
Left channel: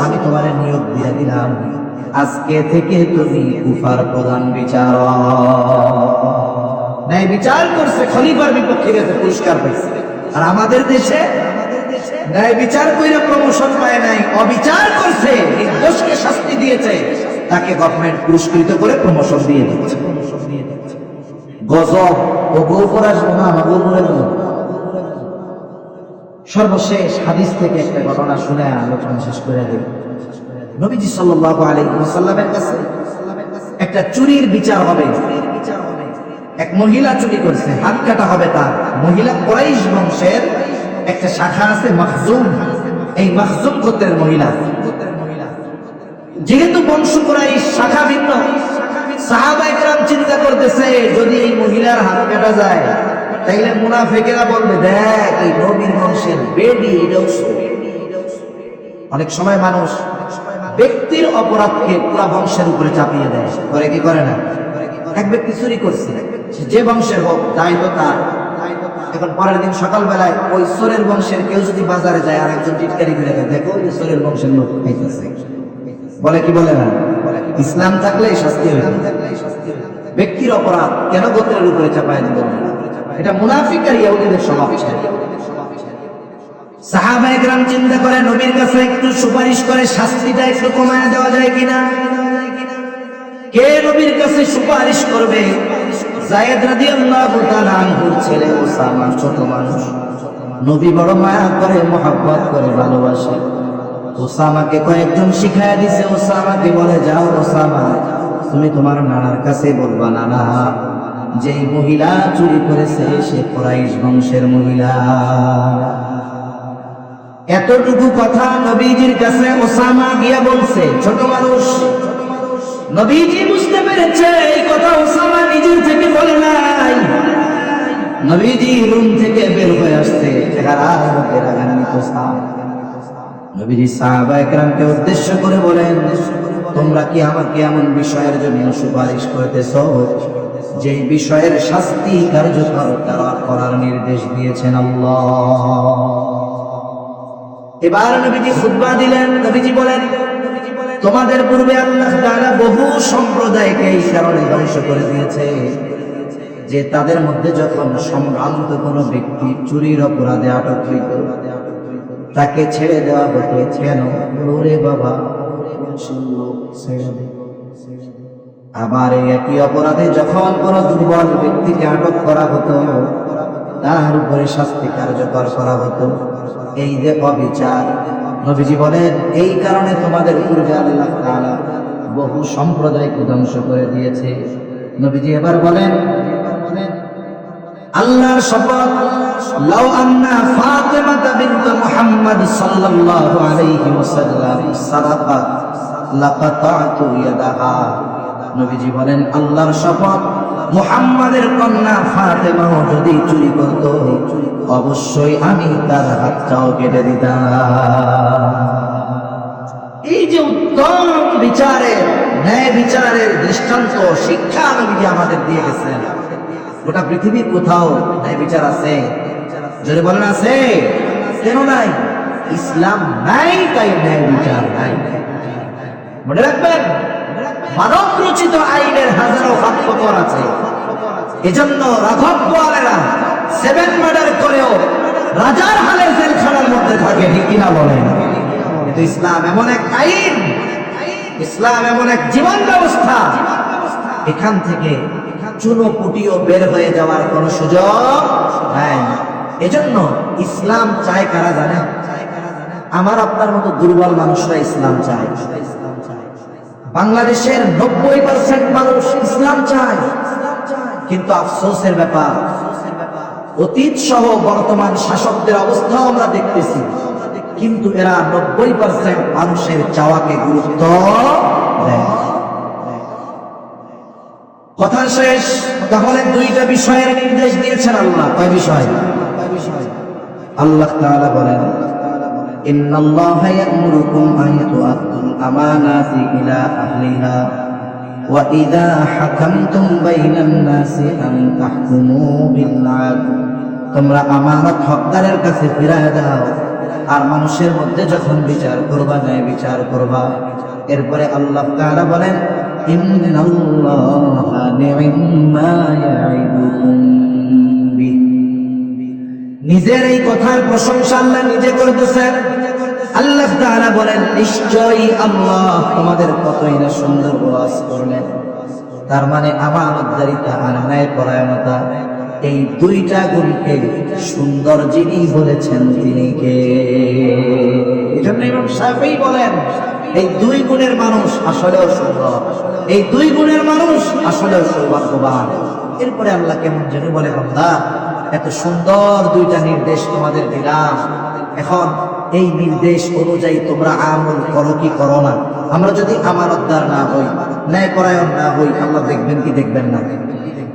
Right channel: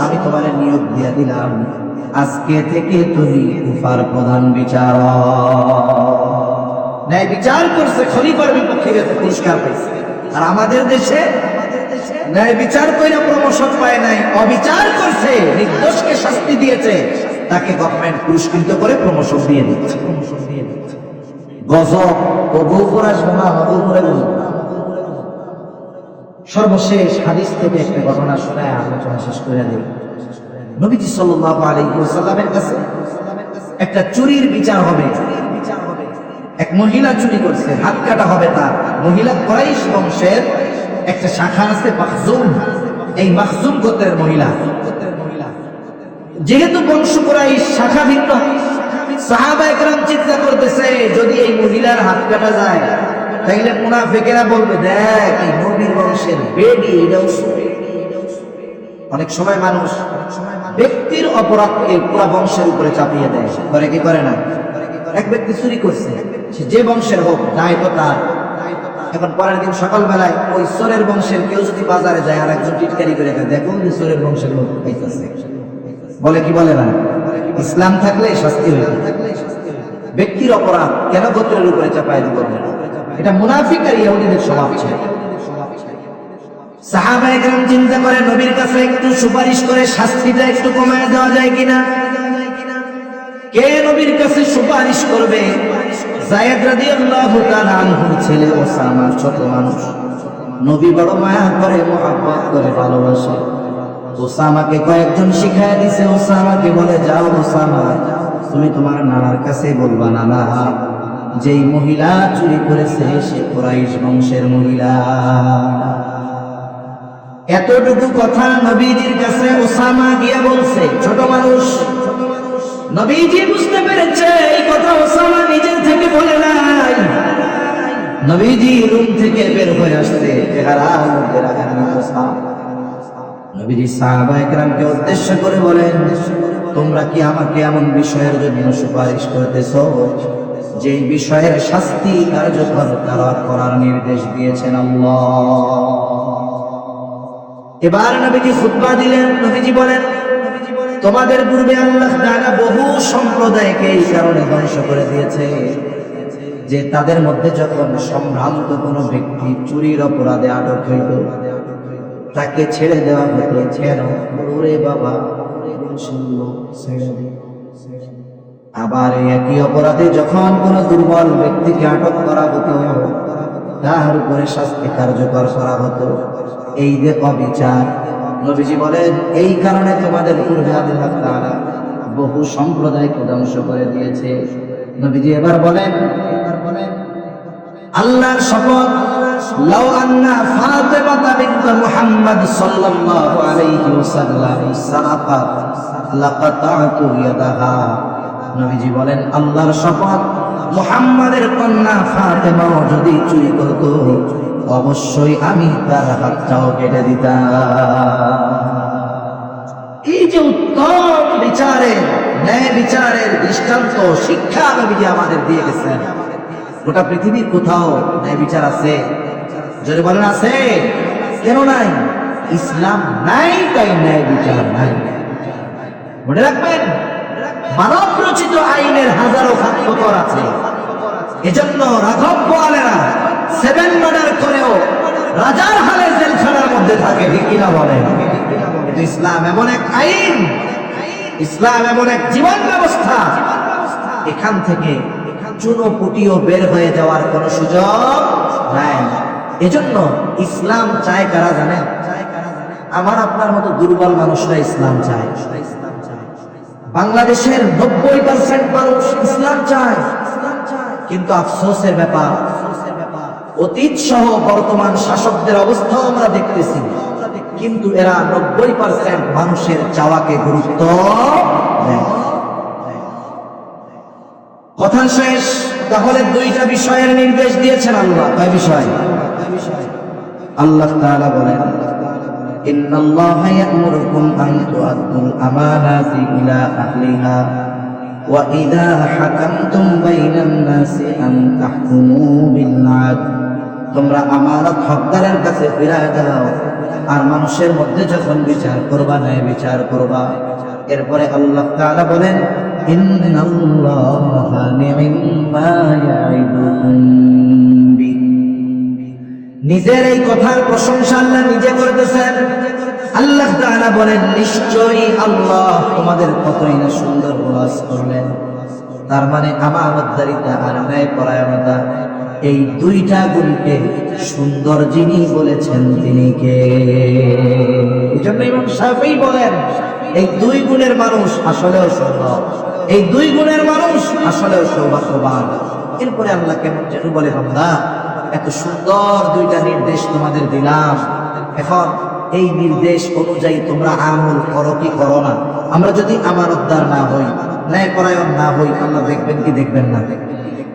আমি তোমার নিয়োগ দিয়ে দিলাম, আজকে থেকে তুমি কুফার প্রধান বিচারক। ন্যায় বিচার করছে, খলিফার বিপক্ষে পুরস্কার পেয়েছে। আর আমাদের দেশে ন্যায় বিচার করে প্রমোশন পায় নাই, অবিচার করছে, নির্দোষকে শাস্তি দিয়েছে, তাকে গভর্নমেন্ট পুরস্কৃত করে প্রমোশন দিয়ে দিচ্ছে। গজব ও গৌপুরা শোনা গৌপুরে। সর্বশেষ হাদিস থেকে একটা ঘটনা শুনে আলোচনা শেষ করে দিই। নবীজি সাল্লাল্লাহু আলাইহি ওয়াসাল্লামের কাছে একটা চুরির বিচার হবে। এক মহিলা চুরি করছে, হাত কাটা হবে তার। মহিলা কুরাইশ বংশের একটা শাখা আছে মাখজুম, এই মাখজুম গোত্রের মহিলা। যেহেতু বংশ কুরাইশ শাখা ভিন্ন, সাহাবায়ে কেরাম চিন্তা করতেছে যদি এই মহিলার হাত কাটা যায় তাইলে মুনাফিকেরা বলবে, দেখ এই নবীর বংশের বেডি। অনেক সময় মানুষ ব্যক্তির অপরাধকে পুরো বংশের উপরে চাপিয়ে দেয়, করে কি করে না? এক ব্যক্তি চুরি করছে, সে যে বংশের হোক, দায়িত্ব তার। এখন পরের দিন সকালবেলায় ওই সোরের বংশের কেউ যদি বাজারে যায় আর একজন টিটকারি করে দেয়, দেখো ওই সোরের বংশের লোক পাইতেছে, বলে কি বলে না? ইসলাম থাকলে শাস্তি হয়ে যায়। ব্যক্তির অপরাধ কেন গোত্রের উপরে চাপায় দিতে পারে? এটা মুনাফিক আর ইহুদিদের স্বভাব ছিল। সাহাবায়ে কেরাম চিন্তা করে নবীর কাছে একটু সুপারিশ করে শাস্তিটা একটু কমায় দেওয়া যায় কিনা। কে নবীর কাছে সুপারিশ করবে? যায়েদ রাদিয়াল্লাহু তাআলা আনহুর ছেলে ওসামা, ছোট মানুষ। নবী বড় মায়া করে, মহব্বত করে, ভালোবাসে। ওসামাকে কয়েকজন শিখায় দিছে। ওসামাকে বলে, যাও ওসামা, তুমি তোমার নানার কাছে বলবা, নানা যেই মহিলা চুরি করেছে সে কুরাইশ বংশের মহিলা। এতটুকু কথা নবীজির কাছে ওসামা গিয়া বলছে। ছোট মানুষ, নবীজি বুঝতে পেরেছে এই কথা ওসামা নিজের থেকে বলে নাই। নবীজি রুম থেকে বের হয়ে আসছে, নবীজি সাহাবায়ে কেরামকে উদ্দেশ্য করে বলেন, তোমরা কি আমাকে এমন বিষয়ের জন্য সুপারিশ করতেছ যে বিষয়ের শাস্তি কার্যকর করার নির্দেশ দিয়েছেন আল্লাহ। এবার নবীজি খুতবা দিলেন। নবীজি বলেন, তোমাদের পূর্বে আল্লাহ তাআলা বহু সম্প্রদায়কে এই কারণে ধ্বংস করে দিয়েছে যে তাদের মধ্যে যখন সম্ভ্রান্ত কোনো ব্যক্তি চুরির অপরাধে আটক হইত, তাকে ছেড়ে দেওয়া হতো। কেন? ওরে বাবা, ছেড়ে দে। আবার একই অপরাধে যখন কোন দুর্বল ব্যক্তিকে আটক করা হতো, তার উপরে শাস্তি কার্যকর করা হতো। এই যে অবিচার, নবীজি বলেন এই কারণে তোমাদের পূর্বে আল্লাহ তাআলা বহু সম্প্রদায়কে ধ্বংস করে দিয়েছে। নবীজি এবার বলেন, আল্লাহর শপথ, লাউ আন্না ফাতিমা বিনত মুহাম্মদ সাল্লাল্লাহু আলাইহি ওয়াসাল্লাম সারাকাত লাকাতাতু ইয়াদাহা। নবীজি বলেন, আল্লাহর শপথ, মুহাম্মাদের কন্যা ফাতেমা যদি চুরি করত, অবশ্যই আমি তার হাতটাও কেটে দিতাম। এই যে উত্তম বিচারের, ন্যায় বিচারের দৃষ্টান্ত শিক্ষা নবীজি আমাদের দিয়ে গেছেন। গোটা পৃথিবীর কোথাও ন্যায় বিচার আছে? জোরে বলেন আছে? কেন নাই? ইসলাম নাই, তাই ন্যায় বিচার নাই। মনে রাখবেন, মানব রচিত আইনের হাজারো ফাঁকফোকর আছে। এজন্য রাঘব বোয়ালেরা 7 মার্ডার করেও রাজার হালে জেলখানার মধ্যে থাকে, ঠিক কিনা বলেন? কিন্তু ইসলাম এমন এক আইন, ইসলাম এমন এক জীবন ব্যবস্থা, এখান থেকে চুনোপুটিও বের হয়ে যাওয়ার কোনো সুযোগ নাই। এজন্য ইসলাম চায় কারা জানেন? আমার আপনার মতো দুর্বল মানুষরা ইসলাম চায়। বাংলাদেশের 90% মানুষ ইসলাম চায়, কিন্তু আফসোসের ব্যাপার, অতীত সহ বর্তমান শাসকদের অবস্থাও আমরা দেখতেছি, কিন্তু এরা 90% মানুষের চাওয়াকে গুরুত্ব দেয়। কথা শেষ। তাহলে 2টা বিষয়ের নির্দেশ দিয়েছেন আল্লাহ। কয় বিষয়? আল্লাহ তাআলা বলেন, ইন্নাল্লাহা ইয়া'মুরুকুম আন তু'আদ্দুল আমানাতি ইলা আহলিহা ওয়া ইযা হাকামতুম বাইনান নাসি আন তাহকুমু বিল আদল। তোমরা আমানত হকদারের কাছে ফিরায় দাও, আর মানুষের মধ্যে যখন বিচার করবা, ন্যায় বিচার করবা। এরপরে আল্লাহ তাআলা বলেন, ইন্নাল্লাহা নি'মা ইয়া'ইদুকুম বি। নিজের এই কথার প্রশংসা আল্লাহ নিজে করতেছেন। আল্লাহ তাআলা বলেন, নিশ্চয়ই আল্লাহ তোমাদের কতই না সুন্দর ওয়াজ করলেন। তার মানে আমানতদারিতা আর ন্যায়পরায়ণতা, এই 2টা গুণকে সুন্দর যিনি বলেছেন তিনি কে? এজন্য ইমাম শাফিঈ বলেন, এই 2 গুণের মানুষ আসলেও সুন্দর, এই 2 গুণের মানুষ আসলেও সৌভাগ্যবান। এরপরে আল্লাহ কেমন জানি বলে, বান্দা এত সুন্দর 2টা নির্দেশ তোমাদের দিলাম, এখন এই নির্দেশ অনুযায়ী তোমরা আমল করো কি করো না? আমরা যদি আমানতদার না হই, ন্যায়পরায়ণ না হই, আল্লাহ দেখবেন কি দেখবেন না?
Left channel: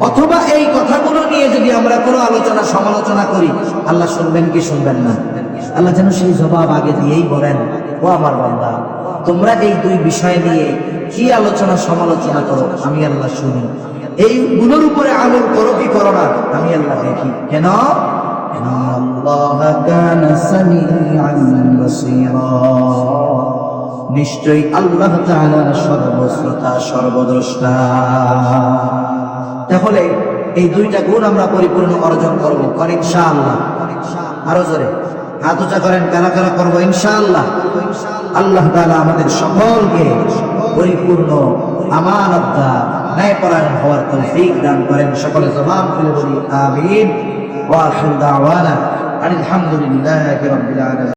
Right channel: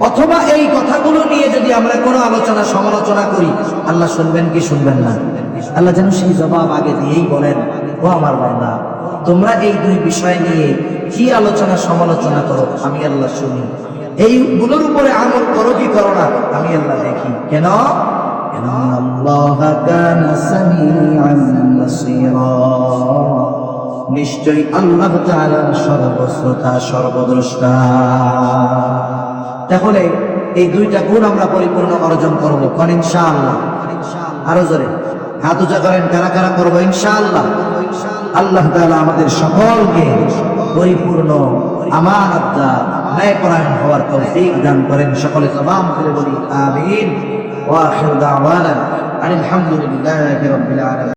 অথবা এই কথাগুলো নিয়ে যদি আমরা কোনো আলোচনা সমালোচনা করি, আল্লাহ শুনবেন কি শুনবেন না? আল্লাহ যেন সেই জবাব আগে দিয়েই বলেন, ও আমার বান্দা, তোমরা এই 2 বিষয় নিয়ে কি আলোচনা সমালোচনা করো, আমি আল্লাহ শুনি। এইগুলোর উপরে আমল করো কি করো না, আমি আল্লাহ দেখি। কেন? নিশ্চয়ই আল্লাহ তাআলা সর্বশ্রোতা সর্বদ্রষ্টা। তাহলে এই 2টা গুণ আমরা পরিপূর্ণ অর্জন করব, কোন ইনশাআল্লাহ? আরো জোরে হাত উঁচা করেন, কারা কারা করবো ইনশাআল্লাহ? আল্লাহ তাআলা আমাদের সকলকে পরিপূর্ণ আমানতদার, ন্যায়পরায়ণ হওয়ার তৌফিক দান করেন। সকলে জবান খুলে বলি আমিন। ওয়া আখিরু দাওয়ানা আলহামদুলিল্লাহি রাব্বিল আলামিন।